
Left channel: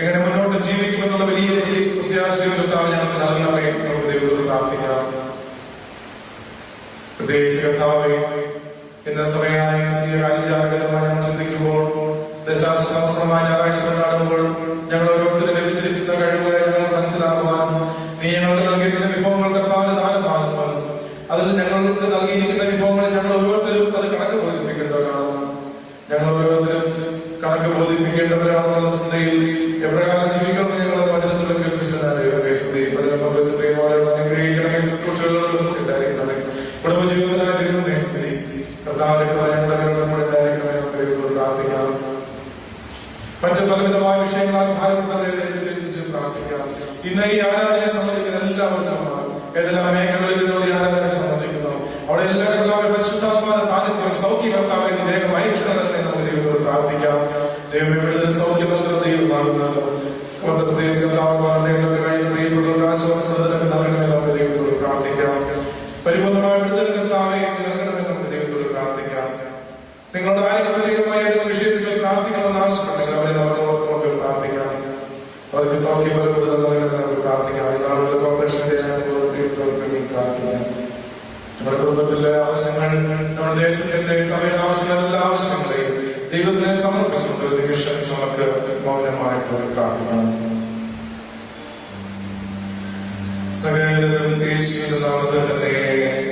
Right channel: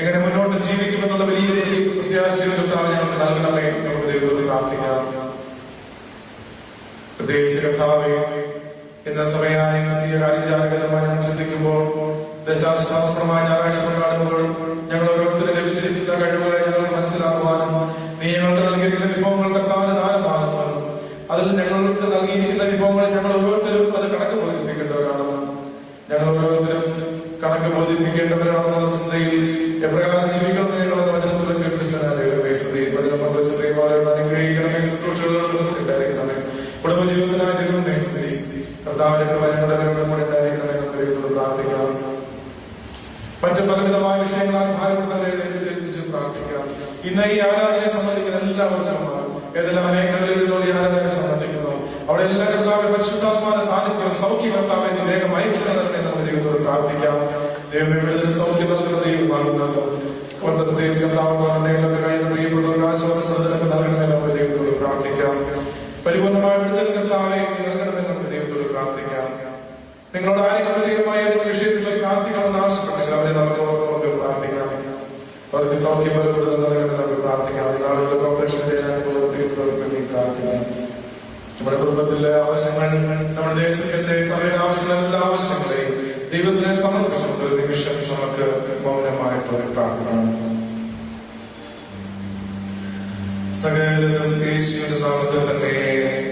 എങ്ങനെ മുന്നോട്ട് ജീവിക്കുമെന്നുള്ള വലിയ പ്രത്യാശയുടെ ഞങ്ങൾക്ക് നൽകണമേ നമുക്ക് ദൈവത്തോട് പ്രാർത്ഥിക്കാം. പ്രത്യേകിച്ച് കർത്താവെ, ഇന്ന സമയമായി ജാഗ്രതമായി ചിന്തിക്കുമ്പോൾ ദശാശാസ്ത്രമായ ഞായറാഴ്ചകൾ കാണുമ്പോൾ ഞങ്ങൾ ഓരോരുത്തരും ലഭിച്ച കഴിവുകളെ ഞങ്ങൾ മനസ്സിലാക്കുവാനും നീ ഞങ്ങൾക്ക് നൽകിയിരിക്കുന്ന വിഭവങ്ങൾ കർത്താവിന്റെ ദാനമാകുവാനും അതിൽ ഞങ്ങൾക്ക് നൽകിയിരിക്കുന്ന വിഭവങ്ങളെ ഞങ്ങൾ ഓരോരുത്തരും അത് കണക്ക് ബോധിപ്പിക്കേണ്ടവരാണ്. ഞങ്ങൾ ഓരോരുത്തരും കണക്ക് ബോധിപ്പിക്കേണ്ടവരാണെന്നുള്ള ചിന്തയിൽ എപ്രകാരം ജീവിക്കുന്നത് നിങ്ങളുടെ വചനത്തിലുള്ള കേൾപ്പിച്ചതിനെ ശുശ്രൂഷകളുണ്ടായിരിക്കണമേ. കുടുംബജീവിതത്തിനായിരിക്കണമേ സ്തുതി. കർത്താവിന്റെ പ്രാർത്ഥിക്കാം. മറ്റു പലവിധമായ വിഷയങ്ങളാണ് ഭാരതത്തെ പ്രാർത്ഥിക്കാം. ഇന്ന് ഈ ആരാധനയെ സംബന്ധിക്കുന്ന എല്ലാവർക്കും ഏതെല്ലാം മേഖലകളിൽ ആരാധനയെ സംബന്ധിക്കുന്നു അവിടെ എല്ലാവരും പരിശുദ്ധാത്മാവിന്റെ സാന്നിധ്യം സൗഖ്യകർത്താവിന് വേഗമായി നമുക്ക് ദൈവത്തോട് പ്രാർത്ഥിക്കാം. ദൈവം എവിടെ സൗഖ്യം നൽകുന്ന ദൈവമാകുന്നല്ലോ. ദൈവത്തോട് പ്രാർത്ഥിക്കാം. പരിപൂർണമായിട്ട് നമുക്ക് ദൈവത്തോട് പ്രാർത്ഥിക്കാം. നിങ്ങളുടെ ആരും പ്രത്യേകമായ വിഷയത്തിൽ പ്രാർത്ഥിക്കണമെന്ന് ആവശ്യപ്പെട്ടു അവരെ നമുക്ക് പ്രാർത്ഥിക്കാം. അവർക്ക് സൗഖ്യം നമുക്ക് പ്രാർത്ഥിക്കാം. അതിനാളുകൾ ഓപ്പറേഷൻ പ്രാർത്ഥിക്കാം. നമ്മുടെ കുടുംബത്തിലെ ആവശ്യങ്ങൾ, നമ്മുടെ ദേശത്തിന്റെ സമയത്ത് ആവശ്യമുള്ള ആവശ്യങ്ങൾ ദൈവത്തിനെ സമർപ്പിച്ചുകൊണ്ട് ഒരു നിമിഷം നമുക്ക് മൗനമായിട്ട് പ്രാർത്ഥിക്കണം. സകലരും യേശുവിന്റെ നാമത്തിൽ തന്നെ കരുണയാൽ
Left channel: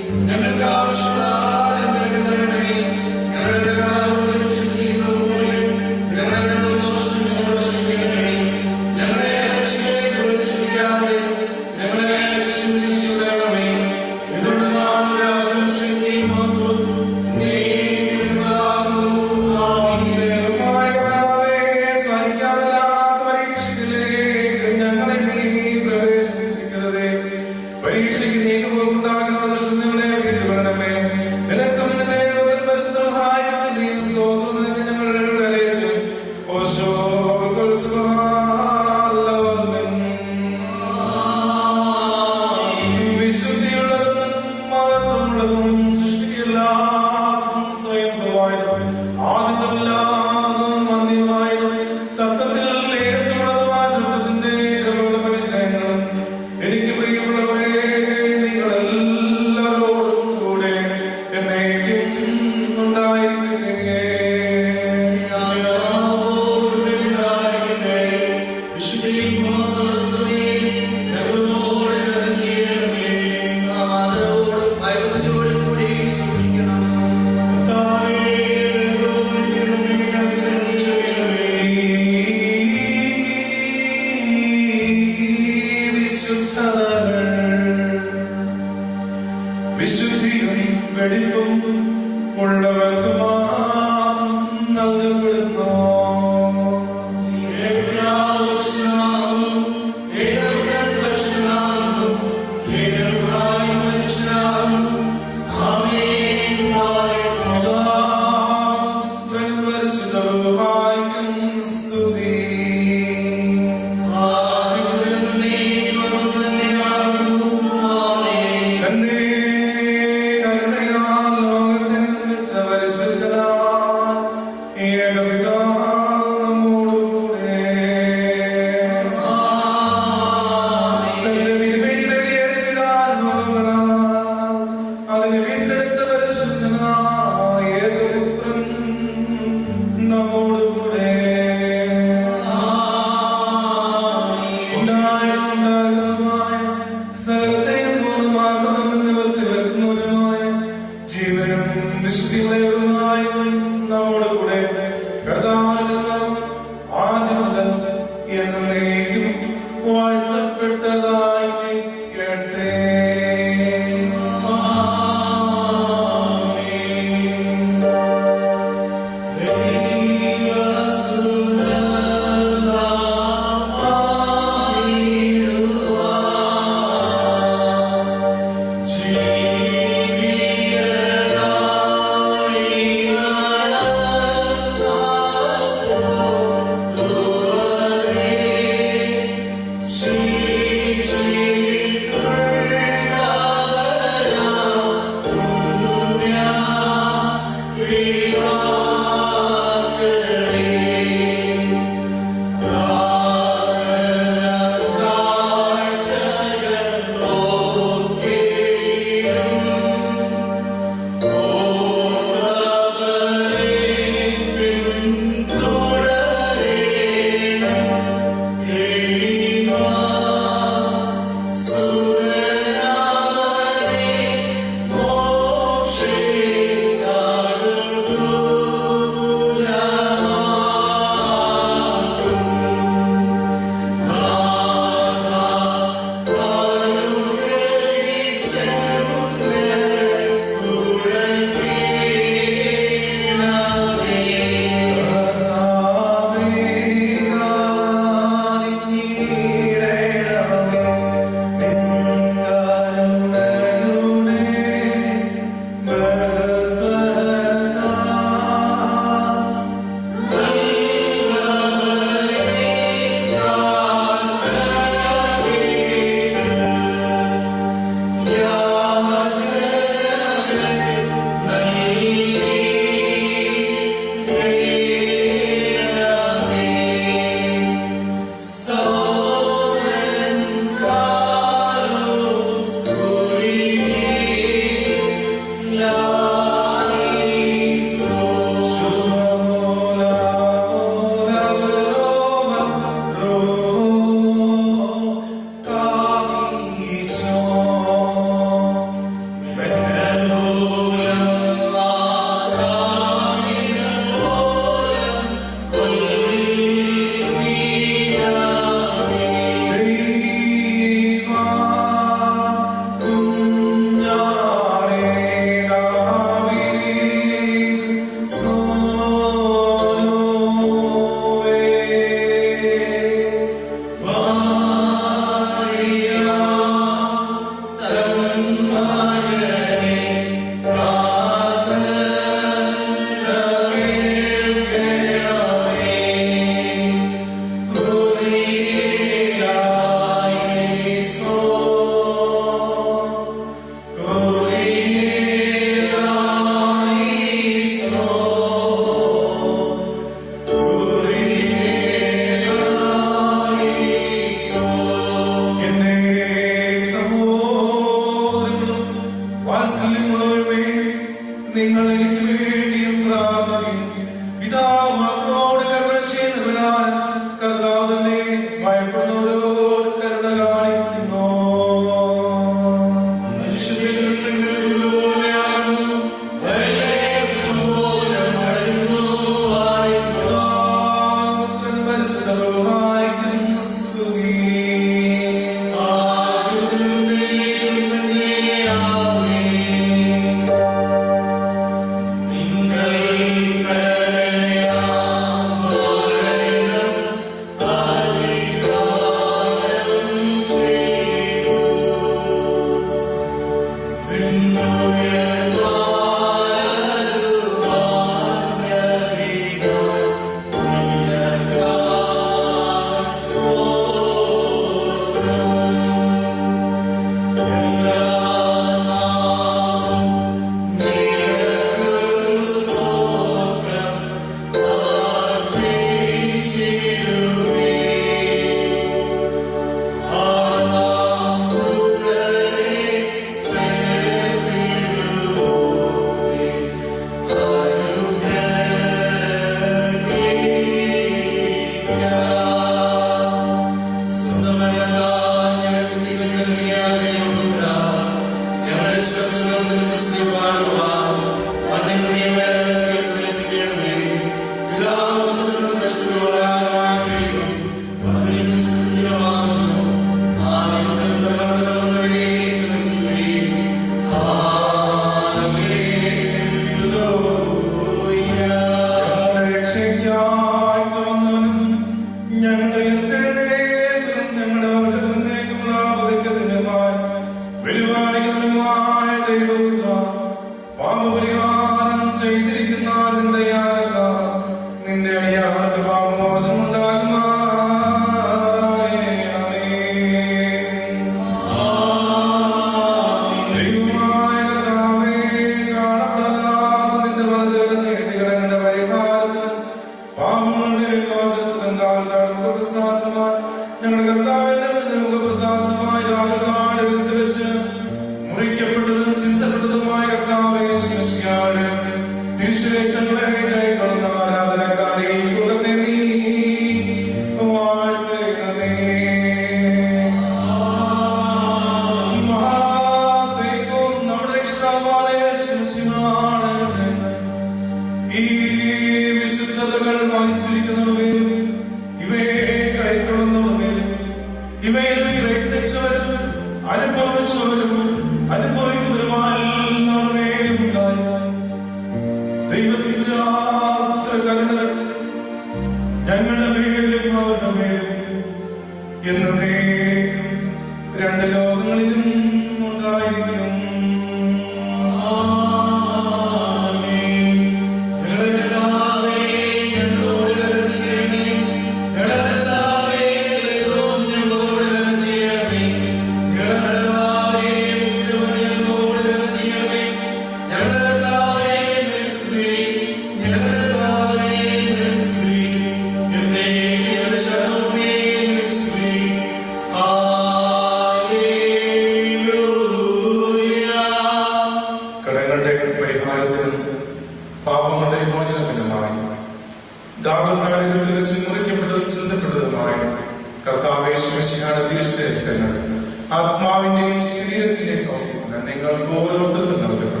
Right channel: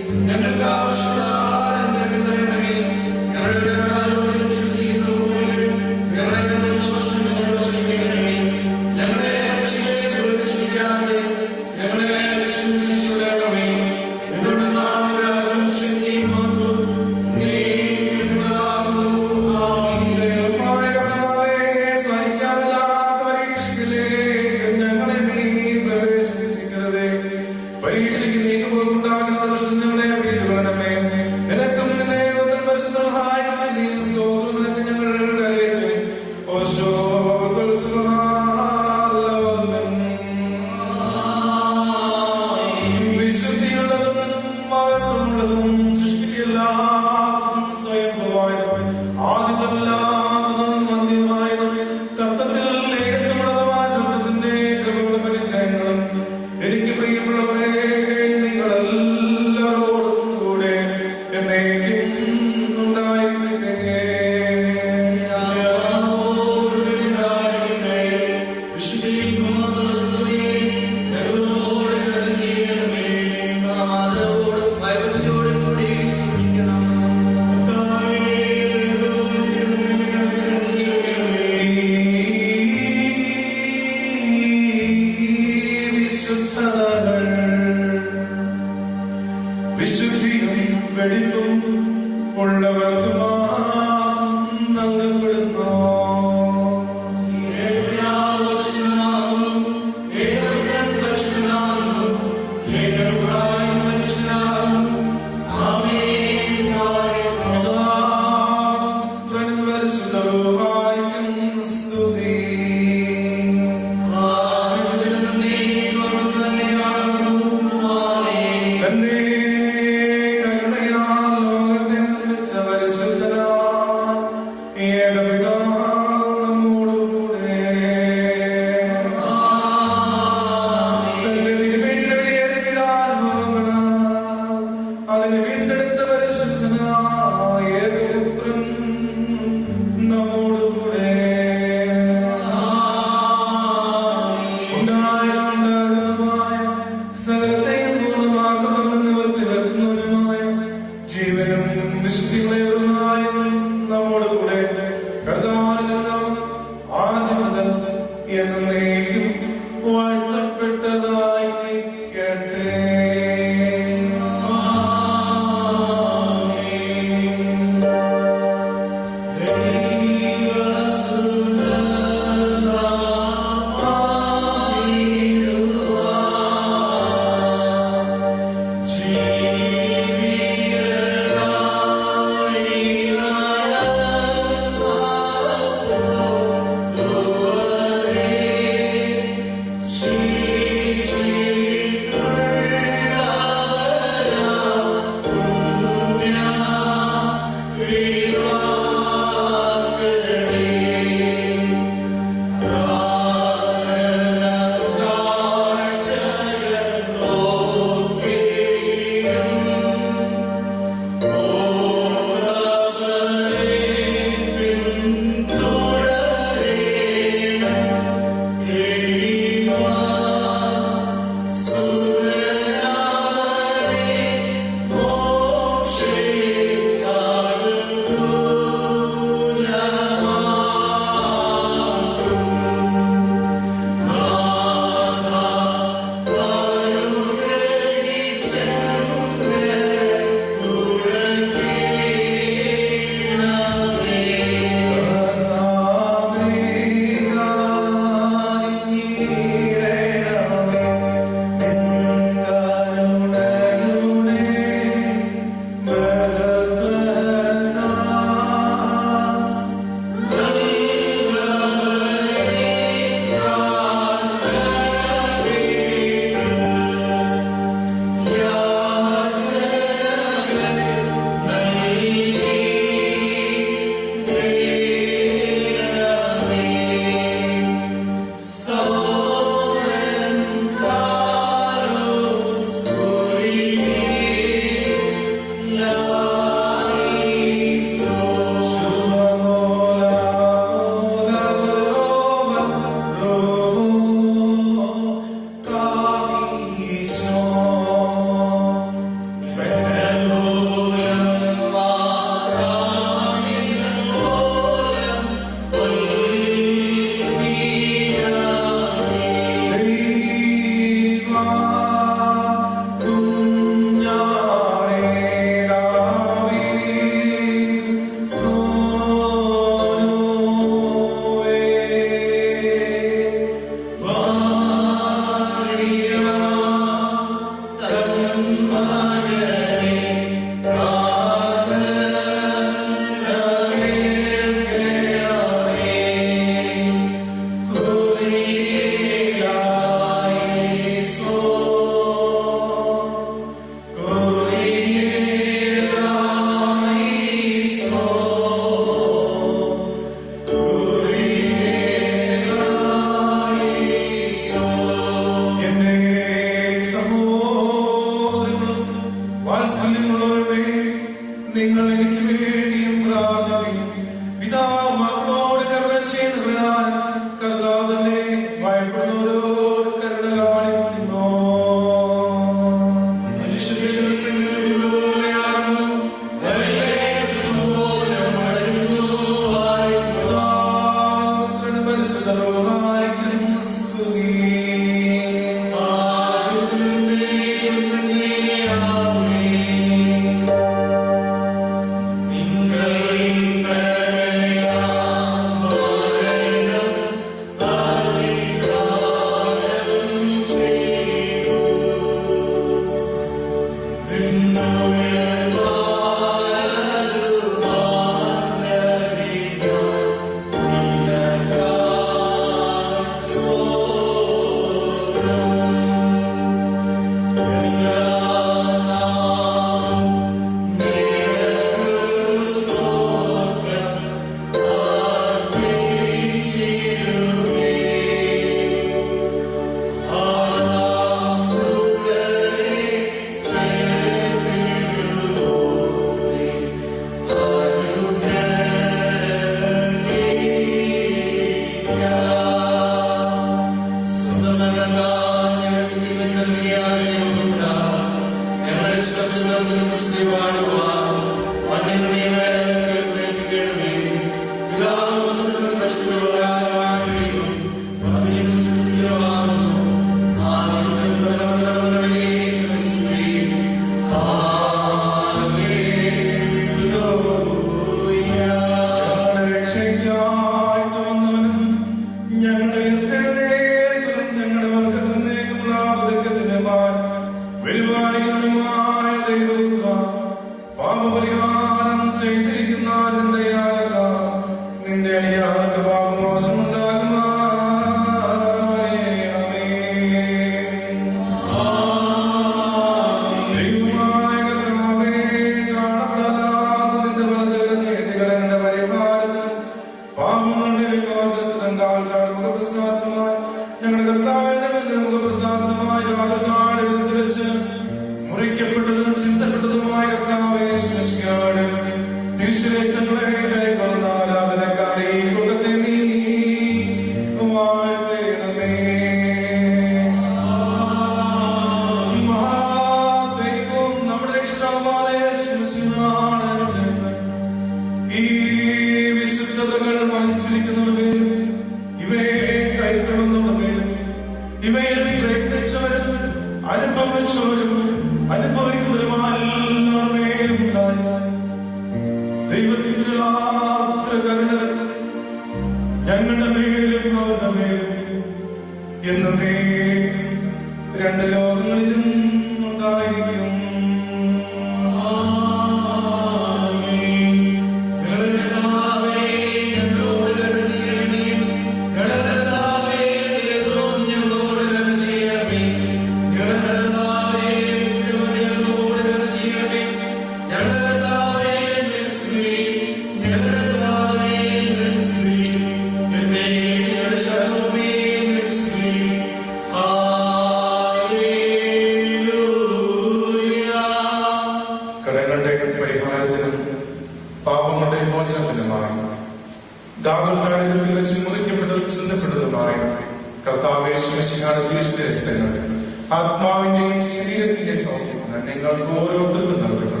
ആത്മാവിന്റെയും ശരീരത്തിന്റെയും സൗഖ്യം നിങ്ങൾക്ക് ഓരോരുത്തർക്കും നൽകട്ടെ.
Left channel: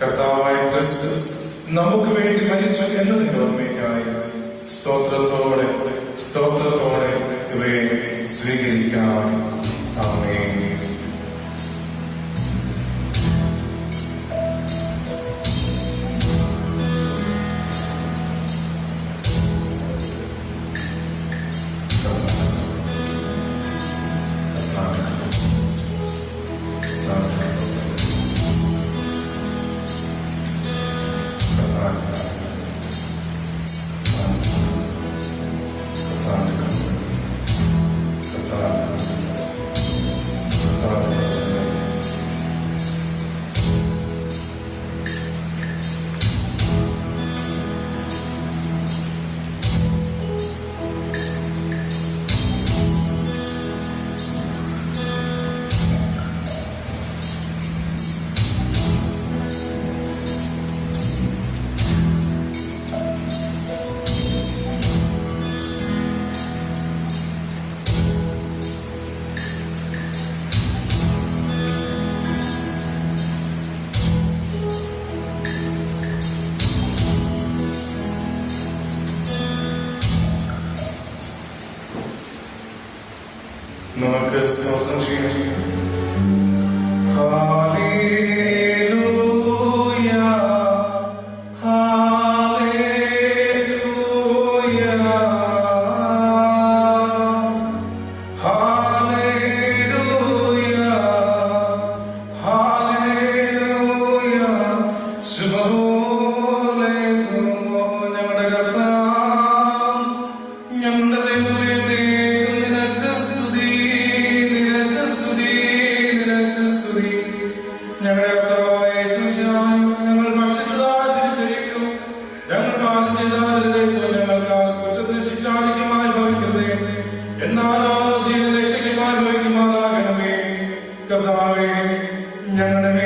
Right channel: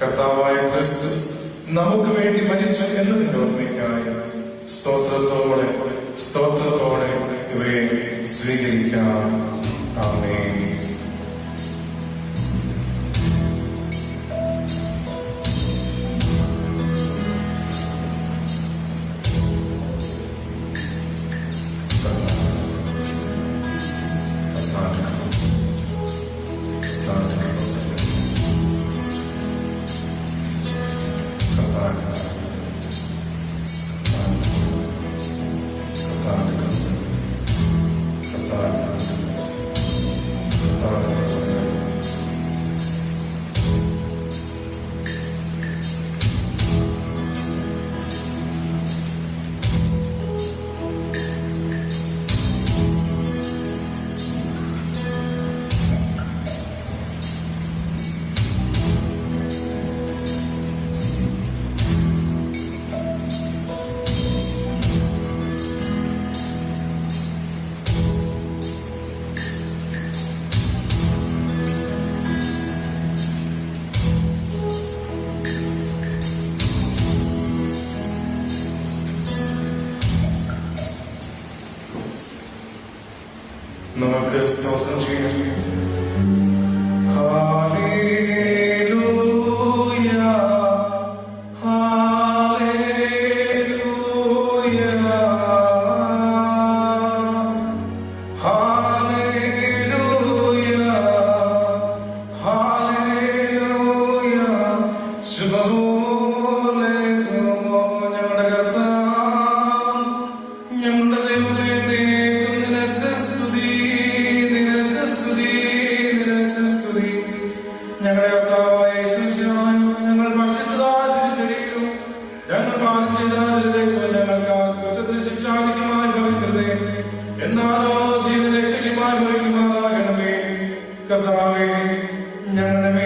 കർത്താവായ ക്രിസ്തു നമുക്ക് വേണ്ടി മരിച്ചു എന്നതിന്റെ ഓർമ്മയ്ക്കായി സ്തോത്രത്തോടെ ഇവയെ സ്വീകരിക്കാം. ആമേൻ. നമുക്ക് സ്തോത്രം ചെയ്യാം. ഞങ്ങൾ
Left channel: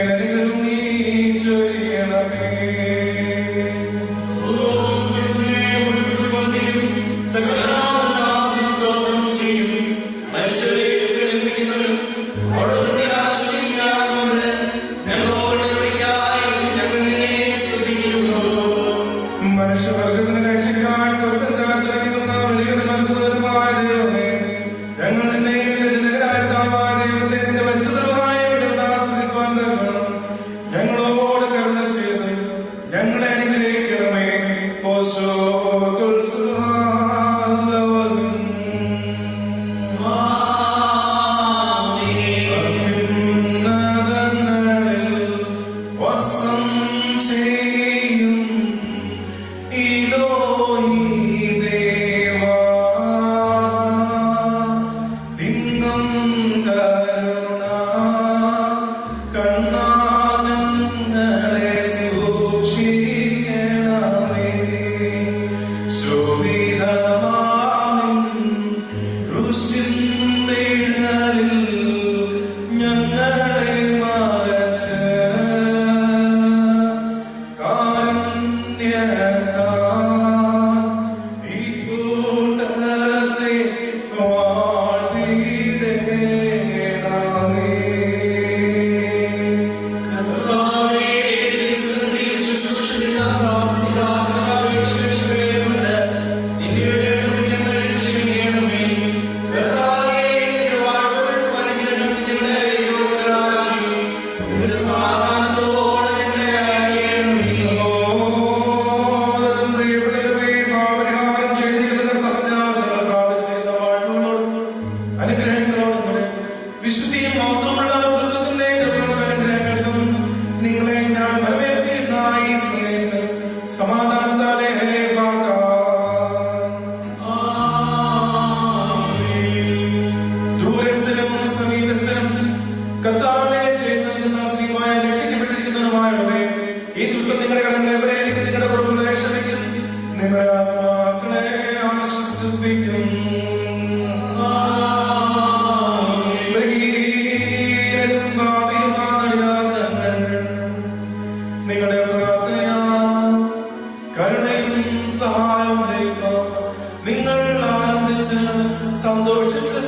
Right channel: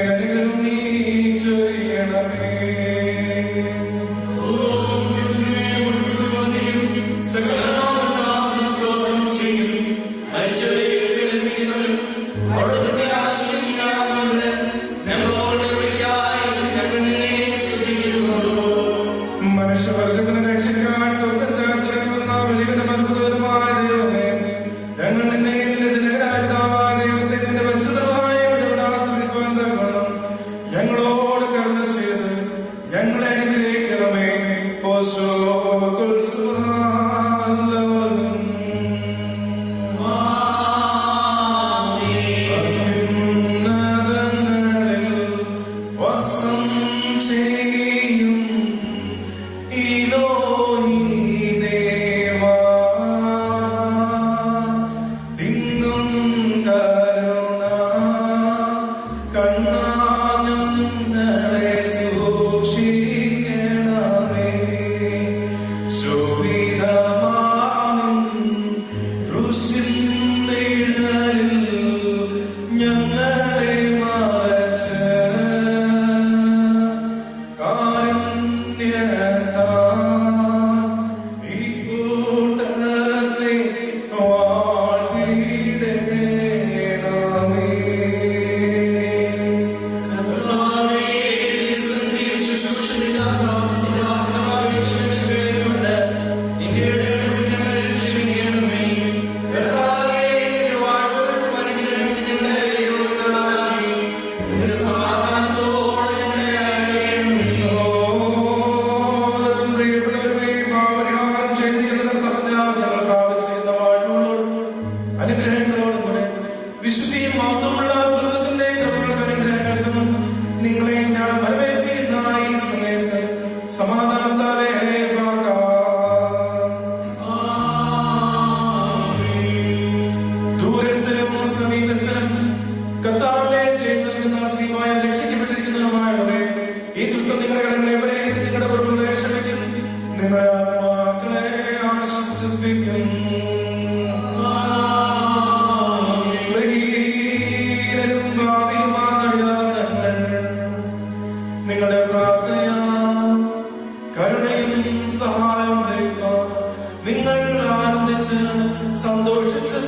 സഹായം നിങ്ങൾ ആനന്ദിച്ച് സന്തോഷിച്ച്